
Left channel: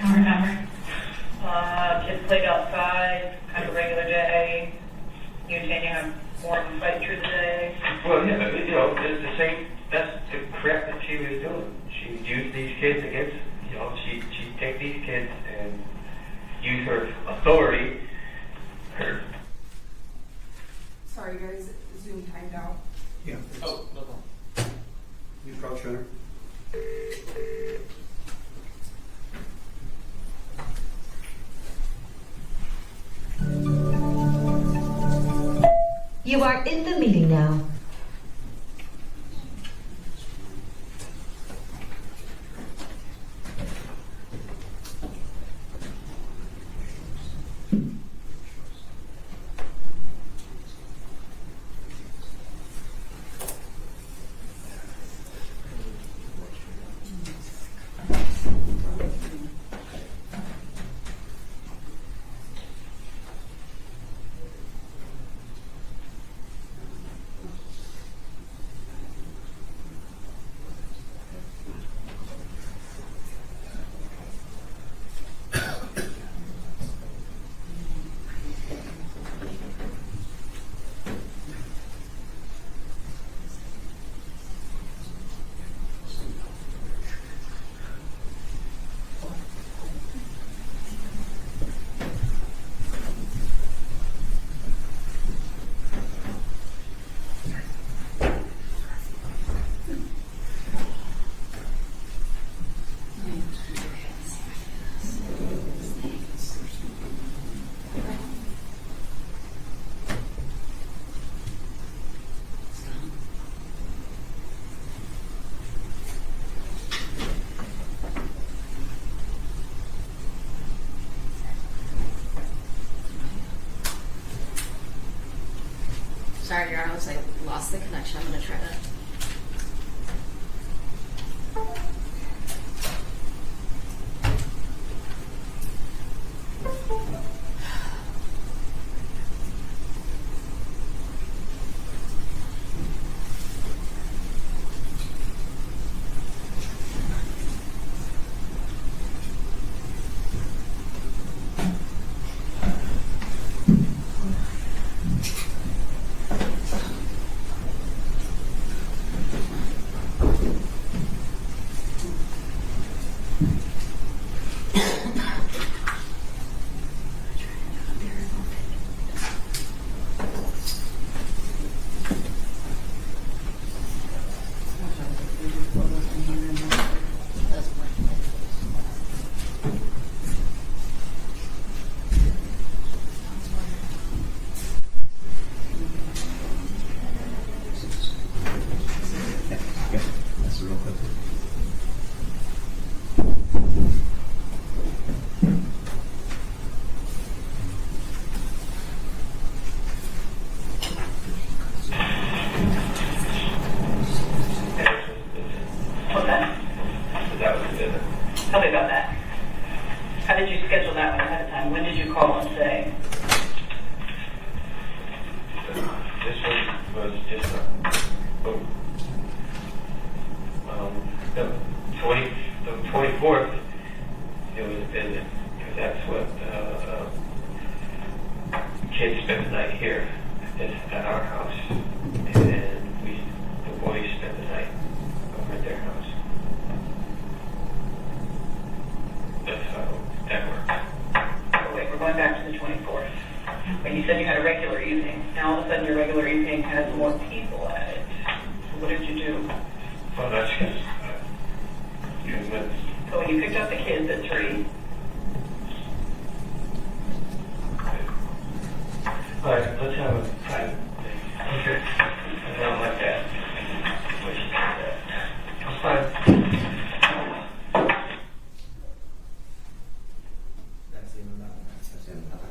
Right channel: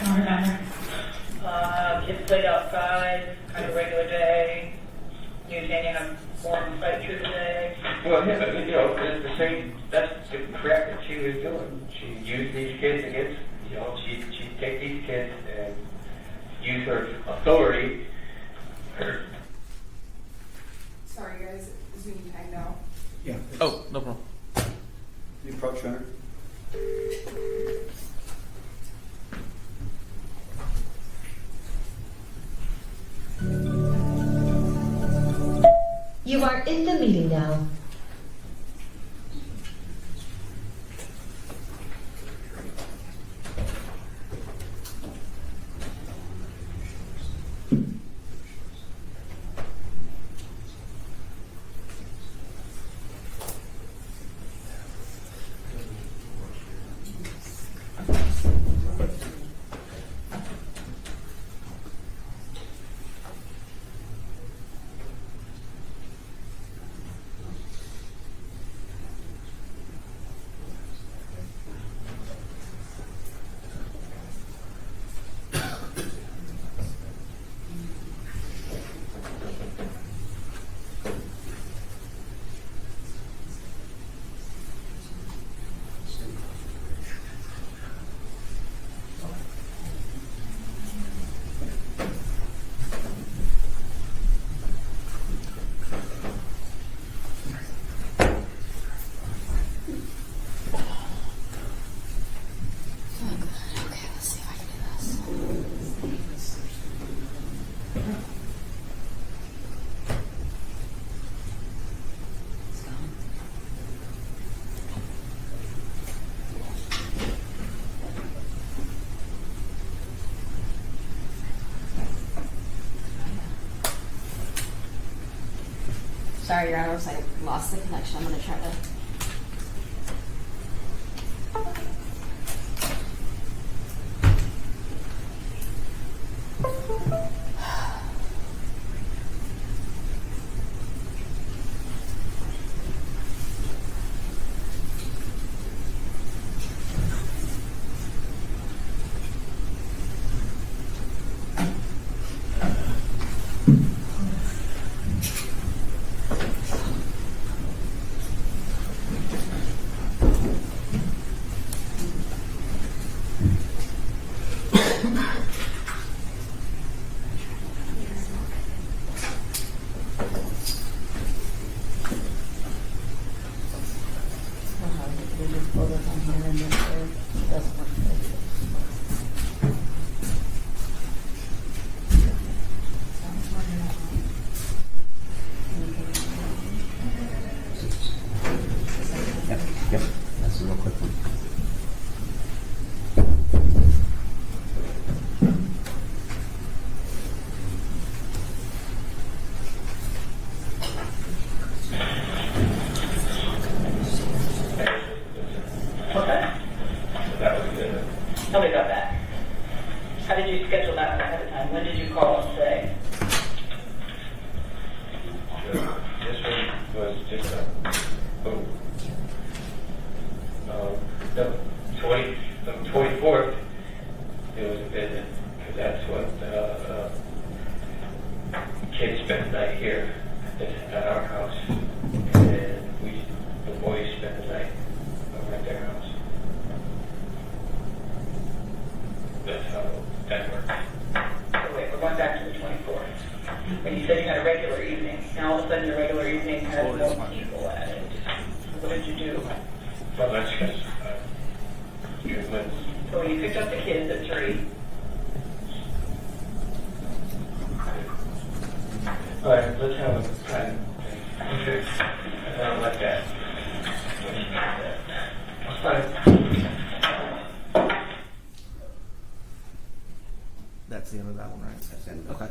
Don't remember. Kids played outside, kind of regular day. You and Janie have warm fight through the day. Well, yeah, but it's the same. That's the crap that she was doing. She used these kids against, she'd take these kids and use her authority. Sorry, guys, Zoom timed out. Yeah. Oh, no problem. The approach center. You are in the meeting now. Sorry, Your Honor, looks like I lost the connection. I'm going to try to. Yep, that's a real quick one. Okay. That was good. Tell me about that. How did you schedule that one ahead of time? When did you call and say? This one was just the 24th. It was busy because that's what kids spent the night here at our house, and then the boys spent the night over at their house. That's how that works. Wait, we're going back to the 24th. But you said you had a regular evening. Now all of a sudden your regular evening has more people at it. What did you do? Well, that's because, So when you picked up the kids at 3, all right, let's have a time thing. Okay. I don't like that. That's the end of that one, right? That's it. Okay.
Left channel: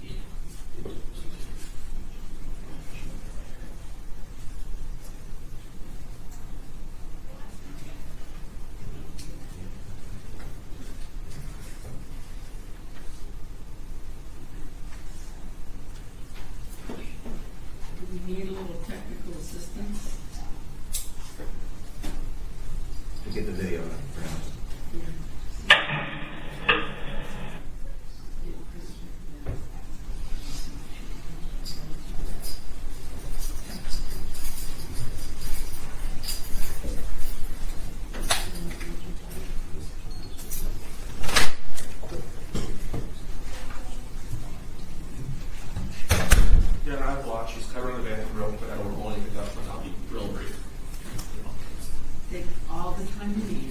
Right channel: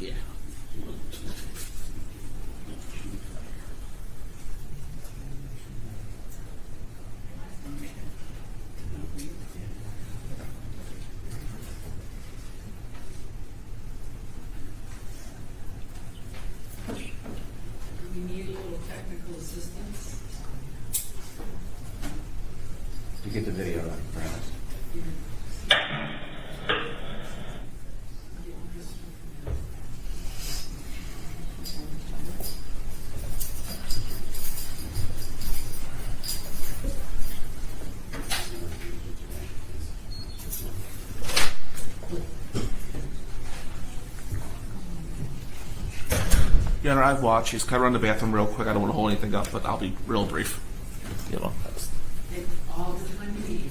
Yeah. we need a little technical assistance. To get the video right, perhaps. Your Honor, I've watched. Can I run to the bathroom real quick? I don't want to hold anything up, but I'll be real brief. You know. Take all the time you need.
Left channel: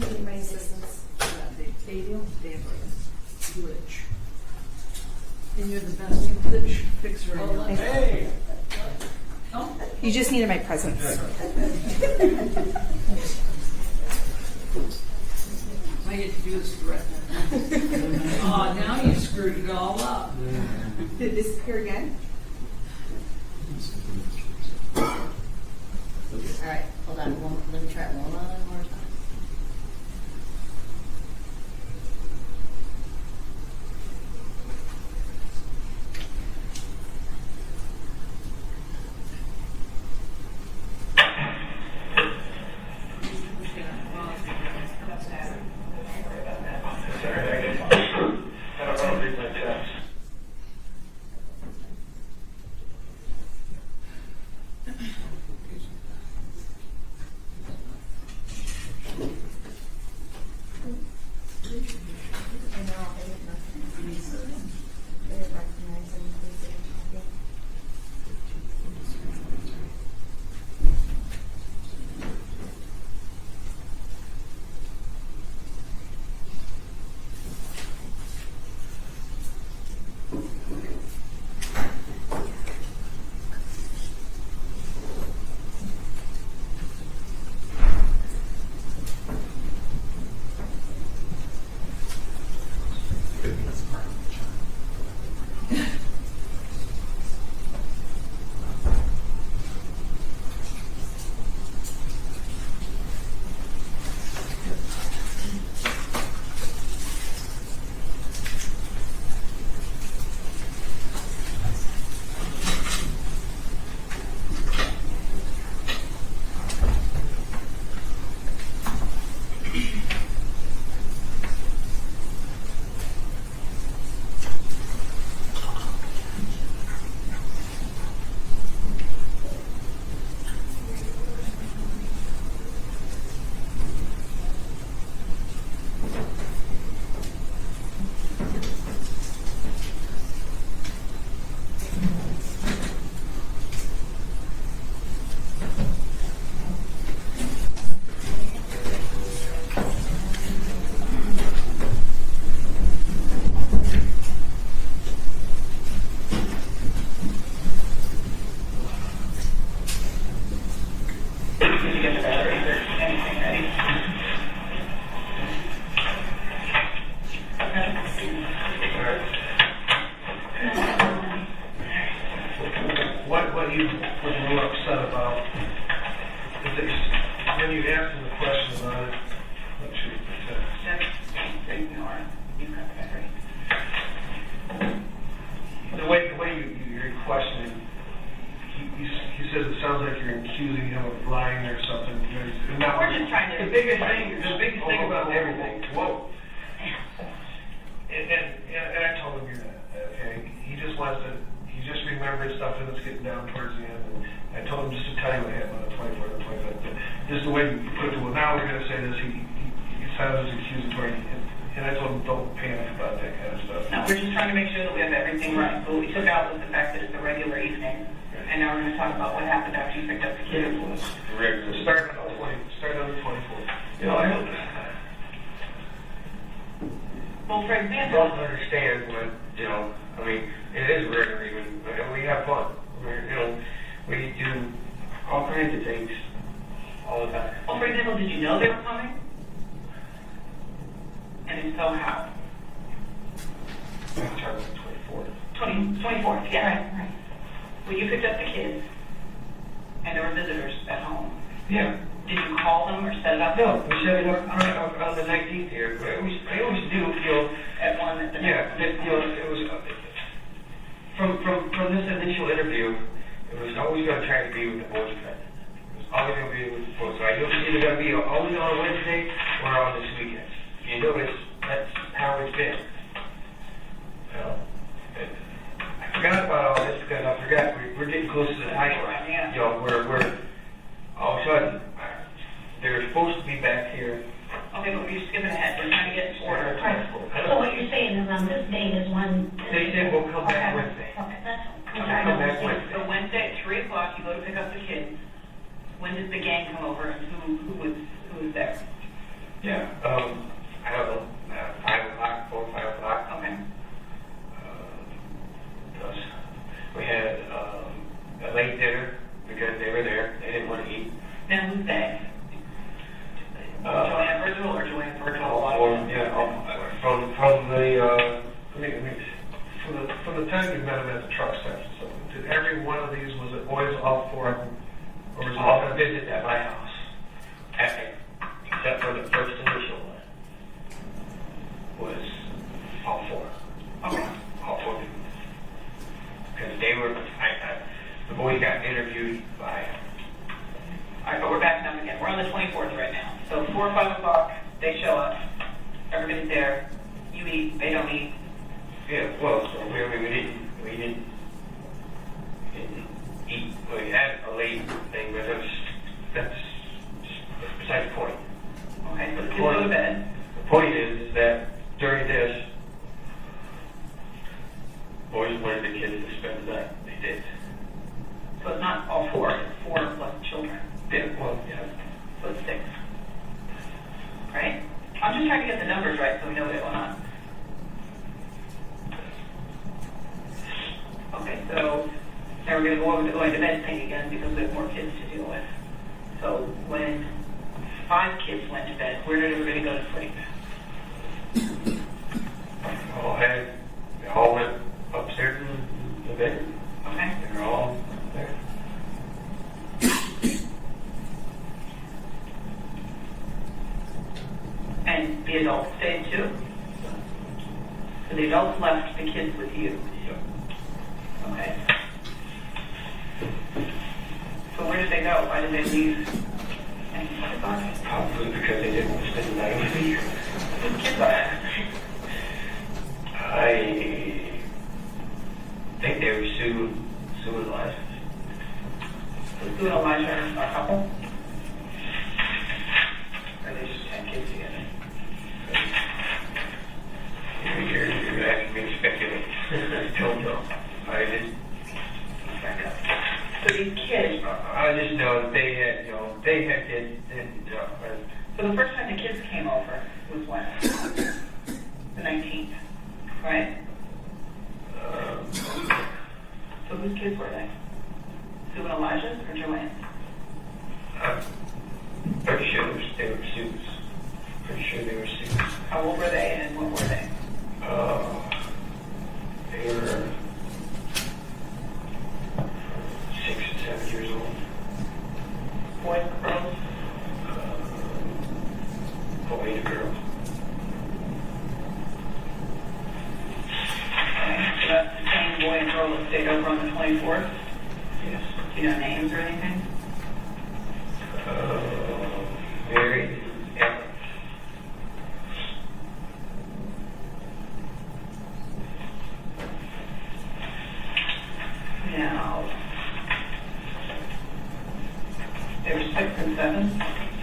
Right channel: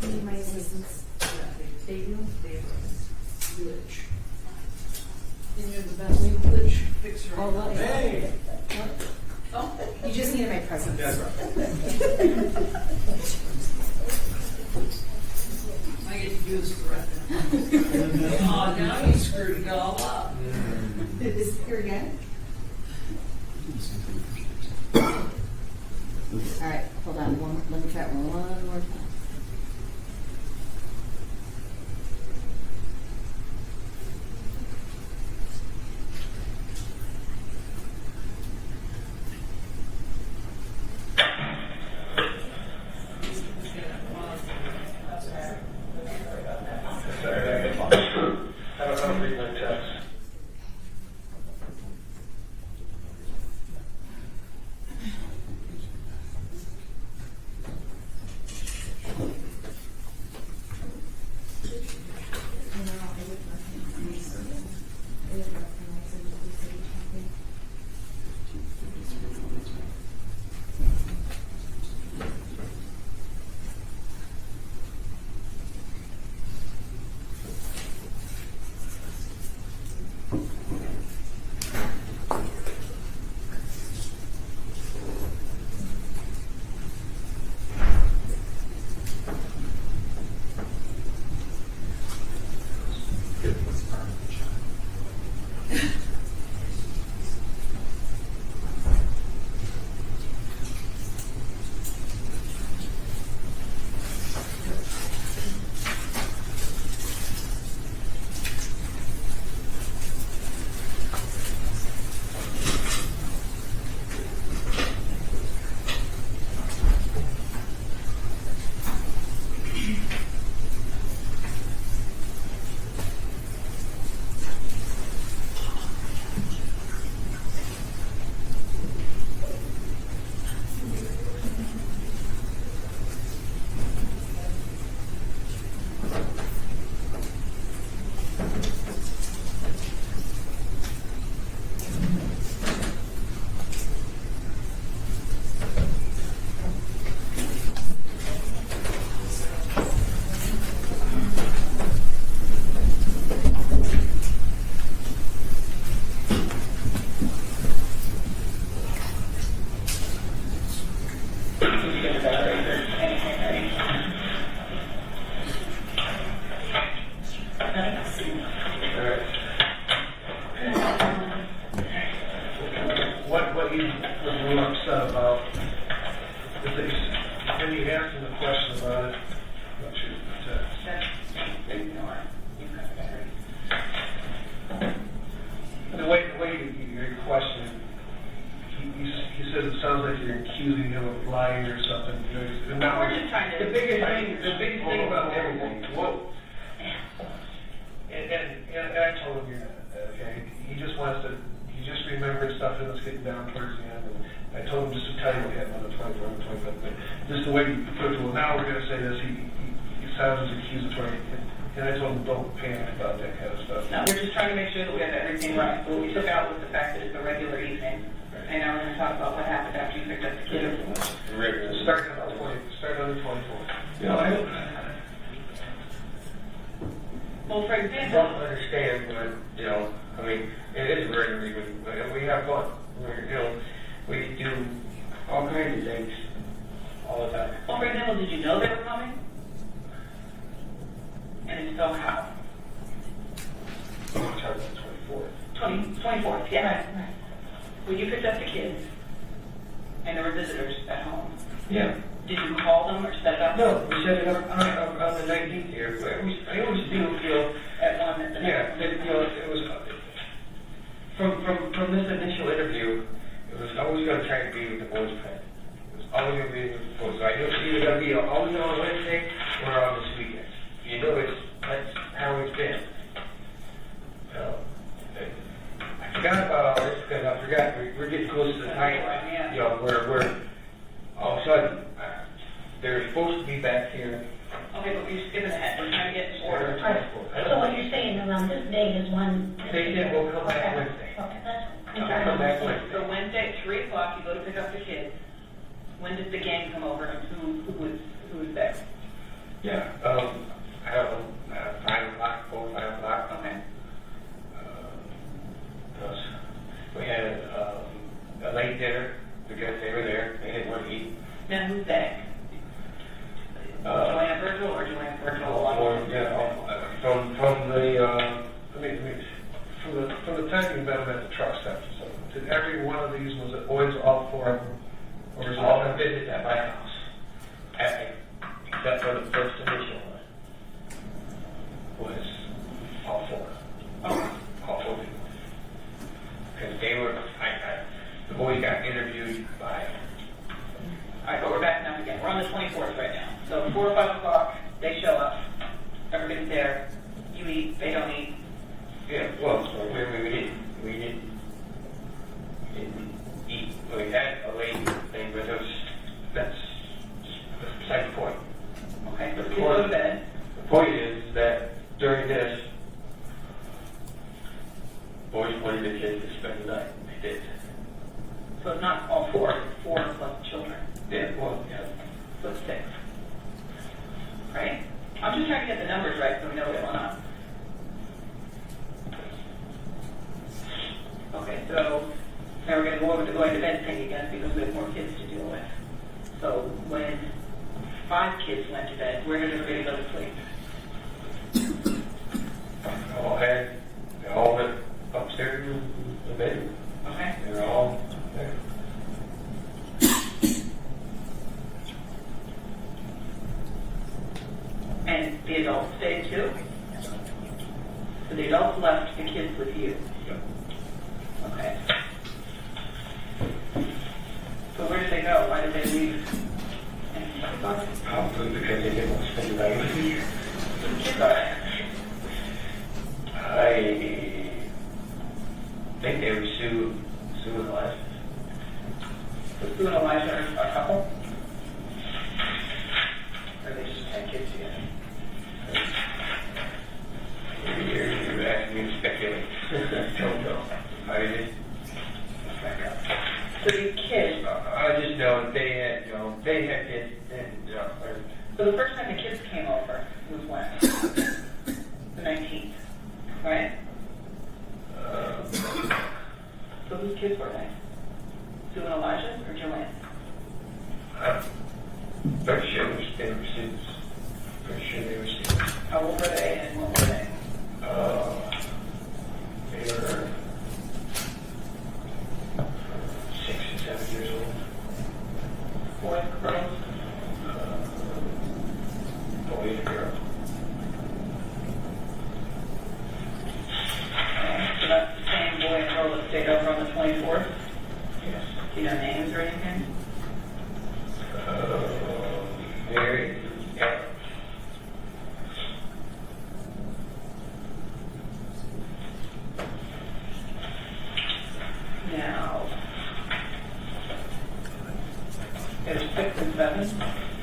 Need my assistance. Stadium, glitch. And you're the best glitch fixer. Hey! Oh, You just needed my presence. I get to do this threat now. Oh, now you screwed it all up. Did it disappear again? All right, hold on, let me try it one more time. I don't read my text. just trying to. The biggest thing about everything, whoa. And I told him, okay, he just remembered stuff and it's getting down towards the end. And I told him just to tell you what happened on the 24th and 25th. But just the way you put it, well, now we're going to say this, he sounds accusatory. And I told him, don't panic about that kind of stuff. No, we're just trying to make sure that we have everything right. So what we took out was the fact that it's a regular evening. And now we're going to talk about what happened after you picked up the kids. Regular. Start on the 24th. You know, I don't. Well, for I example, don't understand, but, you know, I mean, it is regular even. We have fun. We do all kinds of things all the time. well, for example, did you know they were coming? And if so, how? I'm talking about 24th. 24th, yeah. Right. Well, you picked up the kids, and there were visitors at home. Yeah. Did you call them or set it up? No, we set it up on the 19th here. But I always do, At one at the yeah, it was from this initial interview. It was always going to try to be with the boys' present. It was always going to be with the boys. So I knew it was either going to be always on Wednesday or on this weekend. You know, that's how it's been. So I forgot about all this because I forgot we're getting close to the night. Yeah. You know, we're all of a sudden they were supposed to be back here. Okay, but we're skipping ahead. We're trying to get in order. So what you're saying around this date is when? They did. We'll come back Wednesday. Okay, that's. Okay, come back Wednesday. So Wednesday at 3 o'clock, you go to pick up the kids. When does the gang come over, and who was there? Yeah. I don't know. 5 o'clock, 4 or 5 o'clock. Okay. We had a late dinner because they were there. They didn't want to eat. Now who's they? Joanne Virgil or Joanne Virgil? From the time you met them at the truck stop. So every one of these was always all 4 of them, or was all visited at my house, except for the first initial one was all 4. Okay. All 4 people. Because they were, the boys got interviewed by. All right, but we're back now again. We're on the 24th right now. So 4 or 5 o'clock, they show up. Everybody's there. You eat. They don't eat. Yeah, well, so we didn't eat. We had a late thing, but that's beside the point. Okay, so the kids go to bed. The point is that during this, boys wanted the kids to spend the night. They did. So it's not all 4. It's 4 plus children. Yeah, well, yeah. So it's 6. Right? I'm just trying to get the numbers right so we know what's going on. Okay, so now we're going to go over the going to bed thing again because we have more kids to deal with. So when 5 kids went to bed, where did everybody go to sleep? They all went upstairs in the bedroom. Okay. They were all there. And the adults stayed too? So the adults left the kids with you? Yep. Okay. So where did they go? Why did they leave? Probably because they didn't want to spend the night with me. I think they were Sue and Elijah. So Sue and Elijah are a couple? Or they just had kids together. You're asking me to speculate. Don't know. I didn't. So these kids. I just know that they had kids. So the first time the kids came over was when? The 19th, right? So whose kids were they? Sue and Elijah or Joanne? I'm pretty sure they were students. Pretty sure they were students. How old were they and what were they? They were 6 and 7 years old. Boys, girls?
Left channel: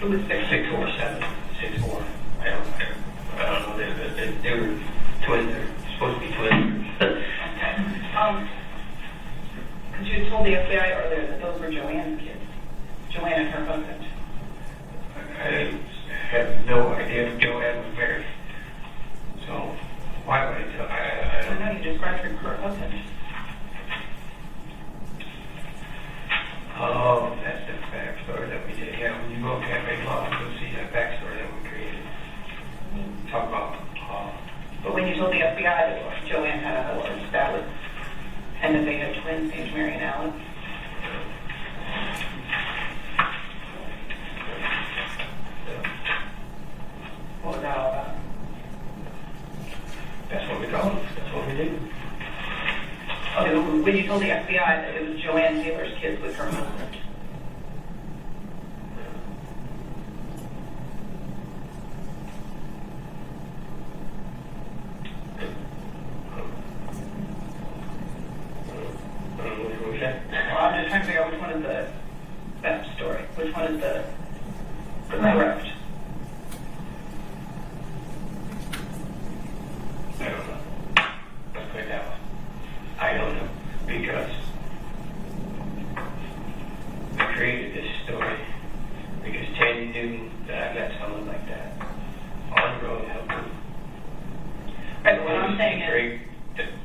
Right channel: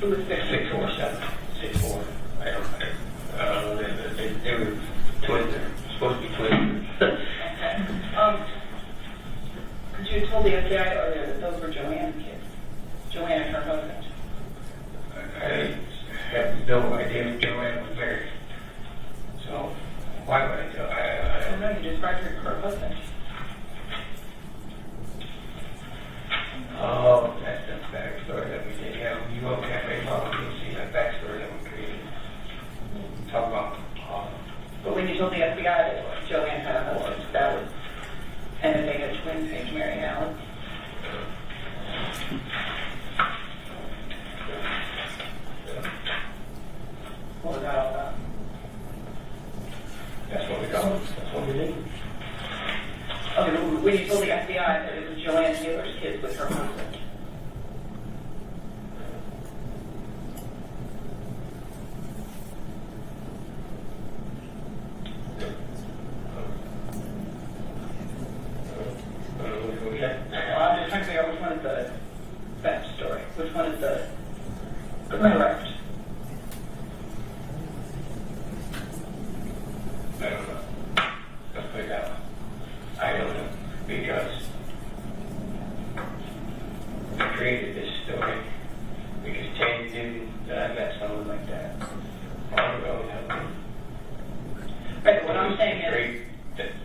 Who was 6'4", 6'4". I don't know. They were twins. They're supposed to be twins. Okay. Because you told the FBI earlier that those were Joanne's kids. Joanne and her husband. I have no idea if Joanne was married. So why would I tell? I I know you described her husband. Oh, that's the backstory that we did. Yeah, when you look at Cafe Law, you'll see that backstory that we created. Talk about. But when you told the FBI that Joanne had a husband, that was, and that they had twins named Mary and Alan. What was that all about? That's what we call it. That's what we did. Okay, when you told the FBI that it was Joanne Taylor's kids with her husband. Well, I'm just trying to figure out which one is the best story. Which one is the correct? I don't know. Let's play that one. I don't know because I created this story because Tanya knew that I met someone like that long ago to help me. Right, but what I'm saying is,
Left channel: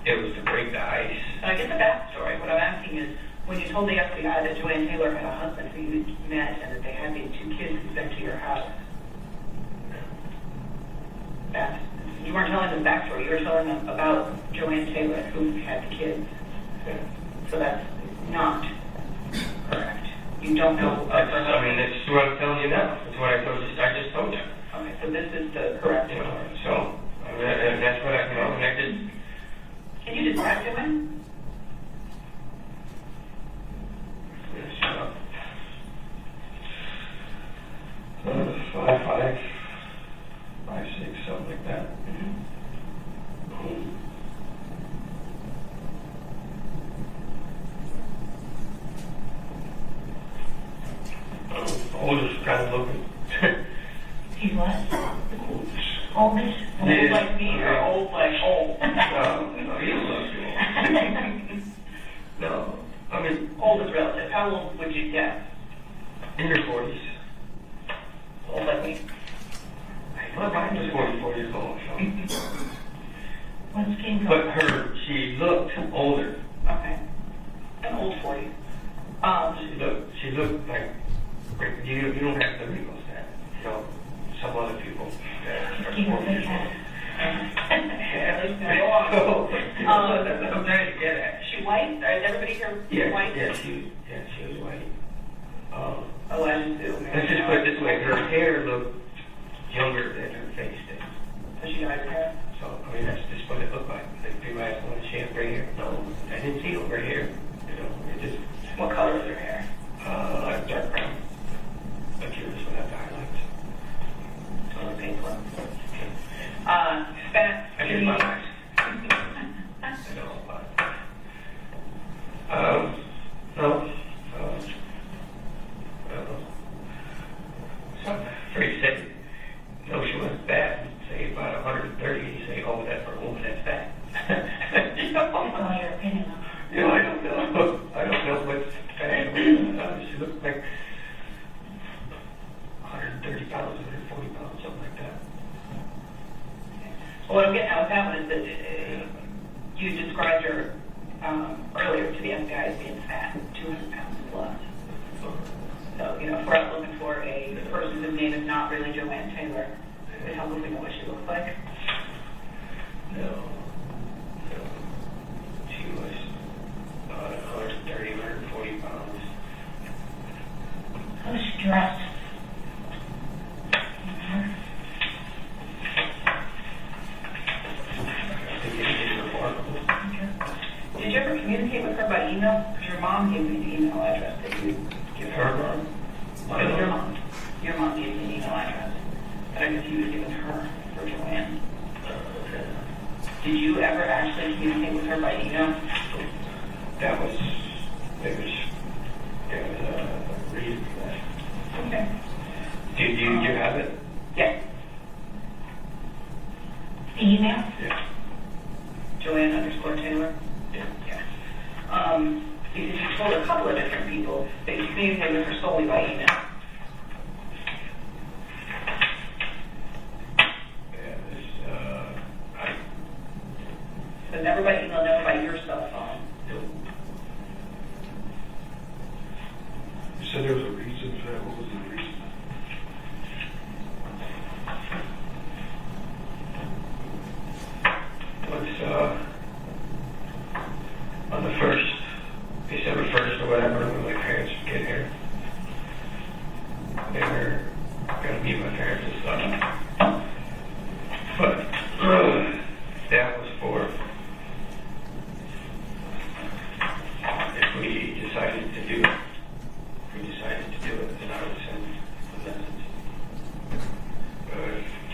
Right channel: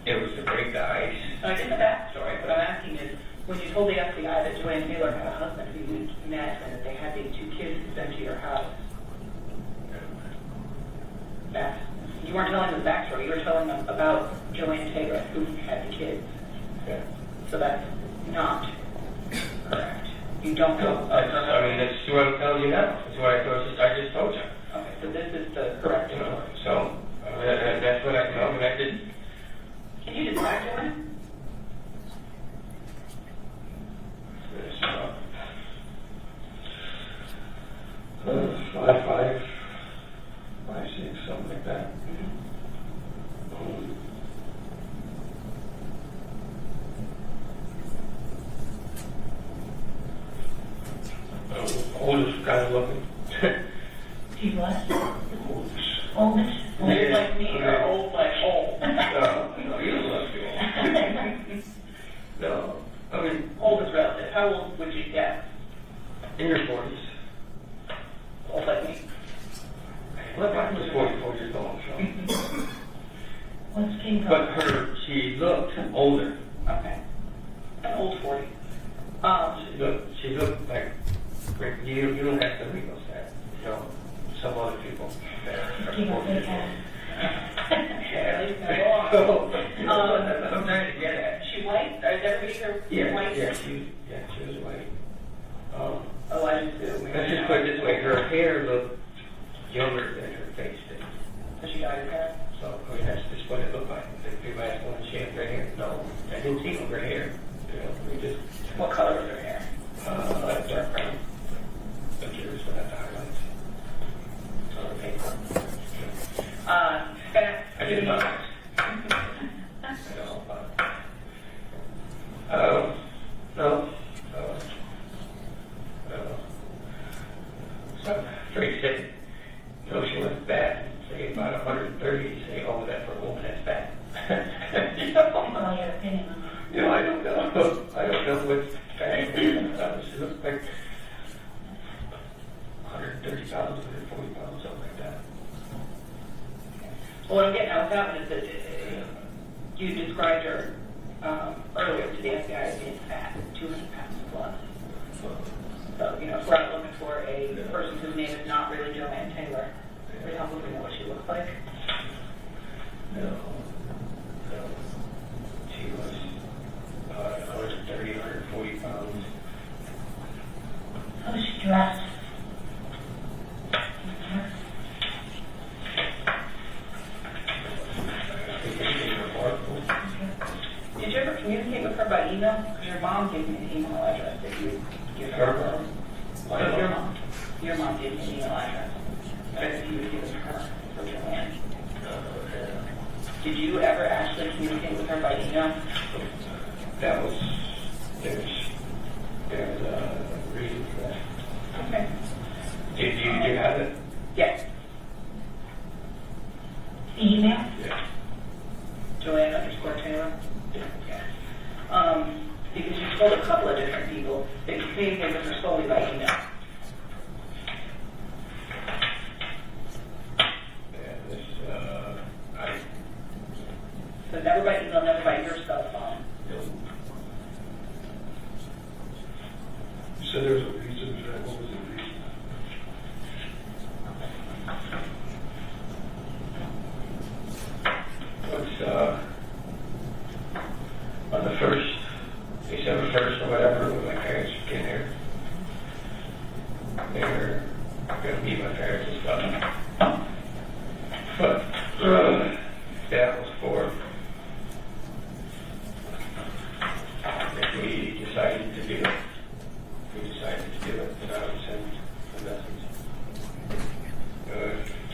It was to break the ice. I get the backstory. What I'm asking is, when you told the FBI that Joanne Taylor had a husband who you met and that they had these two kids who sent to your house, that you weren't telling them the backstory. You were telling them about Joanne Taylor who had the kids. Yeah. So that's not correct. You don't know. I mean, that's what I'm telling you now. That's what I just told you. Okay, so this is the correct story. So that's what I know, and I did. Can you describe Joanne? Five, 6, something like that. Oldest kind of looking. He's what? Oldest? Old like me or old like old? No, you don't look too old. No, I mean, Old is relative. How old would you guess? in your 40s. Old like me. Well, I was 44 years old, so. What's King But she looked older. Okay. An old 40. She looked like, you don't have to wrinkles that, some other people. You got big hair. I'm trying to get at. She white? Is everybody here white? Yeah, she was white. Oh, I just do. Let's just put it this way, her hair looked younger than her face did. So she got her hair? So, I mean, that's just what it looked like. Like, people ask, well, she have gray hair? No, I didn't see no gray hair. It just... What color is her hair? Like dark brown. But yours would have the highlights. Color paper. I did my eyes. I know, but... No. Something very sick. No, she went back and say about 130. You say, oh, that's for a woman, that's fat. Well, your opinion on I don't know. I don't know what's fat. She looked like 130 pounds, 140 pounds, something like that. Well, what I'm getting at with that one is that you described her earlier to the FBI as being fat, 200 pounds plus. So, if we're out looking for a person whose name is not really Joanne Taylor, we don't really know what she looks like. No. She was 130, 140 pounds. How was she dressed? Did you ever communicate with her by email? Because your mom gave me the email address that you give her. Your mom gave me an email address that I guess you was giving her for Joanne. Did you ever actually communicate with her by email? There was a reason for that. Okay. Did you have it? Yes. Email? Yeah. Joanne_Taylor? Yeah. Because you told a couple of different people that you communicated with her solely by email. And this, So never by email, never by your cell phone. you said there was a reason for that. What was the reason? On the 1st, December 1st or whatever, when my parents get here, they were going to meet my parents and stuff. But that was for, if we decided to do it. And I would send a message.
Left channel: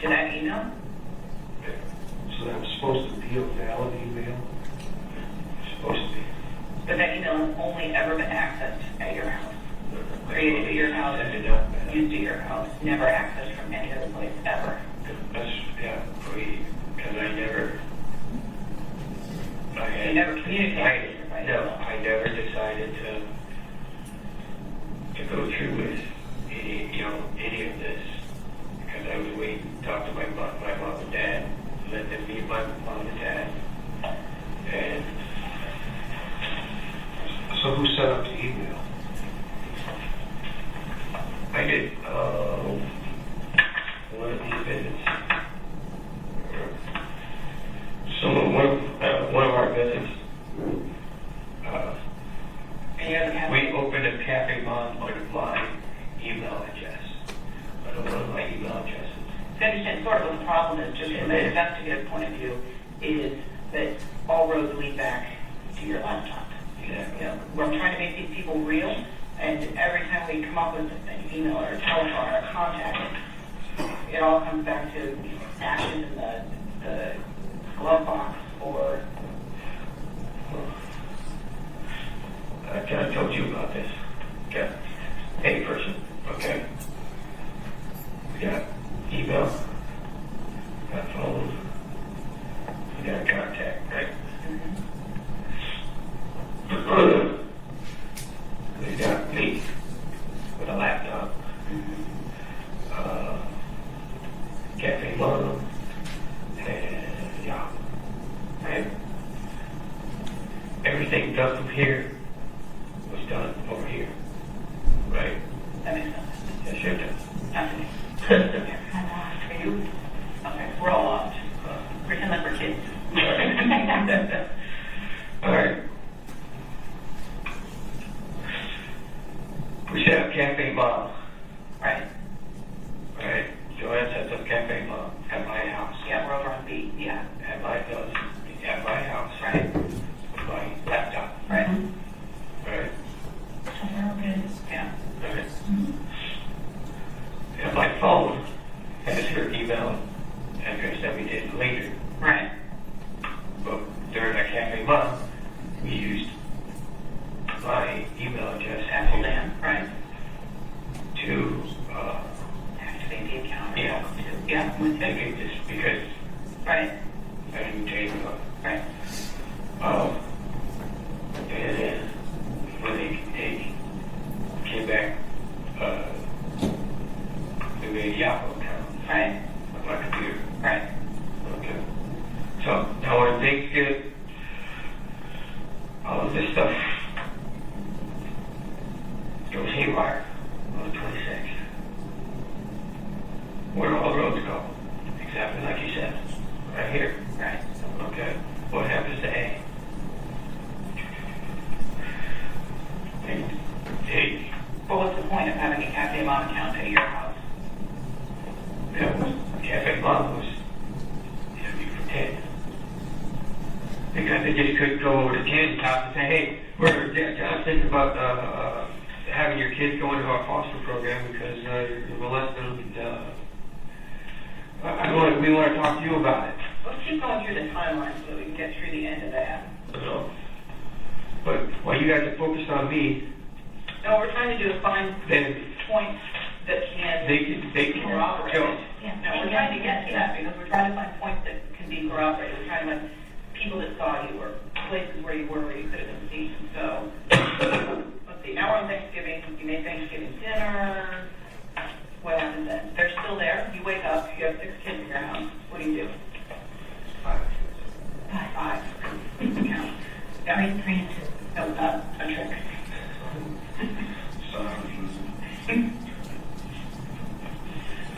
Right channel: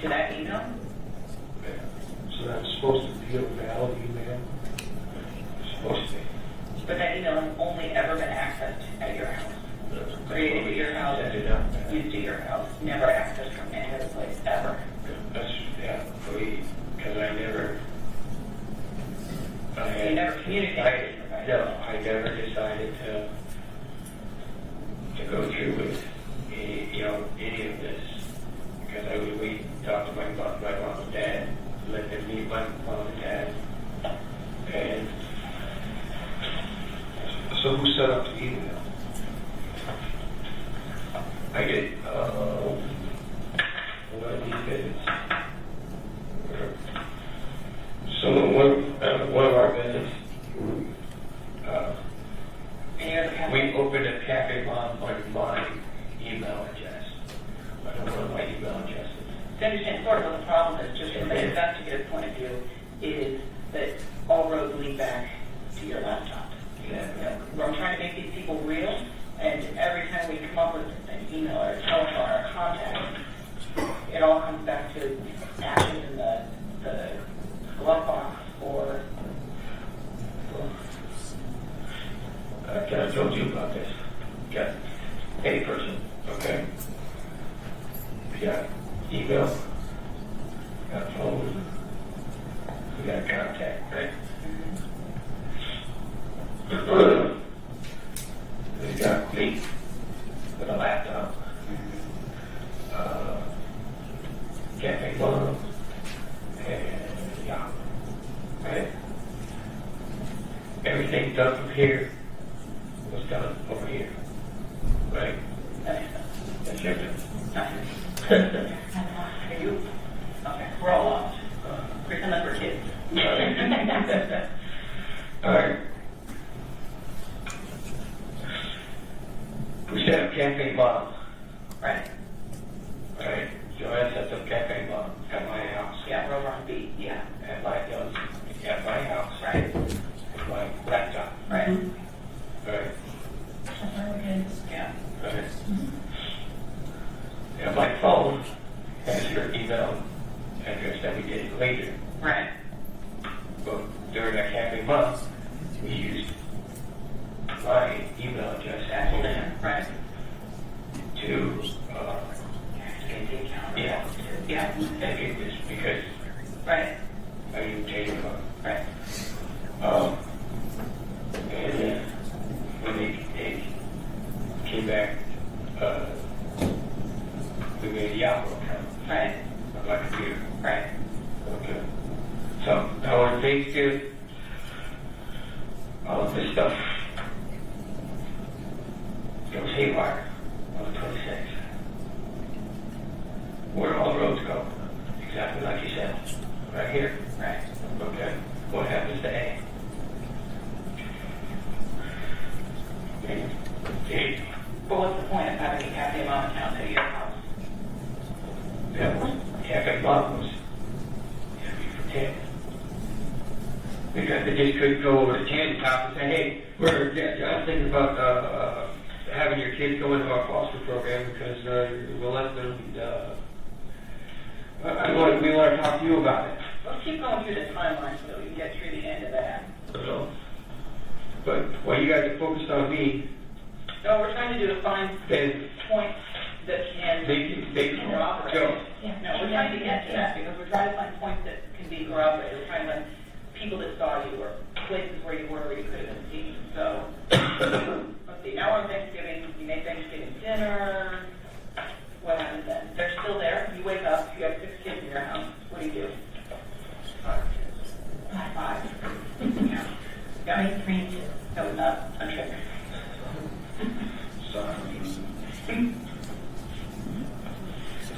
To that email? Yeah. So that was supposed to be a valid email? Supposed to be. But that email has only ever been accessed at your house. Created at your house, That did not. used at your house, never accessed from any other place, ever. That's, yeah, because I never. You never communicated with her, right? No, I never decided to go through with any of this, because I was waiting to talk to my mom and dad, let them meet my mom and dad, and so who set up the email? I did. One of these visits. One of our visits. We opened a Cafe Mom on my email address. On one of my email addresses. I understand sort of what the problem is, just from an investigative point of view, is that all roads lead back to your laptop. Exactly. We're trying to make these people real, and every time we come up with an email or a telephone or a contact, it all comes back to action in the glove box or I kind of told you about this. Got a person, okay? We got email, we got phone, we got contact, right? We got me with a laptop, Cafe Mom, and yeah, right? Everything done from here was done over here, right? that makes sense. That's your turn. Absolutely. Are you? Okay, we're all lost. Pretend that we're kids. All right. We set up Cafe Mom. Right. All right. Joanne sets up Cafe Mom at my house. Yeah, we're over on B. Yeah. At my house. Right. With my laptop. Right. All right. Okay. Yeah. All right. And my phone has her email address that we did later. Right. But during that Cafe Mom, we used my email address Apple Dan. Right. to Activate the account. yeah. Yeah. Activate this because Right. I didn't change the phone. Right. And then when they came back, we made the Apple account Right. on my computer. Right. Okay. So now when things get all of this stuff goes haywire on the 26th, where do all roads go? Exactly like you said. Right here. Right. Okay. What happens to A? But what's the point of having a Cafe Mom account at your house? Cafe Mom was for 10. Because they just couldn't go over to Candy's house and say, hey, I'm thinking about having your kids go into our foster program because you're molesting them. We want to talk to you about it. Let's keep going through the timeline so we can get through the end of that. So, but while you guys are focused on me, No, we're trying to do a fine then point that can. they can you wake up, you have 6 kids in your house, what do you do? 5. Yeah. Very strange. That was not a trick.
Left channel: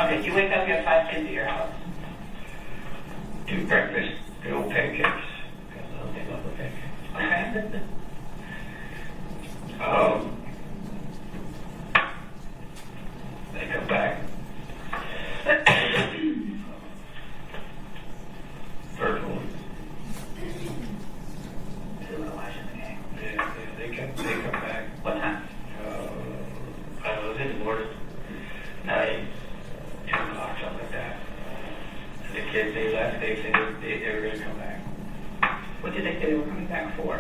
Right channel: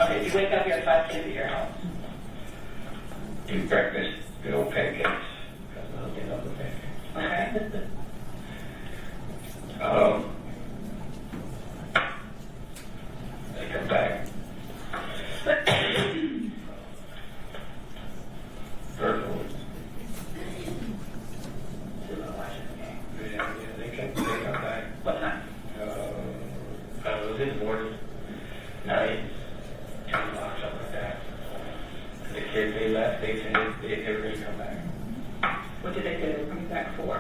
Okay, you wake up, you have 5 kids at your house. Do breakfast, good old pancakes. Because they love the pancakes. Okay. They come back. First one. Yeah, they come back. What time? I was in the morning, 9, 2 o'clock, something like that. And the kids, they left, they said they were going to come back. What did they say they were coming back for?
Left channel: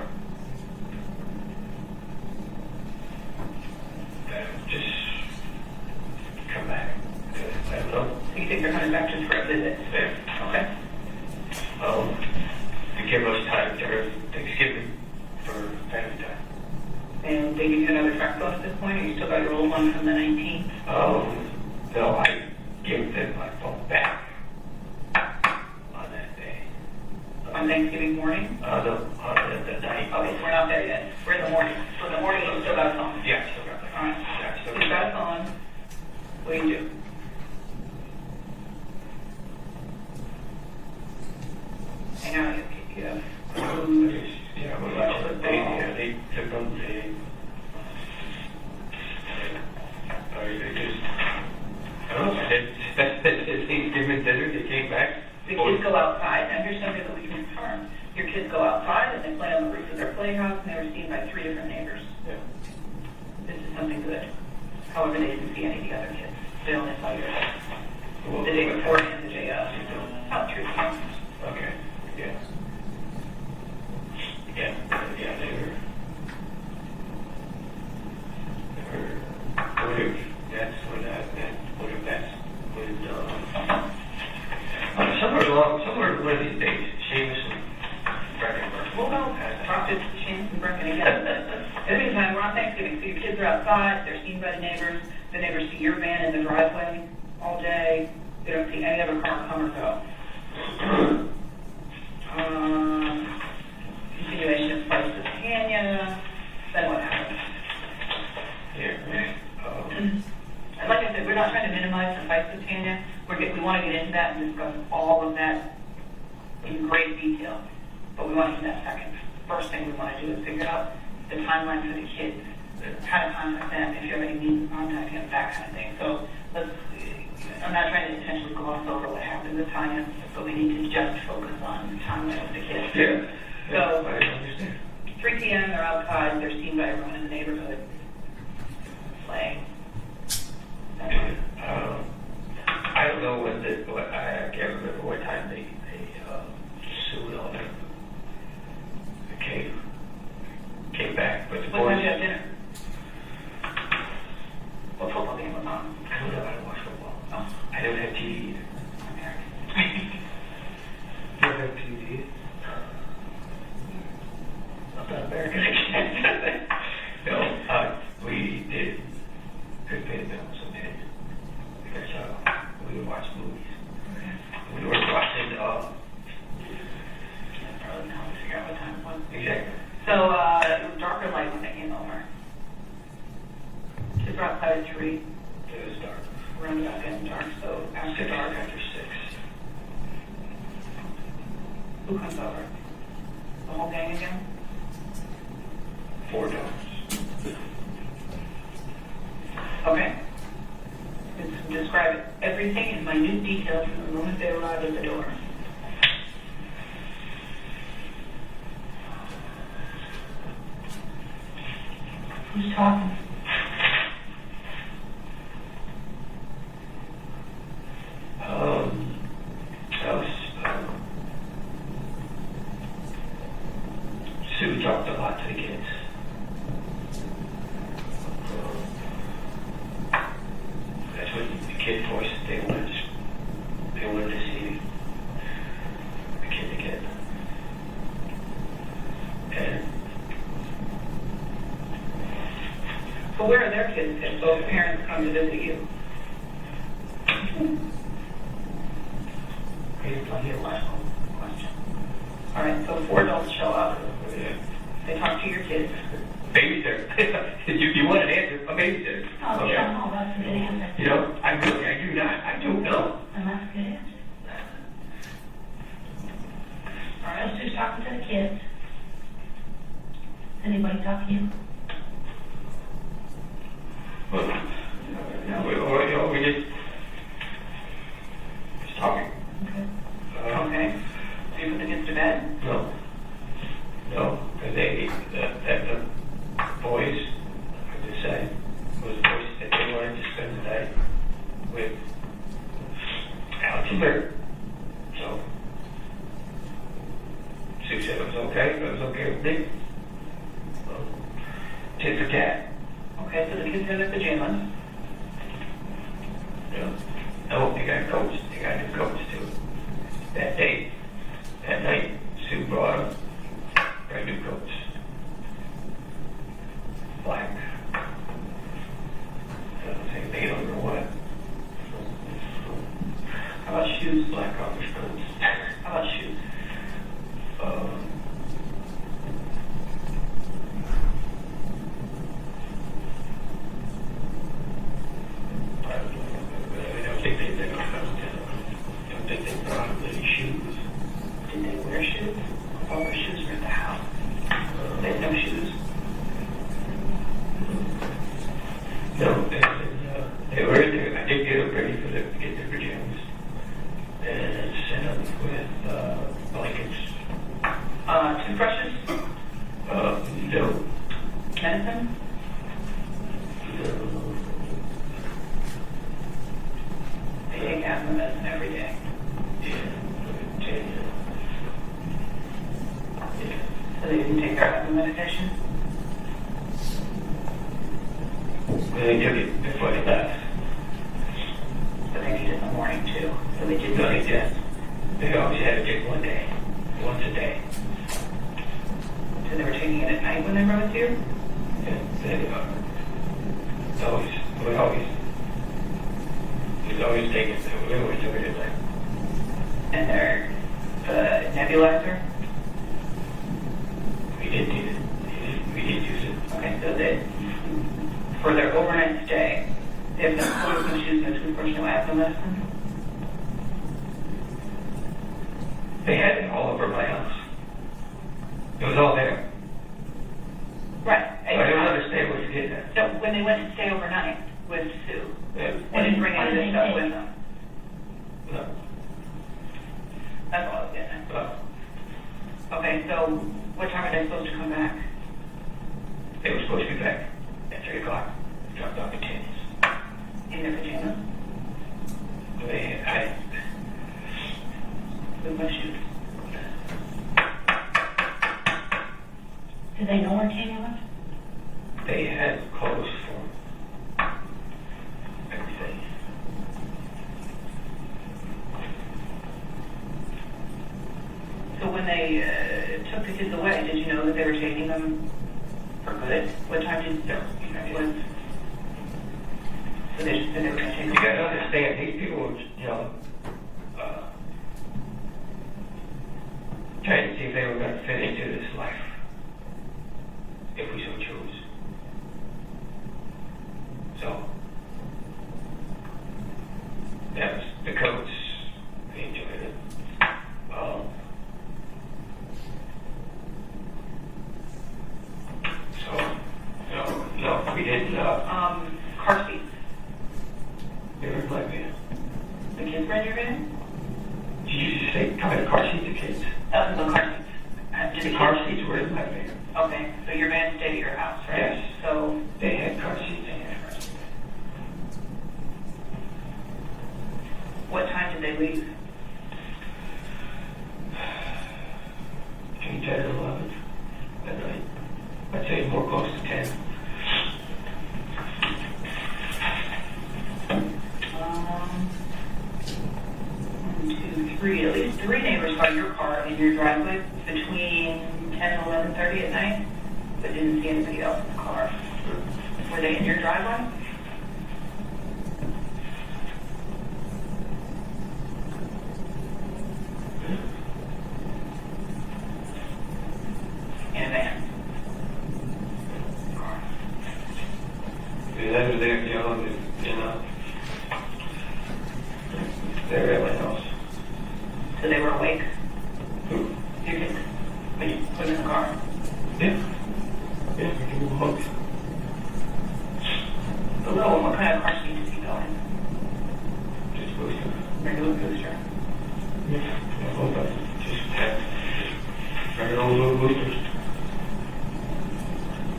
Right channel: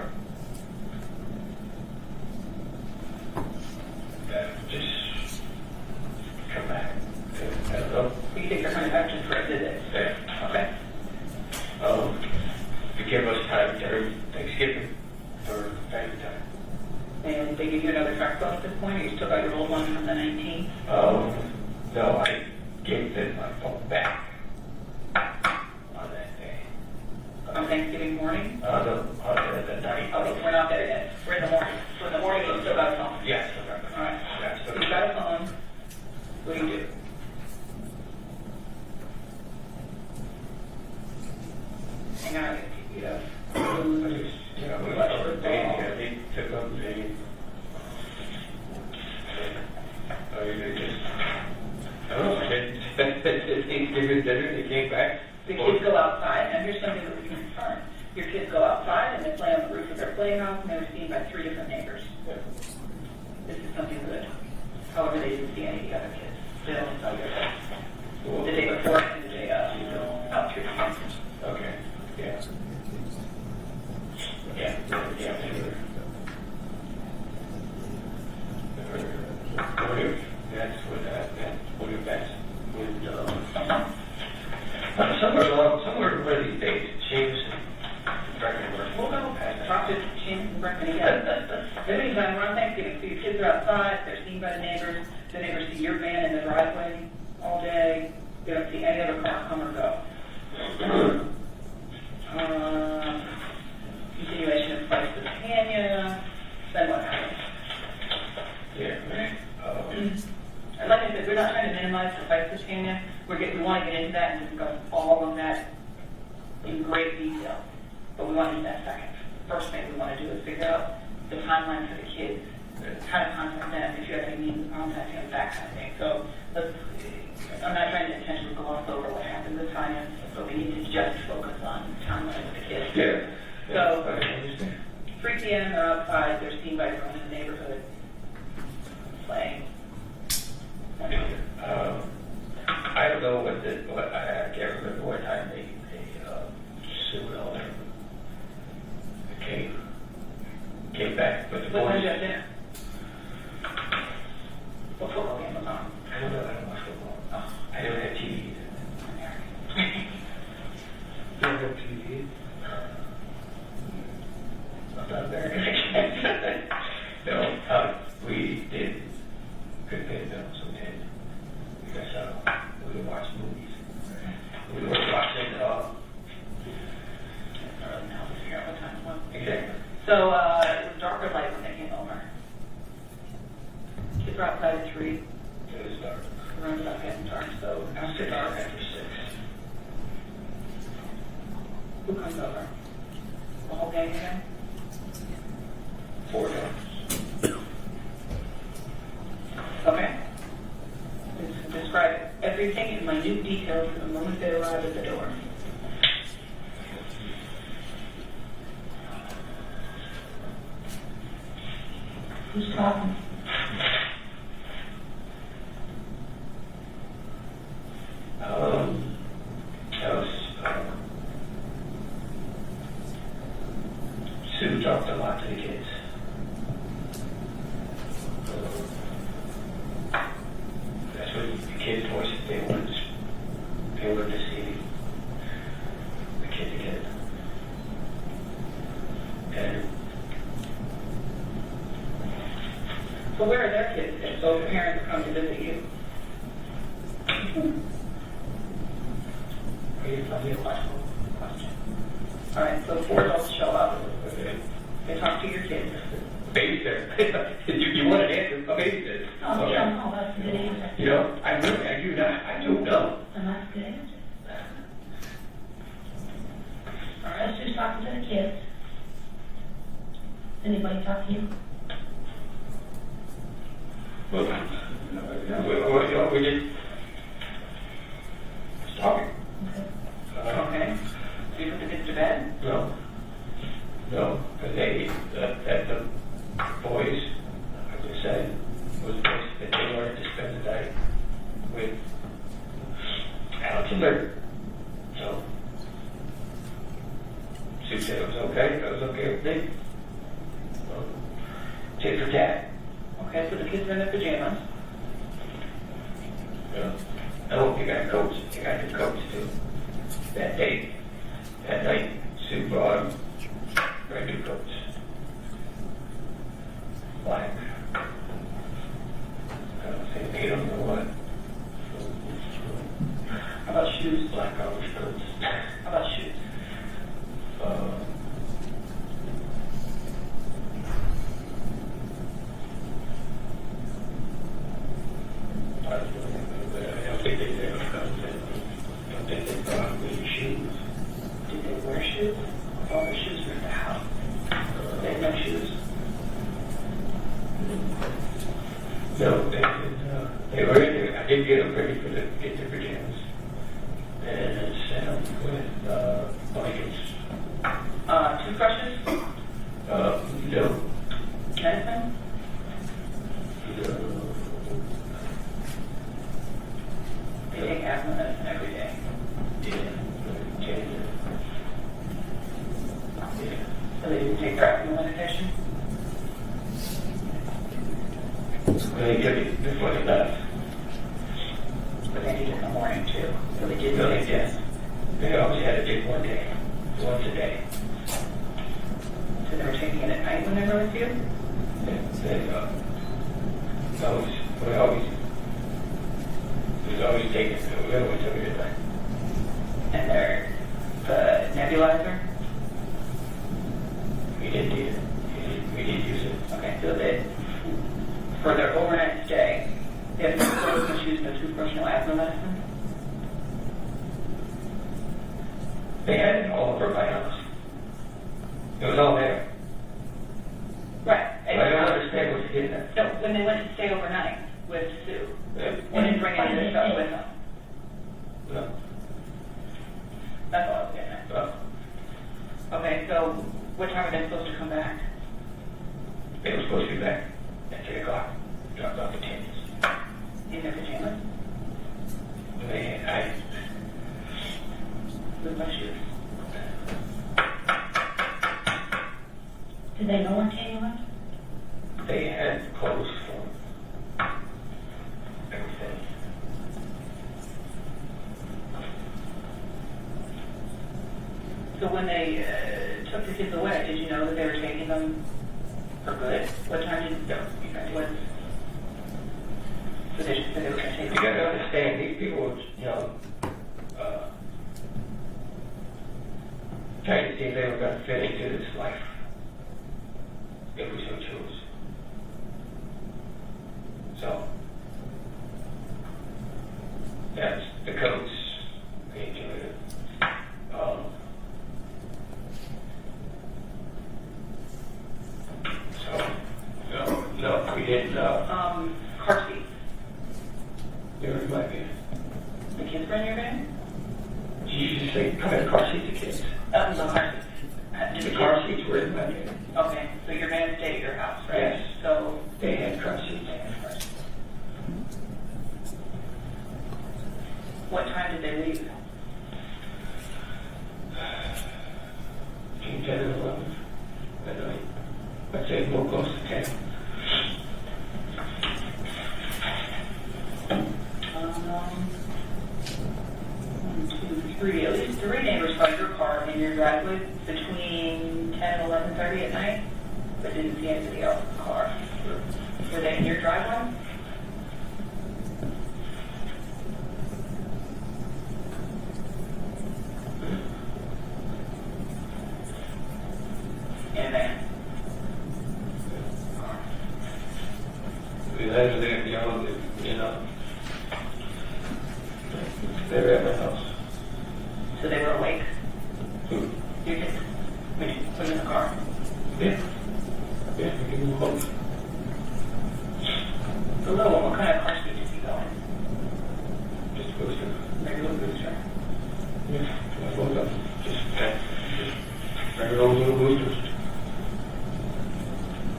Just come back. I don't know. You think they're coming back just for a visit? Yeah. Okay. To give us time during Thanksgiving for family time. And they give you another truck phone at this point, or you still got your old one from the 19th? No, I gave them my phone back on that day. On Thanksgiving morning? On the night. Okay, so we're not there yet. We're in the morning. So in the morning, you still got a phone? Yeah, I still got the All right. Yeah, So you got a phone. What do you do? Hang on, you have food. Yeah, we like to they took them, they just, I don't know, they came back. The kids go outside. Now here's something that we can confirm. Your kids go outside and they play on the roof of their playhouse and they were seen by 3 different neighbors. Yeah. This is something good. However, they didn't see any of the other kids. They only saw your kids. The day before and the day about 3 p.m. Okay, yeah. Yeah, they were. That's what somewhere one of these days, Seamus Breckenberg. Well, no, Rocket, Shane, and Brecken again. In the meantime, we're on Thanksgiving, so your kids are outside, they're seen by the neighbors see your van in the driveway all day, they don't see any other car come or go. Continuation of flights to Tanya, then what happens? Yeah, And like I said, we're not trying to minimize the fights with Tanya. We want to get into that and discuss all of that in great detail. But we want to do that second. First thing we want to do is figure out the timeline for the kids, how to contact them, if you have any means of contacting them, that kind of thing. So I'm not trying to intentionally gloss over what happened with Tanya, but we need to just focus on the timeline with the kids. yeah. So 3 p.m. they're outside, they're seen by everyone in the neighborhood playing. I don't know what I can't remember what time they sued on them. Came back. But What time did you have dinner? What football game was on? I don't know how to watch football. Oh. I don't have TV. You don't have TV? I'm not American again. No, we did good pay films sometimes. Because we would watch movies. We were watching exactly. So it was dark or light when they came over? Kids were outside at 3. It was dark. Rooms out getting dark, so after dark. After 6. Who comes over? The whole gang again? 4 dollars. Okay. Describe everything in minute detail from the moment they arrived at the door. Who's talking? Sue talked a lot to the kids. That's what the kids' voices, they wanted to see the kid again. And Well, where are their kids if both parents come to visit you? logical question. All right, so 4 adults show up. They talk to your kids. Babysitter. You want an answer, but babysitter. Oh, yeah, no, that's a good answer. You know, I do not. I don't know. And that's a good answer. All right, let's just talking to the kids. Anybody talk to you? Well, we just talking. Okay. Okay. Do you put the kids to bed? No. No. The boys, I just said, was boys that they wanted to spend the night with Alex and Larry. So, Sue said it was okay. That was okay with me. Tit for tat. Okay, so the kids are in their pajamas. Yeah. No, they got coats. They got new coats too. That day, that night, Sue brought them brand new coats. Black. I don't think they made them or what. How about shoes? Black college coats. How about shoes? I don't think they brought any shoes. Did they wear shoes? All their shoes were at the house. They had no shoes. No, they were in there. I think they were ready for them to get their pajamas. And sent them with blankets. Toothbrushes? No. Medicine? They take asthma medicine every day. So they didn't take their asthma medication? They took it before they left. But they did it in the morning too. So they didn't No, they take didn't. this. They always had to take one day. Once a day. So they were taking it at night when they were with you? They always take it. We always took it at night. And they're the nebulizer? We didn't use it. We didn't use it. Okay, so they, for their overnight stay, they have no clothes, no shoes, no toothbrush, no asthma medicine? They had it all over my house. It was all there. Right. I don't understand what you're getting at. No, when they went to stay overnight with Sue, Yeah. they didn't bring any of this stuff with them. No. That's all I was getting at. Okay, so what time are they supposed to come back? They were supposed to be back at 3 o'clock. Dropped off the candies. In their pajamas? With my shoes? Do they know where Tanya went? They had clothes for everything. So when they took the kids away, did you know that they were taking them for good? What time did you know? What? So they just said they were going to take them. You gotta understand, these people, trying to see if they were going to fit into this life. If we so chose. So, that's the coats. We enjoyed it. No, we didn't. Car seats. They were in my van. The kids were in your van? Did you just say, come in the car seat, the kids? No, car seats. The car seats were in my van. Okay, so your van stayed at your house, right? Yes. So They had car seats. what time did they leave? Between 10 and 11 at night. I'd say more close to 10. 1, 2, 3. At least 3 neighbors saw your car in your driveway between 10 and 11:30 at night, but didn't see anybody else's car. Were they in your driveway? They're at my house. So they were awake? Your kids, when you put them in the car? Yeah. Yeah, you were home. So what kind of car seat did you go in? Just booster. Regular booster? Just regular old little boosters.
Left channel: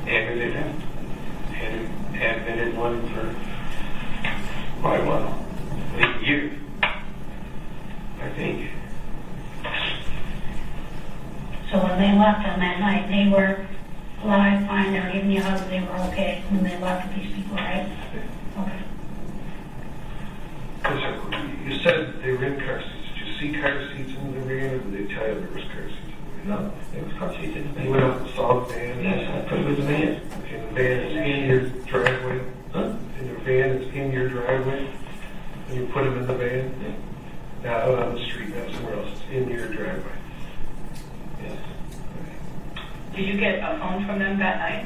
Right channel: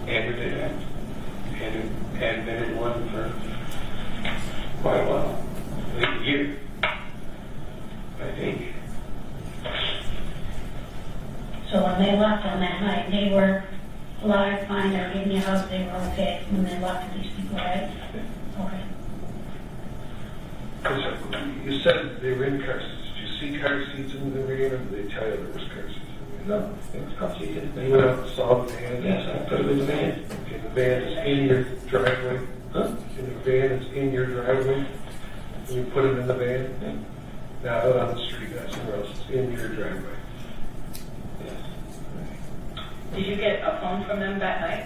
Andrew did that. And hadn't been in one for quite a while. A year, I think. So when they left on that night, they were alive, fine, they were giving you hugs, they were okay when they left with these people, right? Okay. You said they were in car seats. Did you see car seats in the van, or did they tell you there was car seats? No, it was car seats. They went out and saw the van. Yes, I put them in the van. And the van is in your driveway. Huh? And your van is in your driveway. And you put them in the van. Not out on the street, not somewhere else. It's in your driveway. Yes. Did you get a phone from them that night?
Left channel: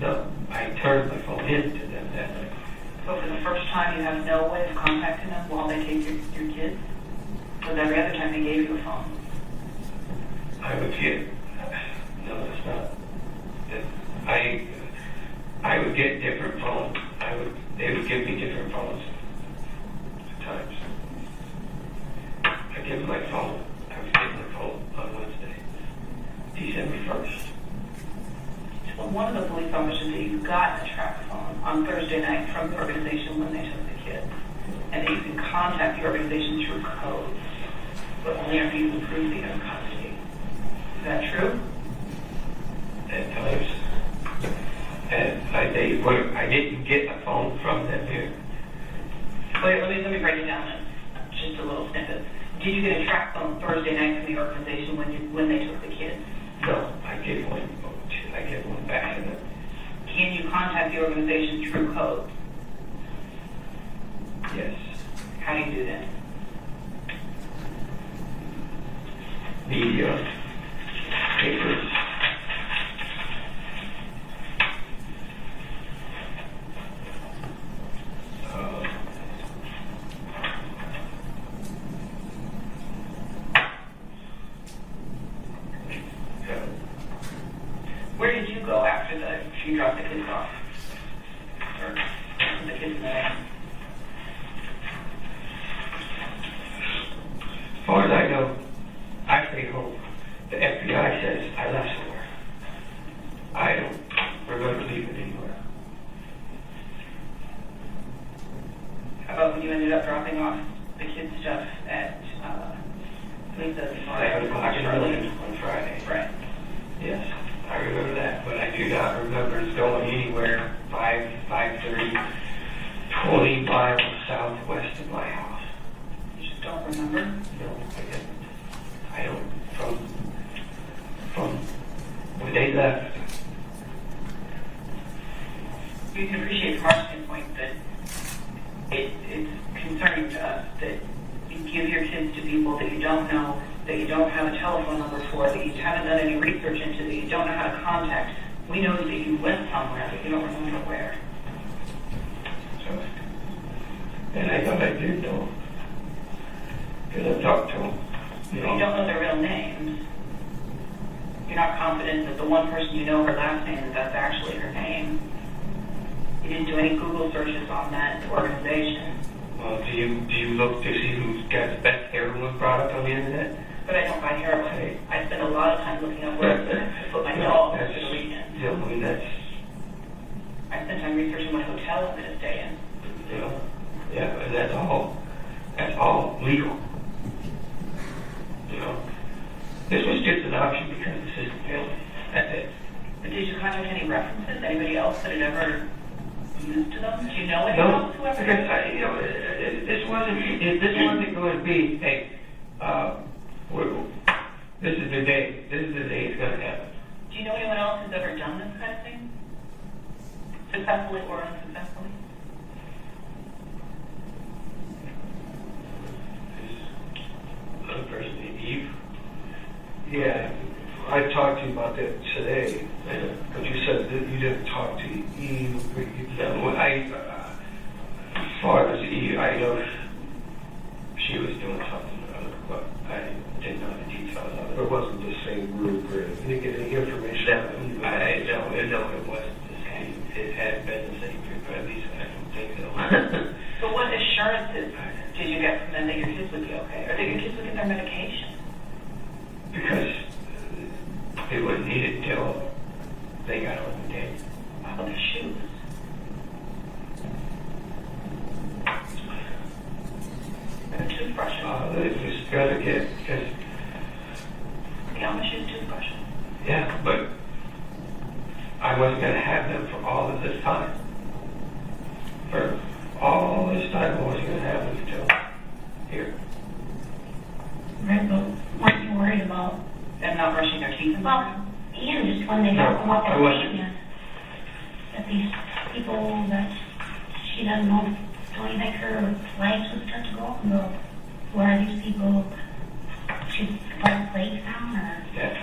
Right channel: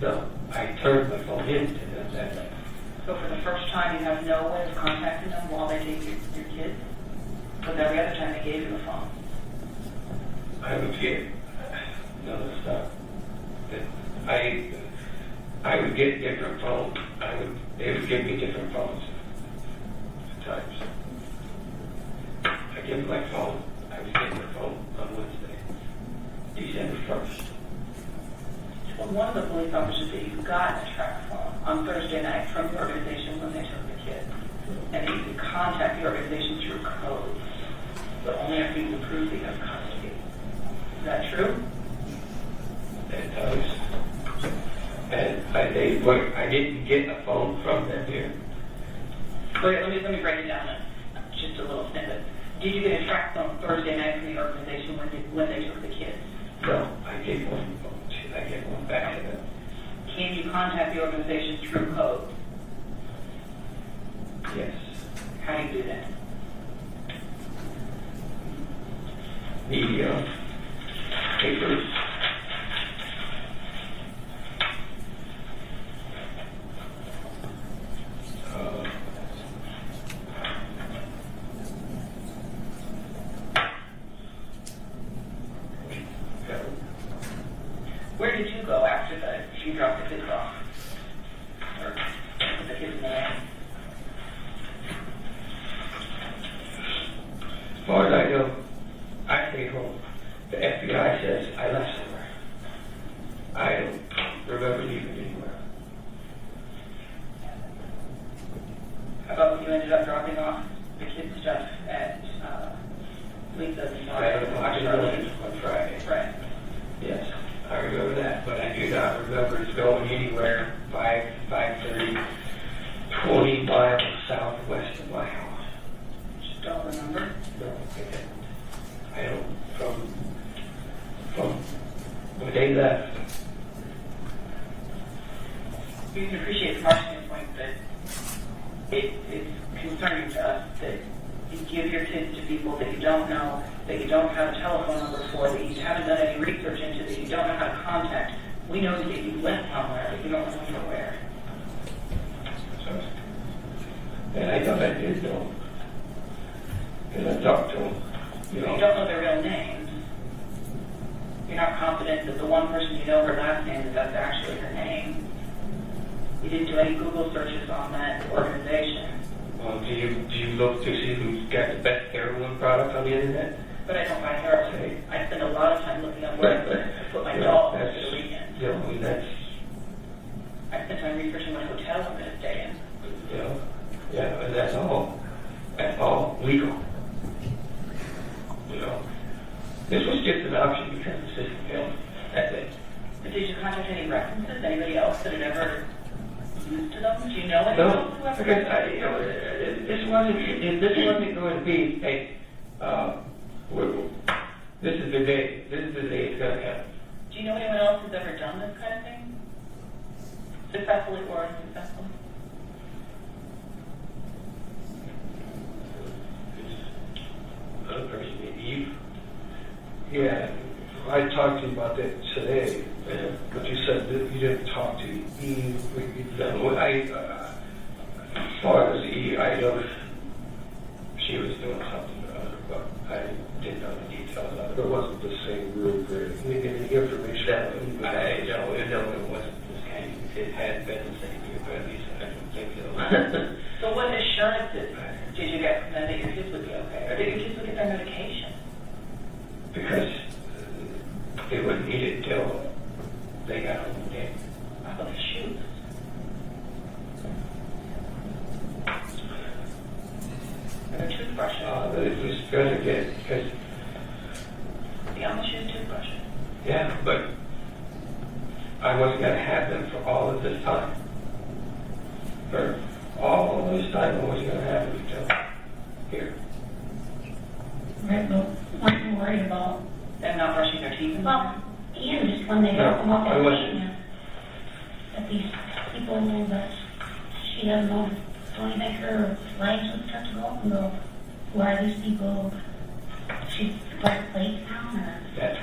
No, I turned my phone in to them that night. So for the first time, you have no way of contacting them while they take your kids? Because every other time they gave you a phone. I would get, no, that's not. I would get different phones. They would give me different phones at times. I give my phone. I was getting their phone on Wednesday, December 1st. Well, one of the police officers that you got a track phone on Thursday night from the organization when they took the kids, and that you can contact the organization through codes, but only after you've approved the custody. Is that true? At times. And I didn't get a phone from them here. Wait, let me break it down then. Just a little snippet. Did you get a track phone Thursday night from the organization when they took the kids? No, I gave one back to them. Can you contact the organization through code? Yes. How do you do that? Media, papers. Where did you go after you dropped the kids off? Or the kids in the van? As far as I know, I stayed home. The FBI says I left somewhere. I don't remember leaving anywhere. How about when you ended up dropping off the kids' stuff at Lisa's? 7 o'clock early on Friday. Right. Yes, I remember that, but I do not remember it going anywhere 5:30, 20 miles southwest of my house. You just don't remember? No, I didn't. I don't. From when they left. You can appreciate from our standpoint that it's concerning to us that you give your kids to people that you don't know, that you don't have a telephone number for, that you haven't done any research into, that you don't know how to contact. We know that you went somewhere, but you don't remember where. So, and I thought I did know. Because I talked to them. You don't know their real names. You're not confident that the one person you know her last name, that's actually her name. You didn't do any Google searches on that organization. Well, do you look to see who's got the best heroin product on the internet? But I don't buy heroin. I spend a lot of time looking at where to put my dog That's for the weekend. that's I spend time researching what hotel I'm going to stay in. yeah, and that's all legal. This was just an option because the system failed. That's it. But did you contact any references? Anybody else that had ever used them? Do you know anyone else who ever because used them? this wasn't going to be hey, this is the day it's going to happen. Do you know anyone else who's ever done this kind of thing? Successfully or unsuccessfully? Other person named Eve. Yeah, I talked to you about that today, but you said that you didn't talk to Eve. As far as Eve, I know she was doing Right, but weren't you worried about Them not brushing their teeth in the well, morning? and just when they don't come up I with wasn't. statements, that these people that she doesn't know, don't even make her flags with touch of open girl. Who are these people? She's put a plate down or? That's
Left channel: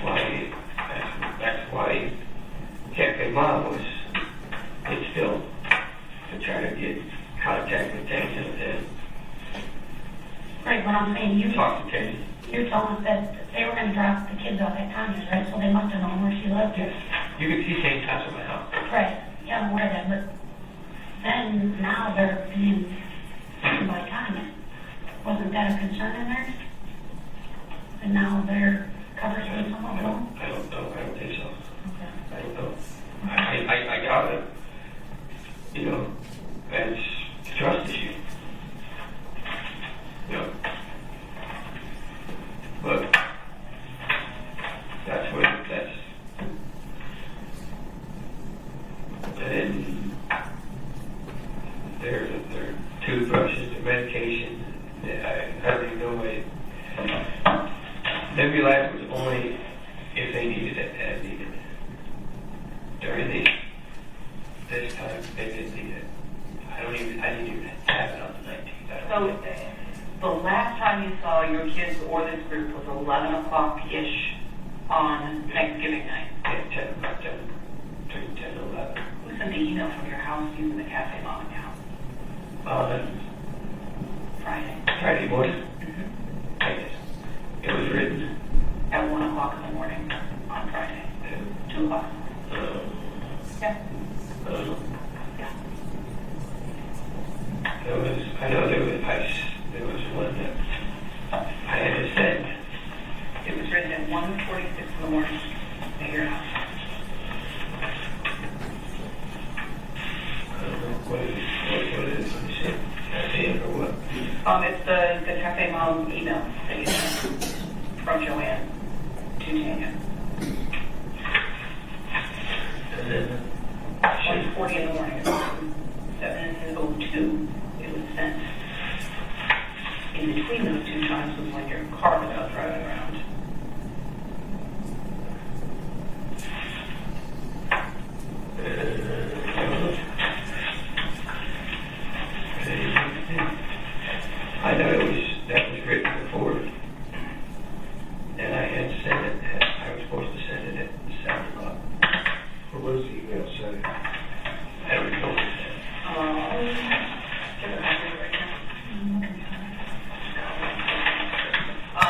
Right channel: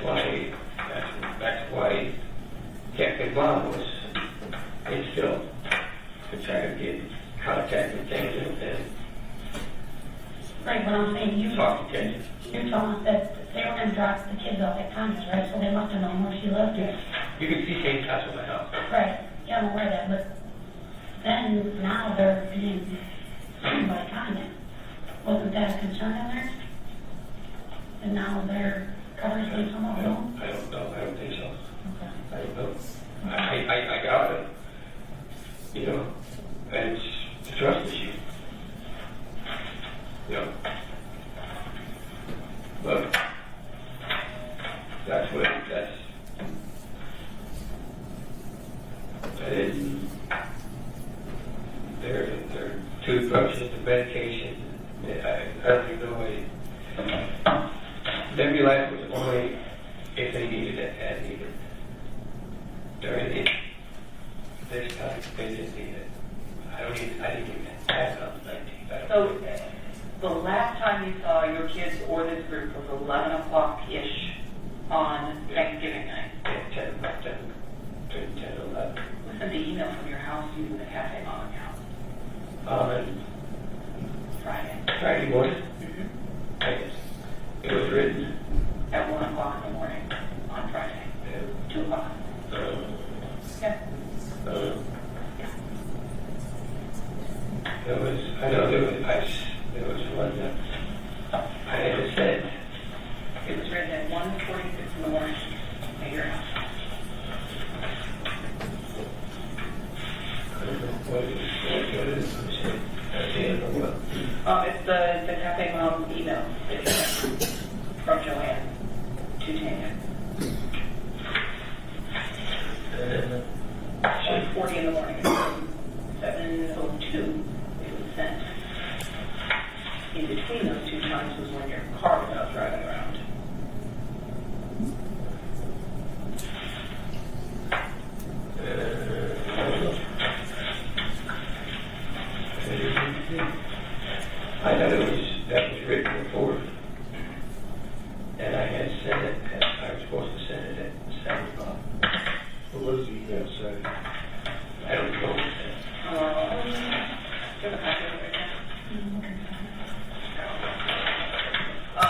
why Cafe Mom was instilled to try to get contact with Texas and Right, but I'm saying you talk to Texas. you're telling us that they were gonna drop the kids off at Thomas, right? So they must have known where she lived. Yes. You can see St. House in my house. Right, yeah, I'm aware of that, but then now they're being seen by Tanya. Wasn't that a concern in there? And now their coverage with some of them? I don't know. I don't think so. Okay. I don't know. I doubt it. You know, and it's a trust issue. You know. But that's what that's. And then there are toothbrushes, the medication. I don't even know why. Nebulizer was only if they needed it and needed it. During this time, they didn't need it. I didn't even have it on the 19th. So the last time you saw your kids or this group was 11 o'clock-ish on Thanksgiving night. Yeah, 10 o'clock, 10 to 11. Was sent the email from your house using the Cafe Mom account On Friday morning, I guess. It was written. at 1 o'clock in the morning on Friday. 2 o'clock. Yeah. Yeah. It was, I know there was one that I had to send. It was written at 1:46 in the morning at your house. What is it? That's it or what? It's the Cafe Mom email that you sent from Joanne to Tanya. 1:40 in the morning. 7:02 it was sent. In between those two times was when your car was out driving around. I know that was written before, and I had sent it. I was supposed to send it at 7 o'clock. Or what does the email say? I don't know.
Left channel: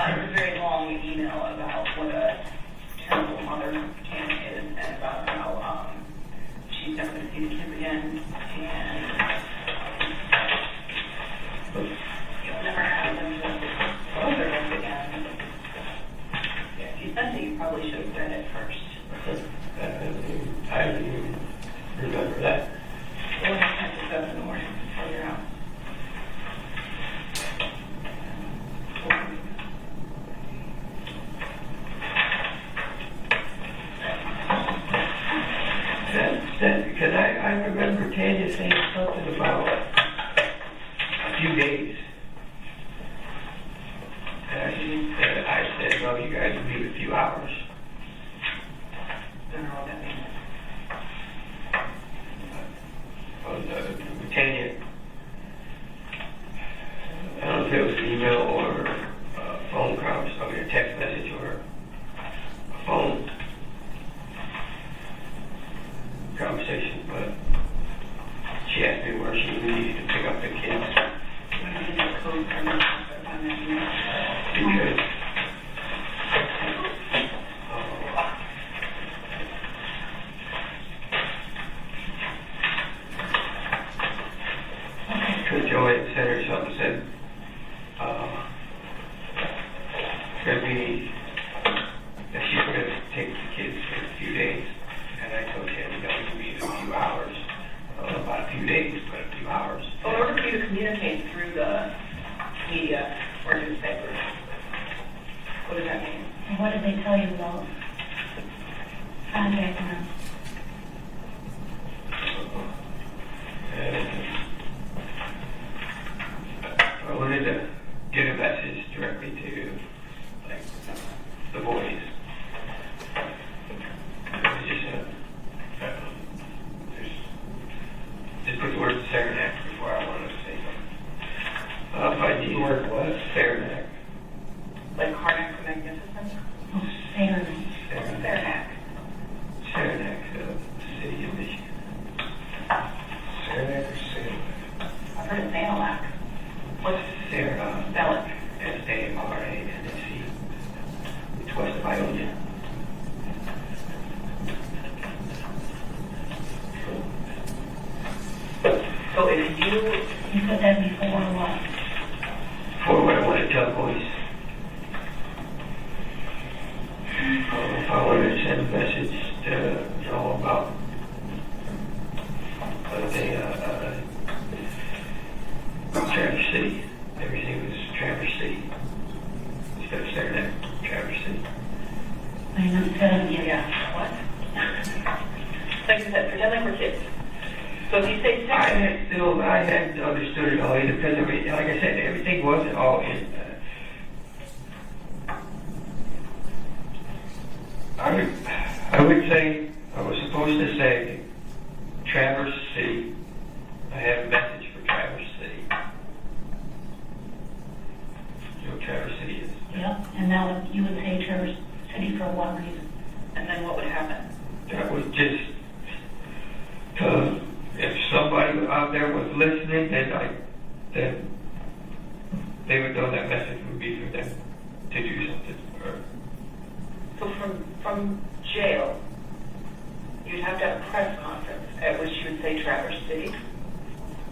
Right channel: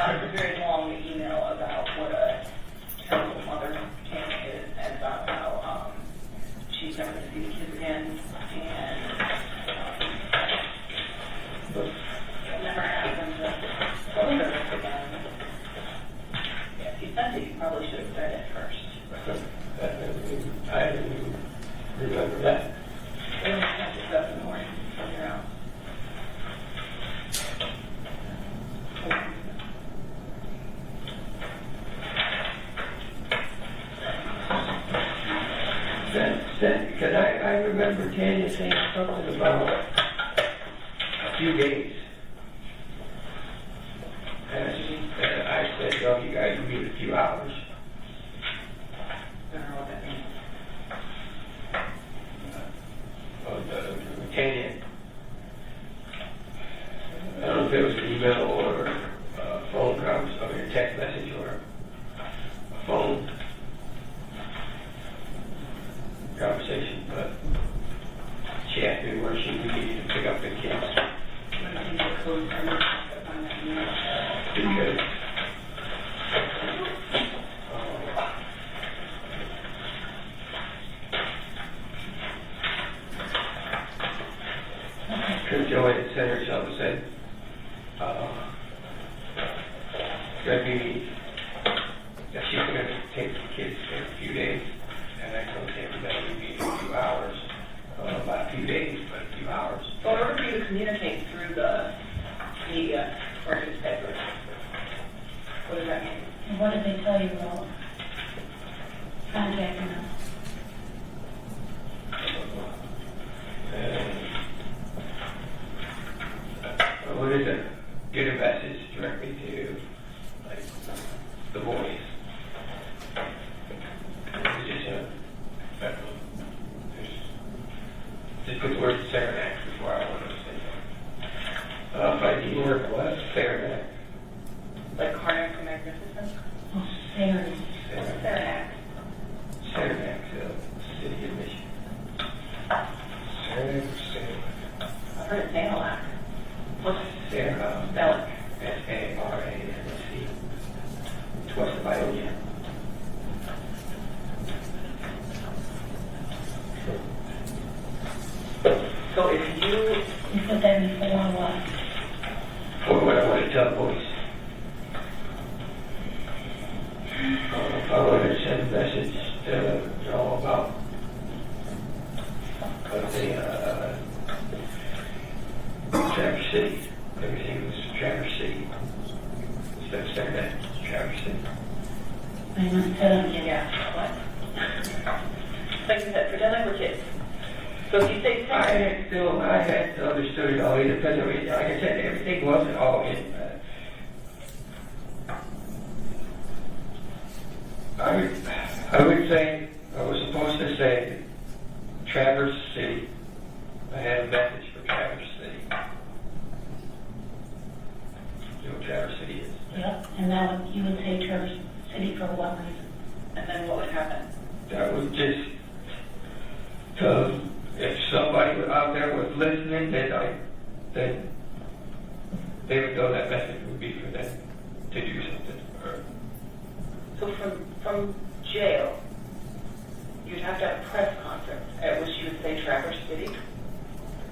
It's a very long email about what a terrible mother Tanya is, and about how she's never going to see the kids again, and it'll never happen to hold her again. Yeah, if you sent it, you probably should have read it first. I don't even remember that. It was sent at 7 in the morning for your house. Because I remember Tanya saying something about a few days. And I said, no, you guys will give it a few hours. I don't know what that means. Tanya, I don't know if it was email or phone conversation, I mean a text message or a phone conversation, but she asked me where she was tell the boys. If I wanted to send a message to Joe about Traverse City. Everything was Traverse City. Instead of saying that, Traverse City. What? Like I said, pretend like we're kids. So if you say I hadn't understood it all either, because I mean, like I said, everything wasn't all in. I would say, I was supposed to say Traverse City. I had a message for Traverse City. You know what Traverse City is? Yeah, and now you would say Traverse City for what reason? and then what would happen? That was just, if somebody out there was listening, then they would know that message would be for them to do something. So from jail, you'd have to have a press conference at which you would say Traverse City?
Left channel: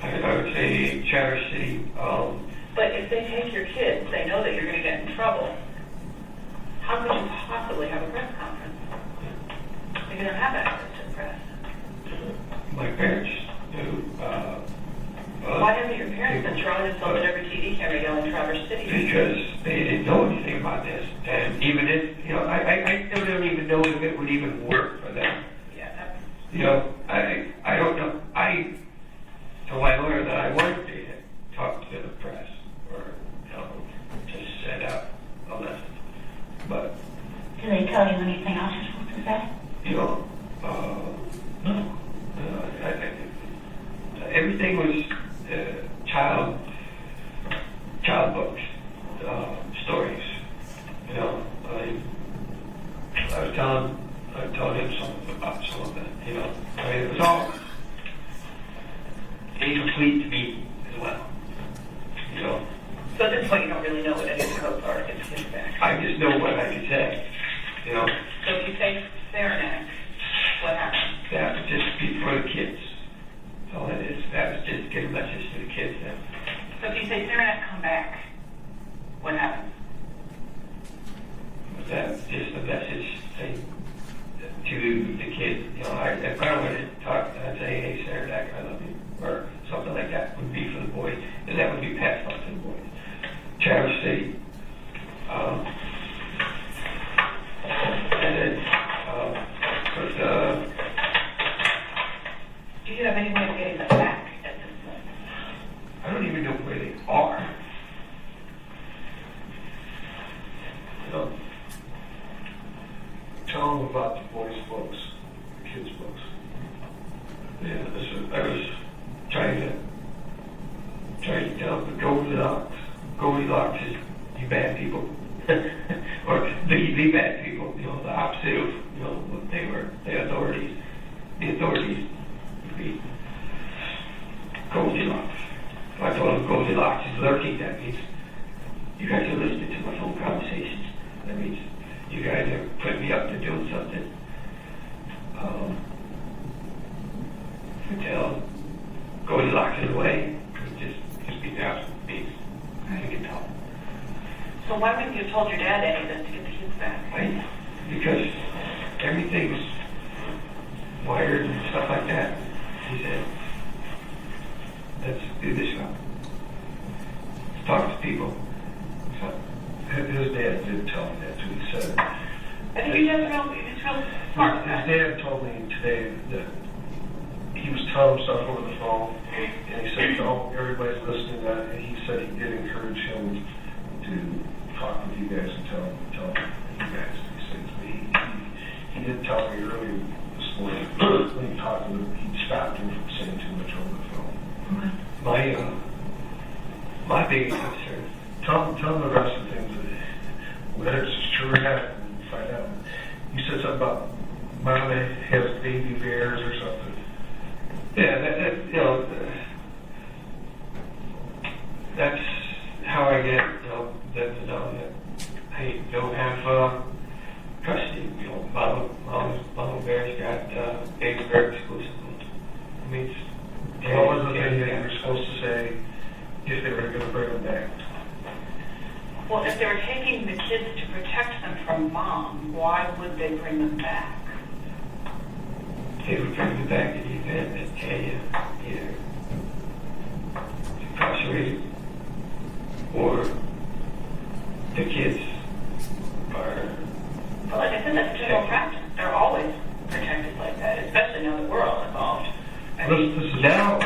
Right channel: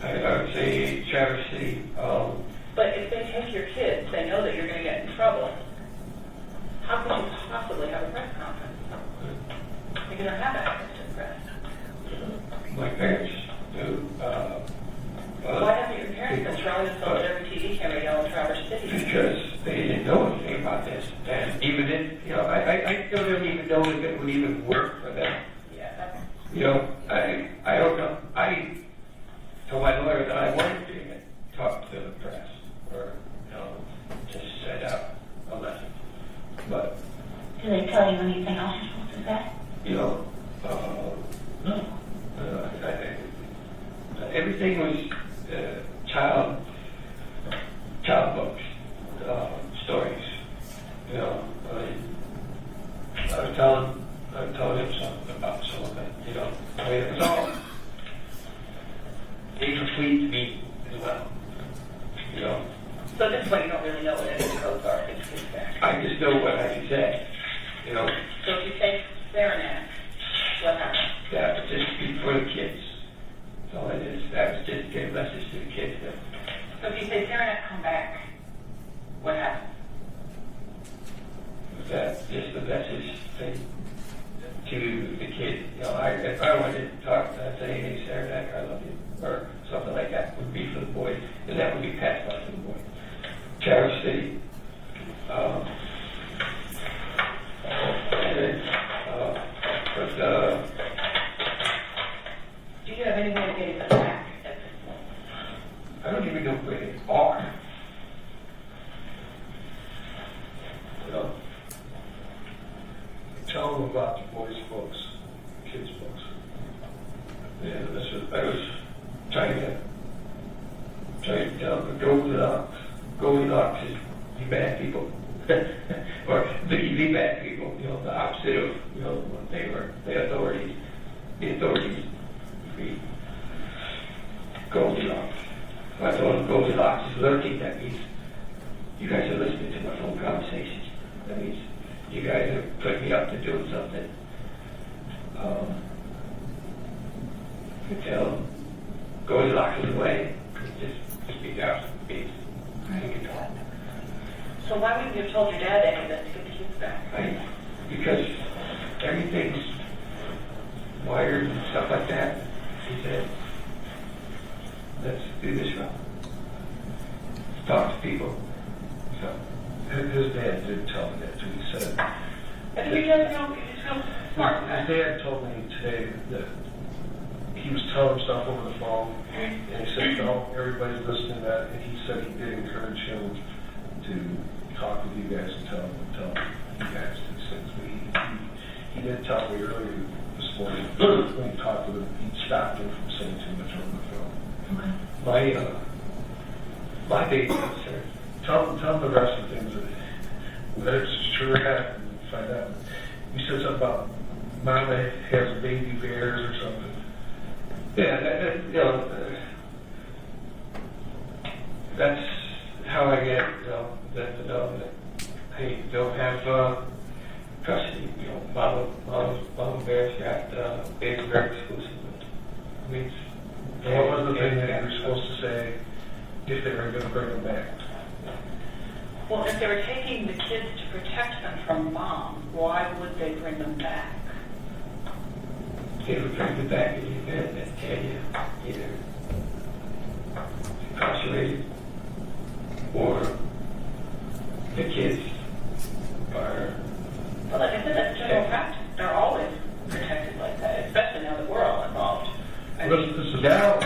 I would say Traverse City. But if they take your kids, they know that you're going to get in trouble. How could you possibly have a press conference? If you don't have access to the press. My parents do. Why haven't your parents been trying to film every TV camera yell in Traverse City? Because they didn't know anything about this. And even if, I still don't even know if it would even work for them. Yeah. I don't know. I told my lawyer that I wanted to talk to the press or, just send out a lesson. But, Do they tell you anything else you're supposed to say? no. Everything was child books, stories. I was telling him something about some of it. It was all incomplete to me as well. So at this point, you don't really know what any codes are against kickback. I just know what I can say. So if you say Saranac, what happens? That would just be for the kids. That's all it is. That was just get a message to the kids. So if you say Saranac, come back, what happens? That's just a message to the kids. If I wanted to talk, I'd say, hey, Saranac, I love you, or something like that would be for the boys, and that would be passed on to the boys. Traverse City. And then, Do you have any way of getting them back at this point? I don't even know where they are. Tell them about the boys' books, the kids' books. Yeah, I was trying to tell the Goldilocks is you bad people. Or the bad people, the opposite of, what they were, the authorities. The authorities would be Goldilocks. If I told them Goldilocks is lurking, that means you guys are listening to my phone conversations. That means you guys are putting me up to doing something. You tell Goldilocks is away. Just be out. So why wouldn't you have told your dad any of this to get the kids back? Because everything's wired and stuff like that. He said, let's do this now. Let's talk to people. So, And his dad did tell me that too. He said, I think your dad's real smart. his dad told me today that he was telling him stuff over the phone, and he said, "No, everybody's listening to that." And he said he did encourage him to talk with you guys and tell you guys these things. But he did tell me earlier this morning when he talked to him, he stopped him from saying too much over the phone. my biggest concern. Tell him the rest of the things whether it's true or not, and find out. You said something about mom has baby bears or something. Yeah, that's how I get them to know that, hey, no Well, if they were taking the kids to protect them from mom, why would they bring them back? They would bring them back in the event that Tanya either incarcerated or the kids are. Well, like I said, that's general practice. They're always protected like that, especially now that we're all involved. I mean, Now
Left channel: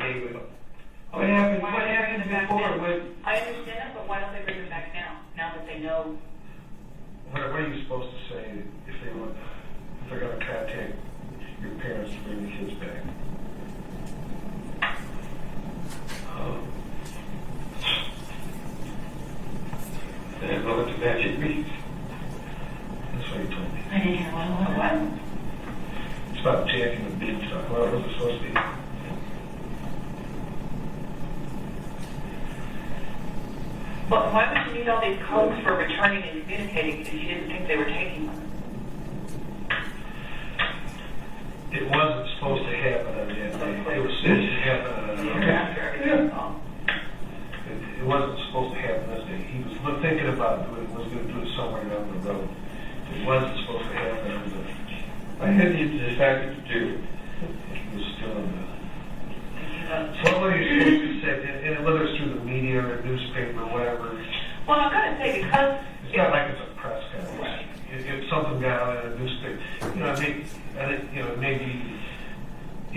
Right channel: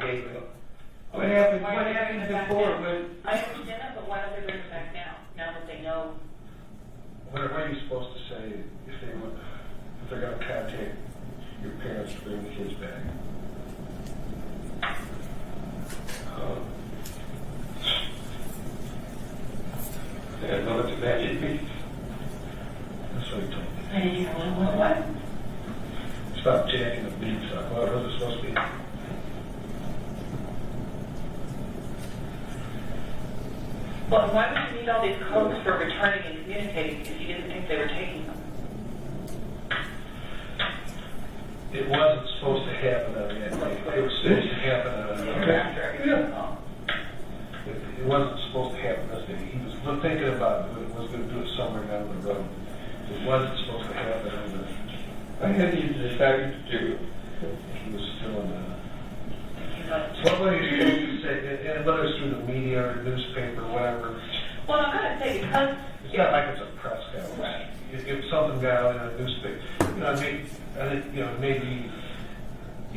they will. What happened before? I understand, but why don't they bring them back now that they know? What are you supposed to say if they're going to contact your parents to bring the kids back? They're going to magic beats. That's what he told me. I didn't hear what? It's about taking the beats out. Well, it was supposed to be. Well, why would you need all these codes for returning and communicating if you didn't think they were taking them? It wasn't supposed to happen on that day. It was supposed to happen on It wasn't supposed to happen that day. He was thinking about doing it. Was going to do it somewhere down the road. It wasn't supposed to happen on the. Why had you decided to do it? He was still in the. What were you supposed to say? And whether it's through the media or newspaper or whatever. Well, I'm going to say because It's not like it's a press conference. Right. If something down in a newspaper, I think, maybe,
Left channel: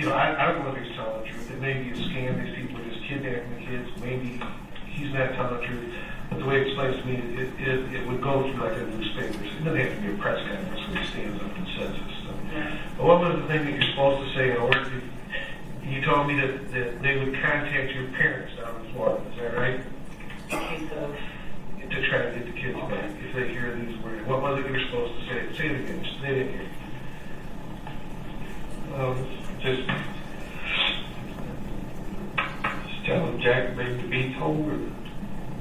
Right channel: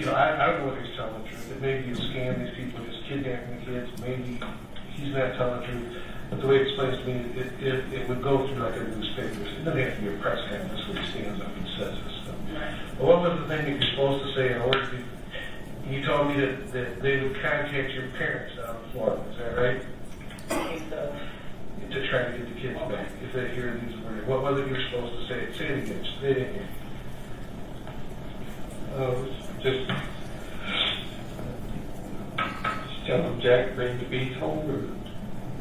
I don't know if he's telling the truth. It may be a scam. These people are just kidnapping the kids. Maybe he's not telling the truth. But the way it explains to me, it would go through like a newspaper. It doesn't have to be a press conference where he stands up and says this stuff. Right. But what was the thing that you're supposed to say in order to? You told me that they would contact your parents down in Florida. Is that right? To try to get the kids back if they hear these words. What was it you're supposed to say? Say it again. Say it again. Just tell them Jack bring the beats home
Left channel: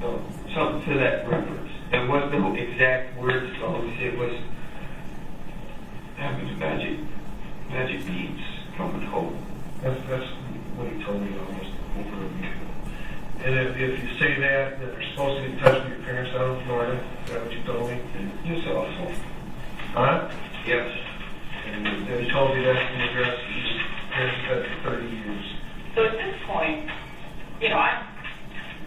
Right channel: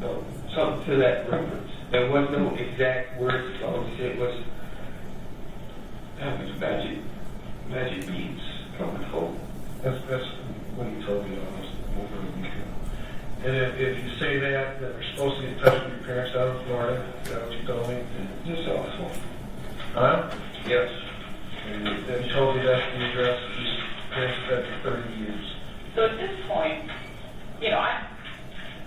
or something to that reference. There was no exact words. All he said was having the magic beats coming home. That's what he told me almost over a week ago. And if you say that they're supposed to get in touch with your parents out in Florida, is that what you told me? Just awful. Huh? Yes. And he told me that's the address that his parents had for 30 years. So at this point, I'm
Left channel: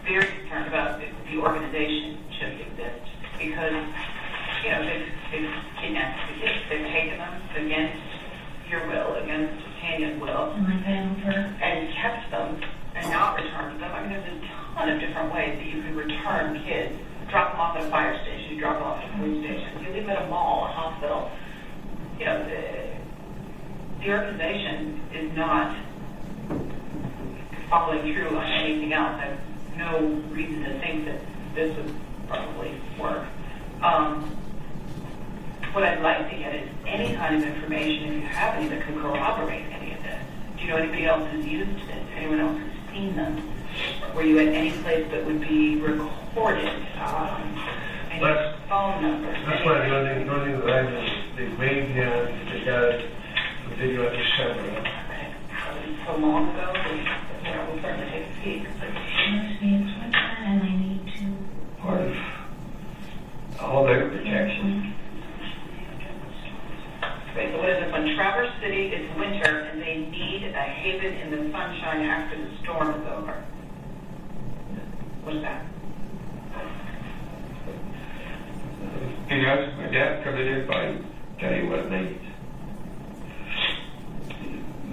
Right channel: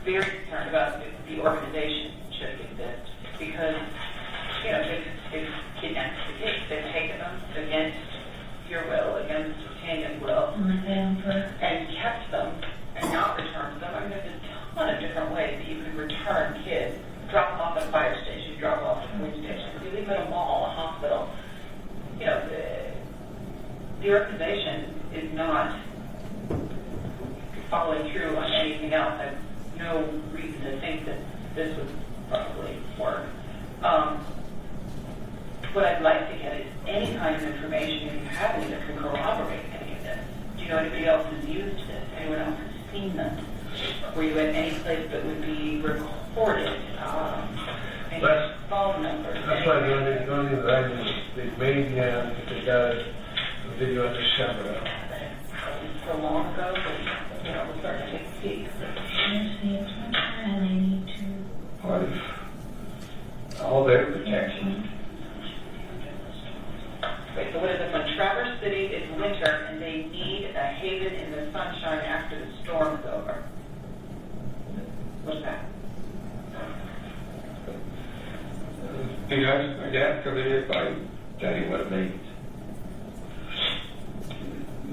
very concerned about the organization shifting this because, they've kidnapped the kids. They've taken them against your will, against Tanya's will, and kept them and not returned them. I mean, there's a ton of different ways that you can return kids. Drop them off at a fire station, you drop them off at a police station, you leave them at a mall, a hospital. The organization is not following through on anything else. I have no reason to think that this would probably work. What I'd like to get is any kind of information, if you have any that can corroborate any of this. Do you know anybody else who's used this? Anyone else who's seen them? Were you at any place that would be recorded? Any phone numbers? That's why the only thing that I did, they made they got a video at the camera. So long ago, we'll certainly take a peek. Part of all their protection. Okay, so what is this one? Traverse City, it's winter, and they need a haven in the sunshine after the storm is over. What's that? Because my dad covered it by tell you what it means.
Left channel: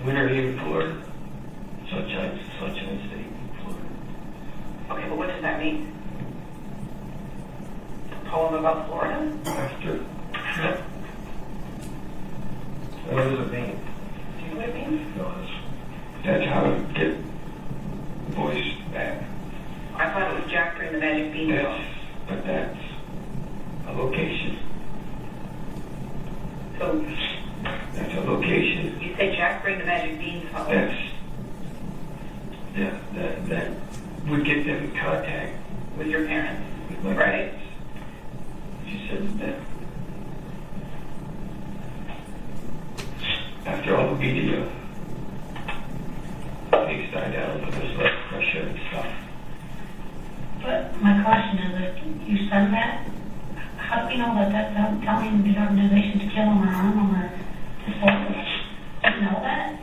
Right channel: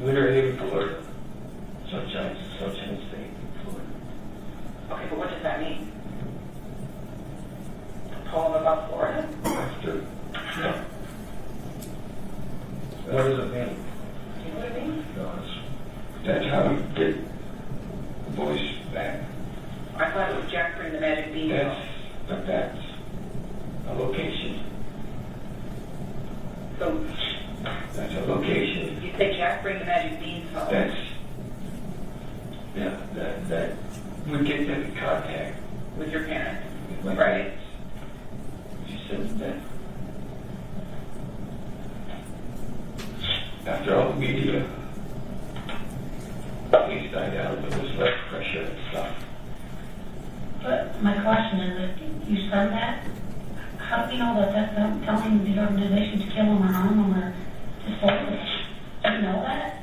Winter Haven, Florida. Sunshine State, Florida. Okay, but what does that mean? A poem about Florida? After, no. What does it mean? Do you know what it means? No, That's how to get voice back. I thought it was Jack Green, the Magic Bean. But that's a location. So That's a location. you say Jack Green, the Magic Beans phone? That's, yeah, that would get them in contact With your parents? with my Right. parents. She says that after from the organization to kill them or harm them or dispose them. You know that?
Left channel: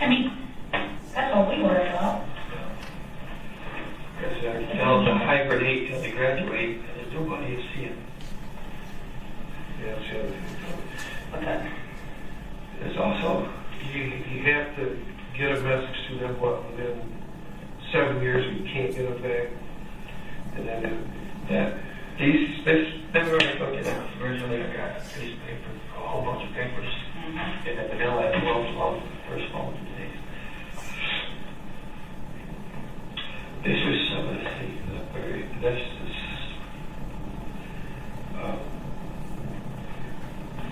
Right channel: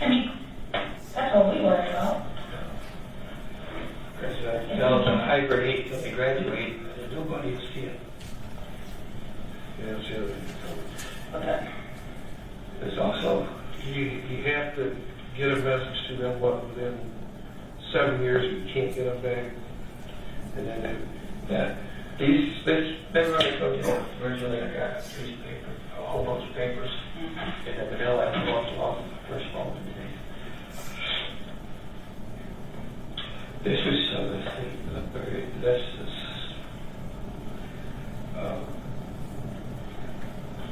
I mean, that's what we worry about. Because I tell them to hibernate till they graduate, and there's nobody to see them. Yeah, that's the other thing. Okay. There's also, you have to get a message to them, within 7 years you can't get them back. And then, remember I told you that originally I got a piece of paper, a whole bunch of papers, and then vanilla had 12 loves the first phone today. This was some of the things that's just,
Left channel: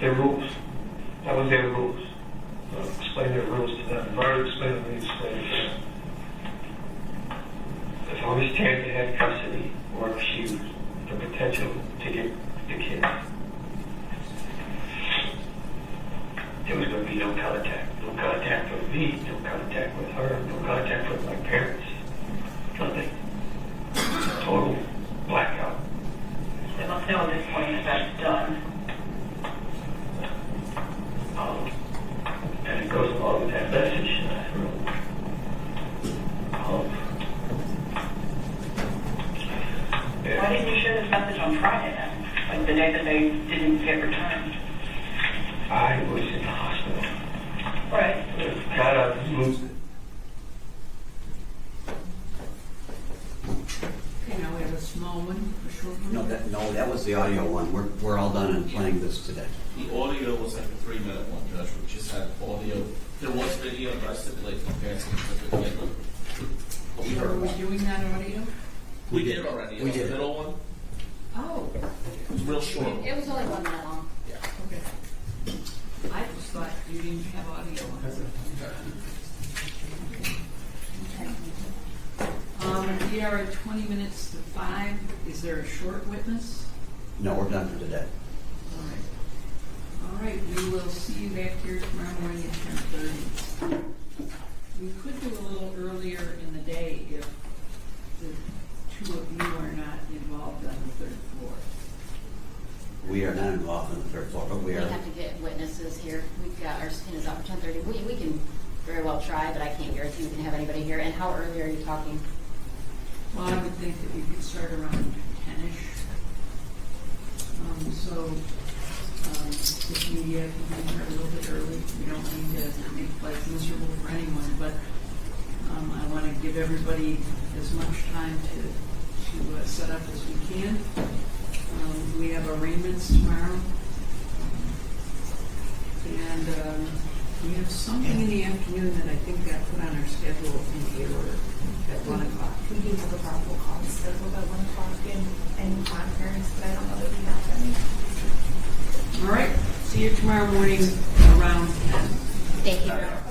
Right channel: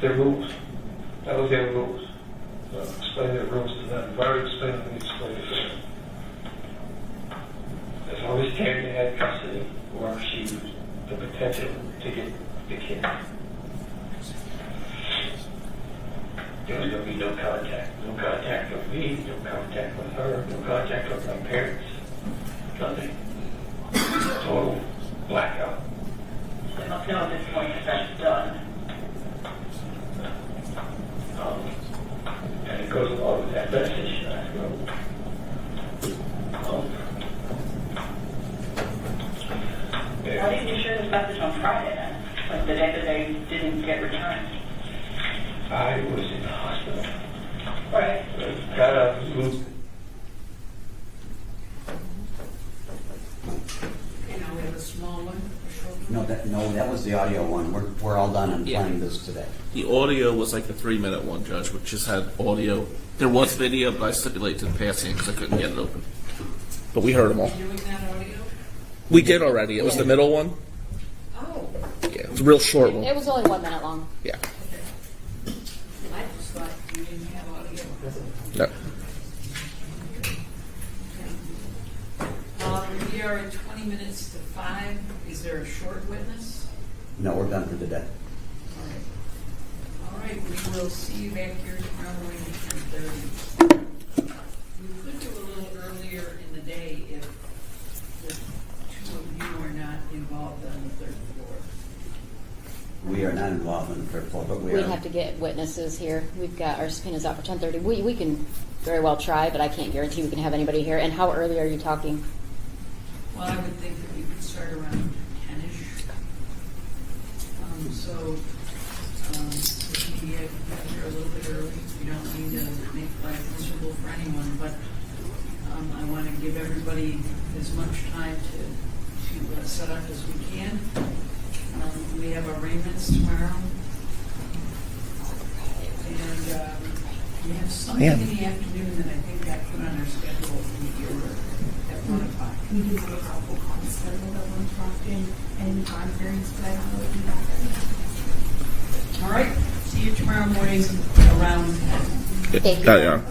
their rules. That was their rules. Explain their rules to them. If I already explained them, explain it to them. As long as Terry had custody, or if she was the potential to get the kid, there was going to be no contact. No contact with me, no contact with her, no contact with my parents. Nothing. Total blackout. They must know at this point if that's done. And it goes along with that message that I wrote. Why didn't you share this message on Friday then? Like the day that they didn't get returned? I was in the hospital. Right. Got out of the movement. Okay, now we have a small one, a short one. No, that was the audio one. We're all done in playing this today. The audio was like the 3-minute one, Judge, which just had audio. There was video, but I stipulated to the passing because I couldn't get it open. But we heard them all. Doing that audio? We did already. It was the middle one. Oh, Yeah, it was a real short one. It was only 1 minute long. Yeah. okay. I just thought we didn't have audio on it. No. We are at 20 minutes to 5. Is there a short witness? No, we're done for today. All right, we will see you back here tomorrow morning at 10:30. We could do a little earlier in the day if 2 of you are not involved on the 3rd floor. We are not involved in the 3rd floor, but we We are. have to get witnesses here. We've got our subpoenas out for 10:30. We can very well try, but I can't guarantee we can have anybody here. And how early are you talking? Well, I would think that you could start around 10-ish. If you come here a little bit early, you don't need to make life miserable for anyone, but I want to give everybody as much time to set up as we can. We have arraignments tomorrow. And we have something in the afternoon that I think got put on our schedule here at 1 o'clock. We do have a probable cause scheduled at 1 o'clock in conference, but I don't know that we have them. All right, see you tomorrow morning around 10. Thank you. There you are.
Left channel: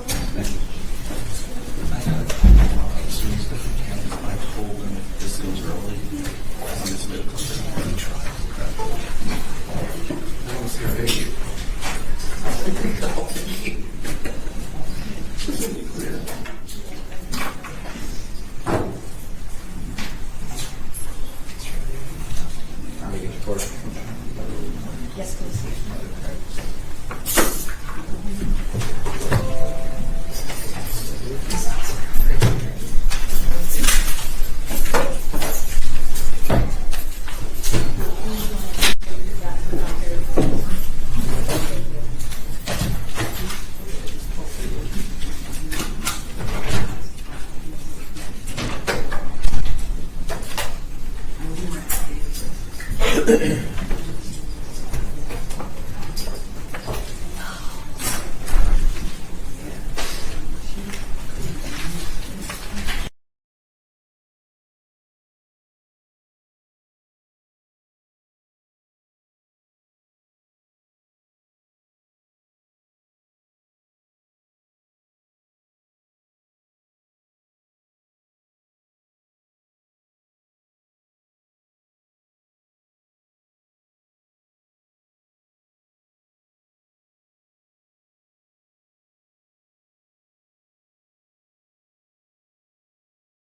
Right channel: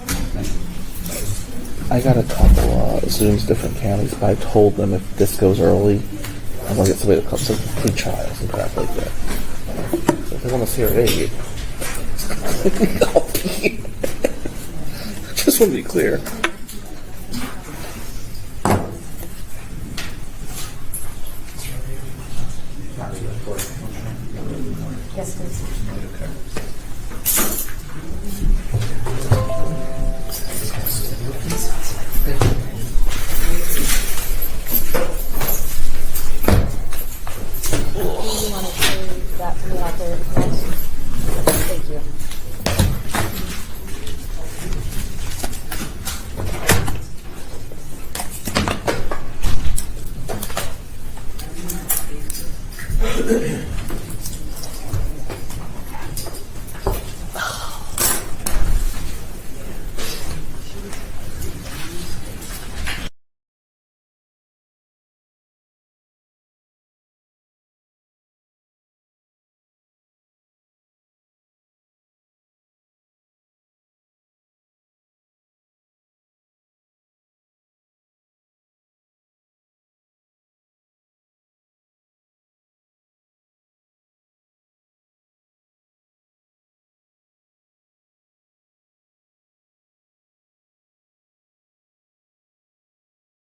I got a couple Zooms, different counties, but I told them if this goes early, I'm going to get somebody to come to pre-trials and crap like that. So if they want to see our aid, just want to be clear. Yes, please. Thank you.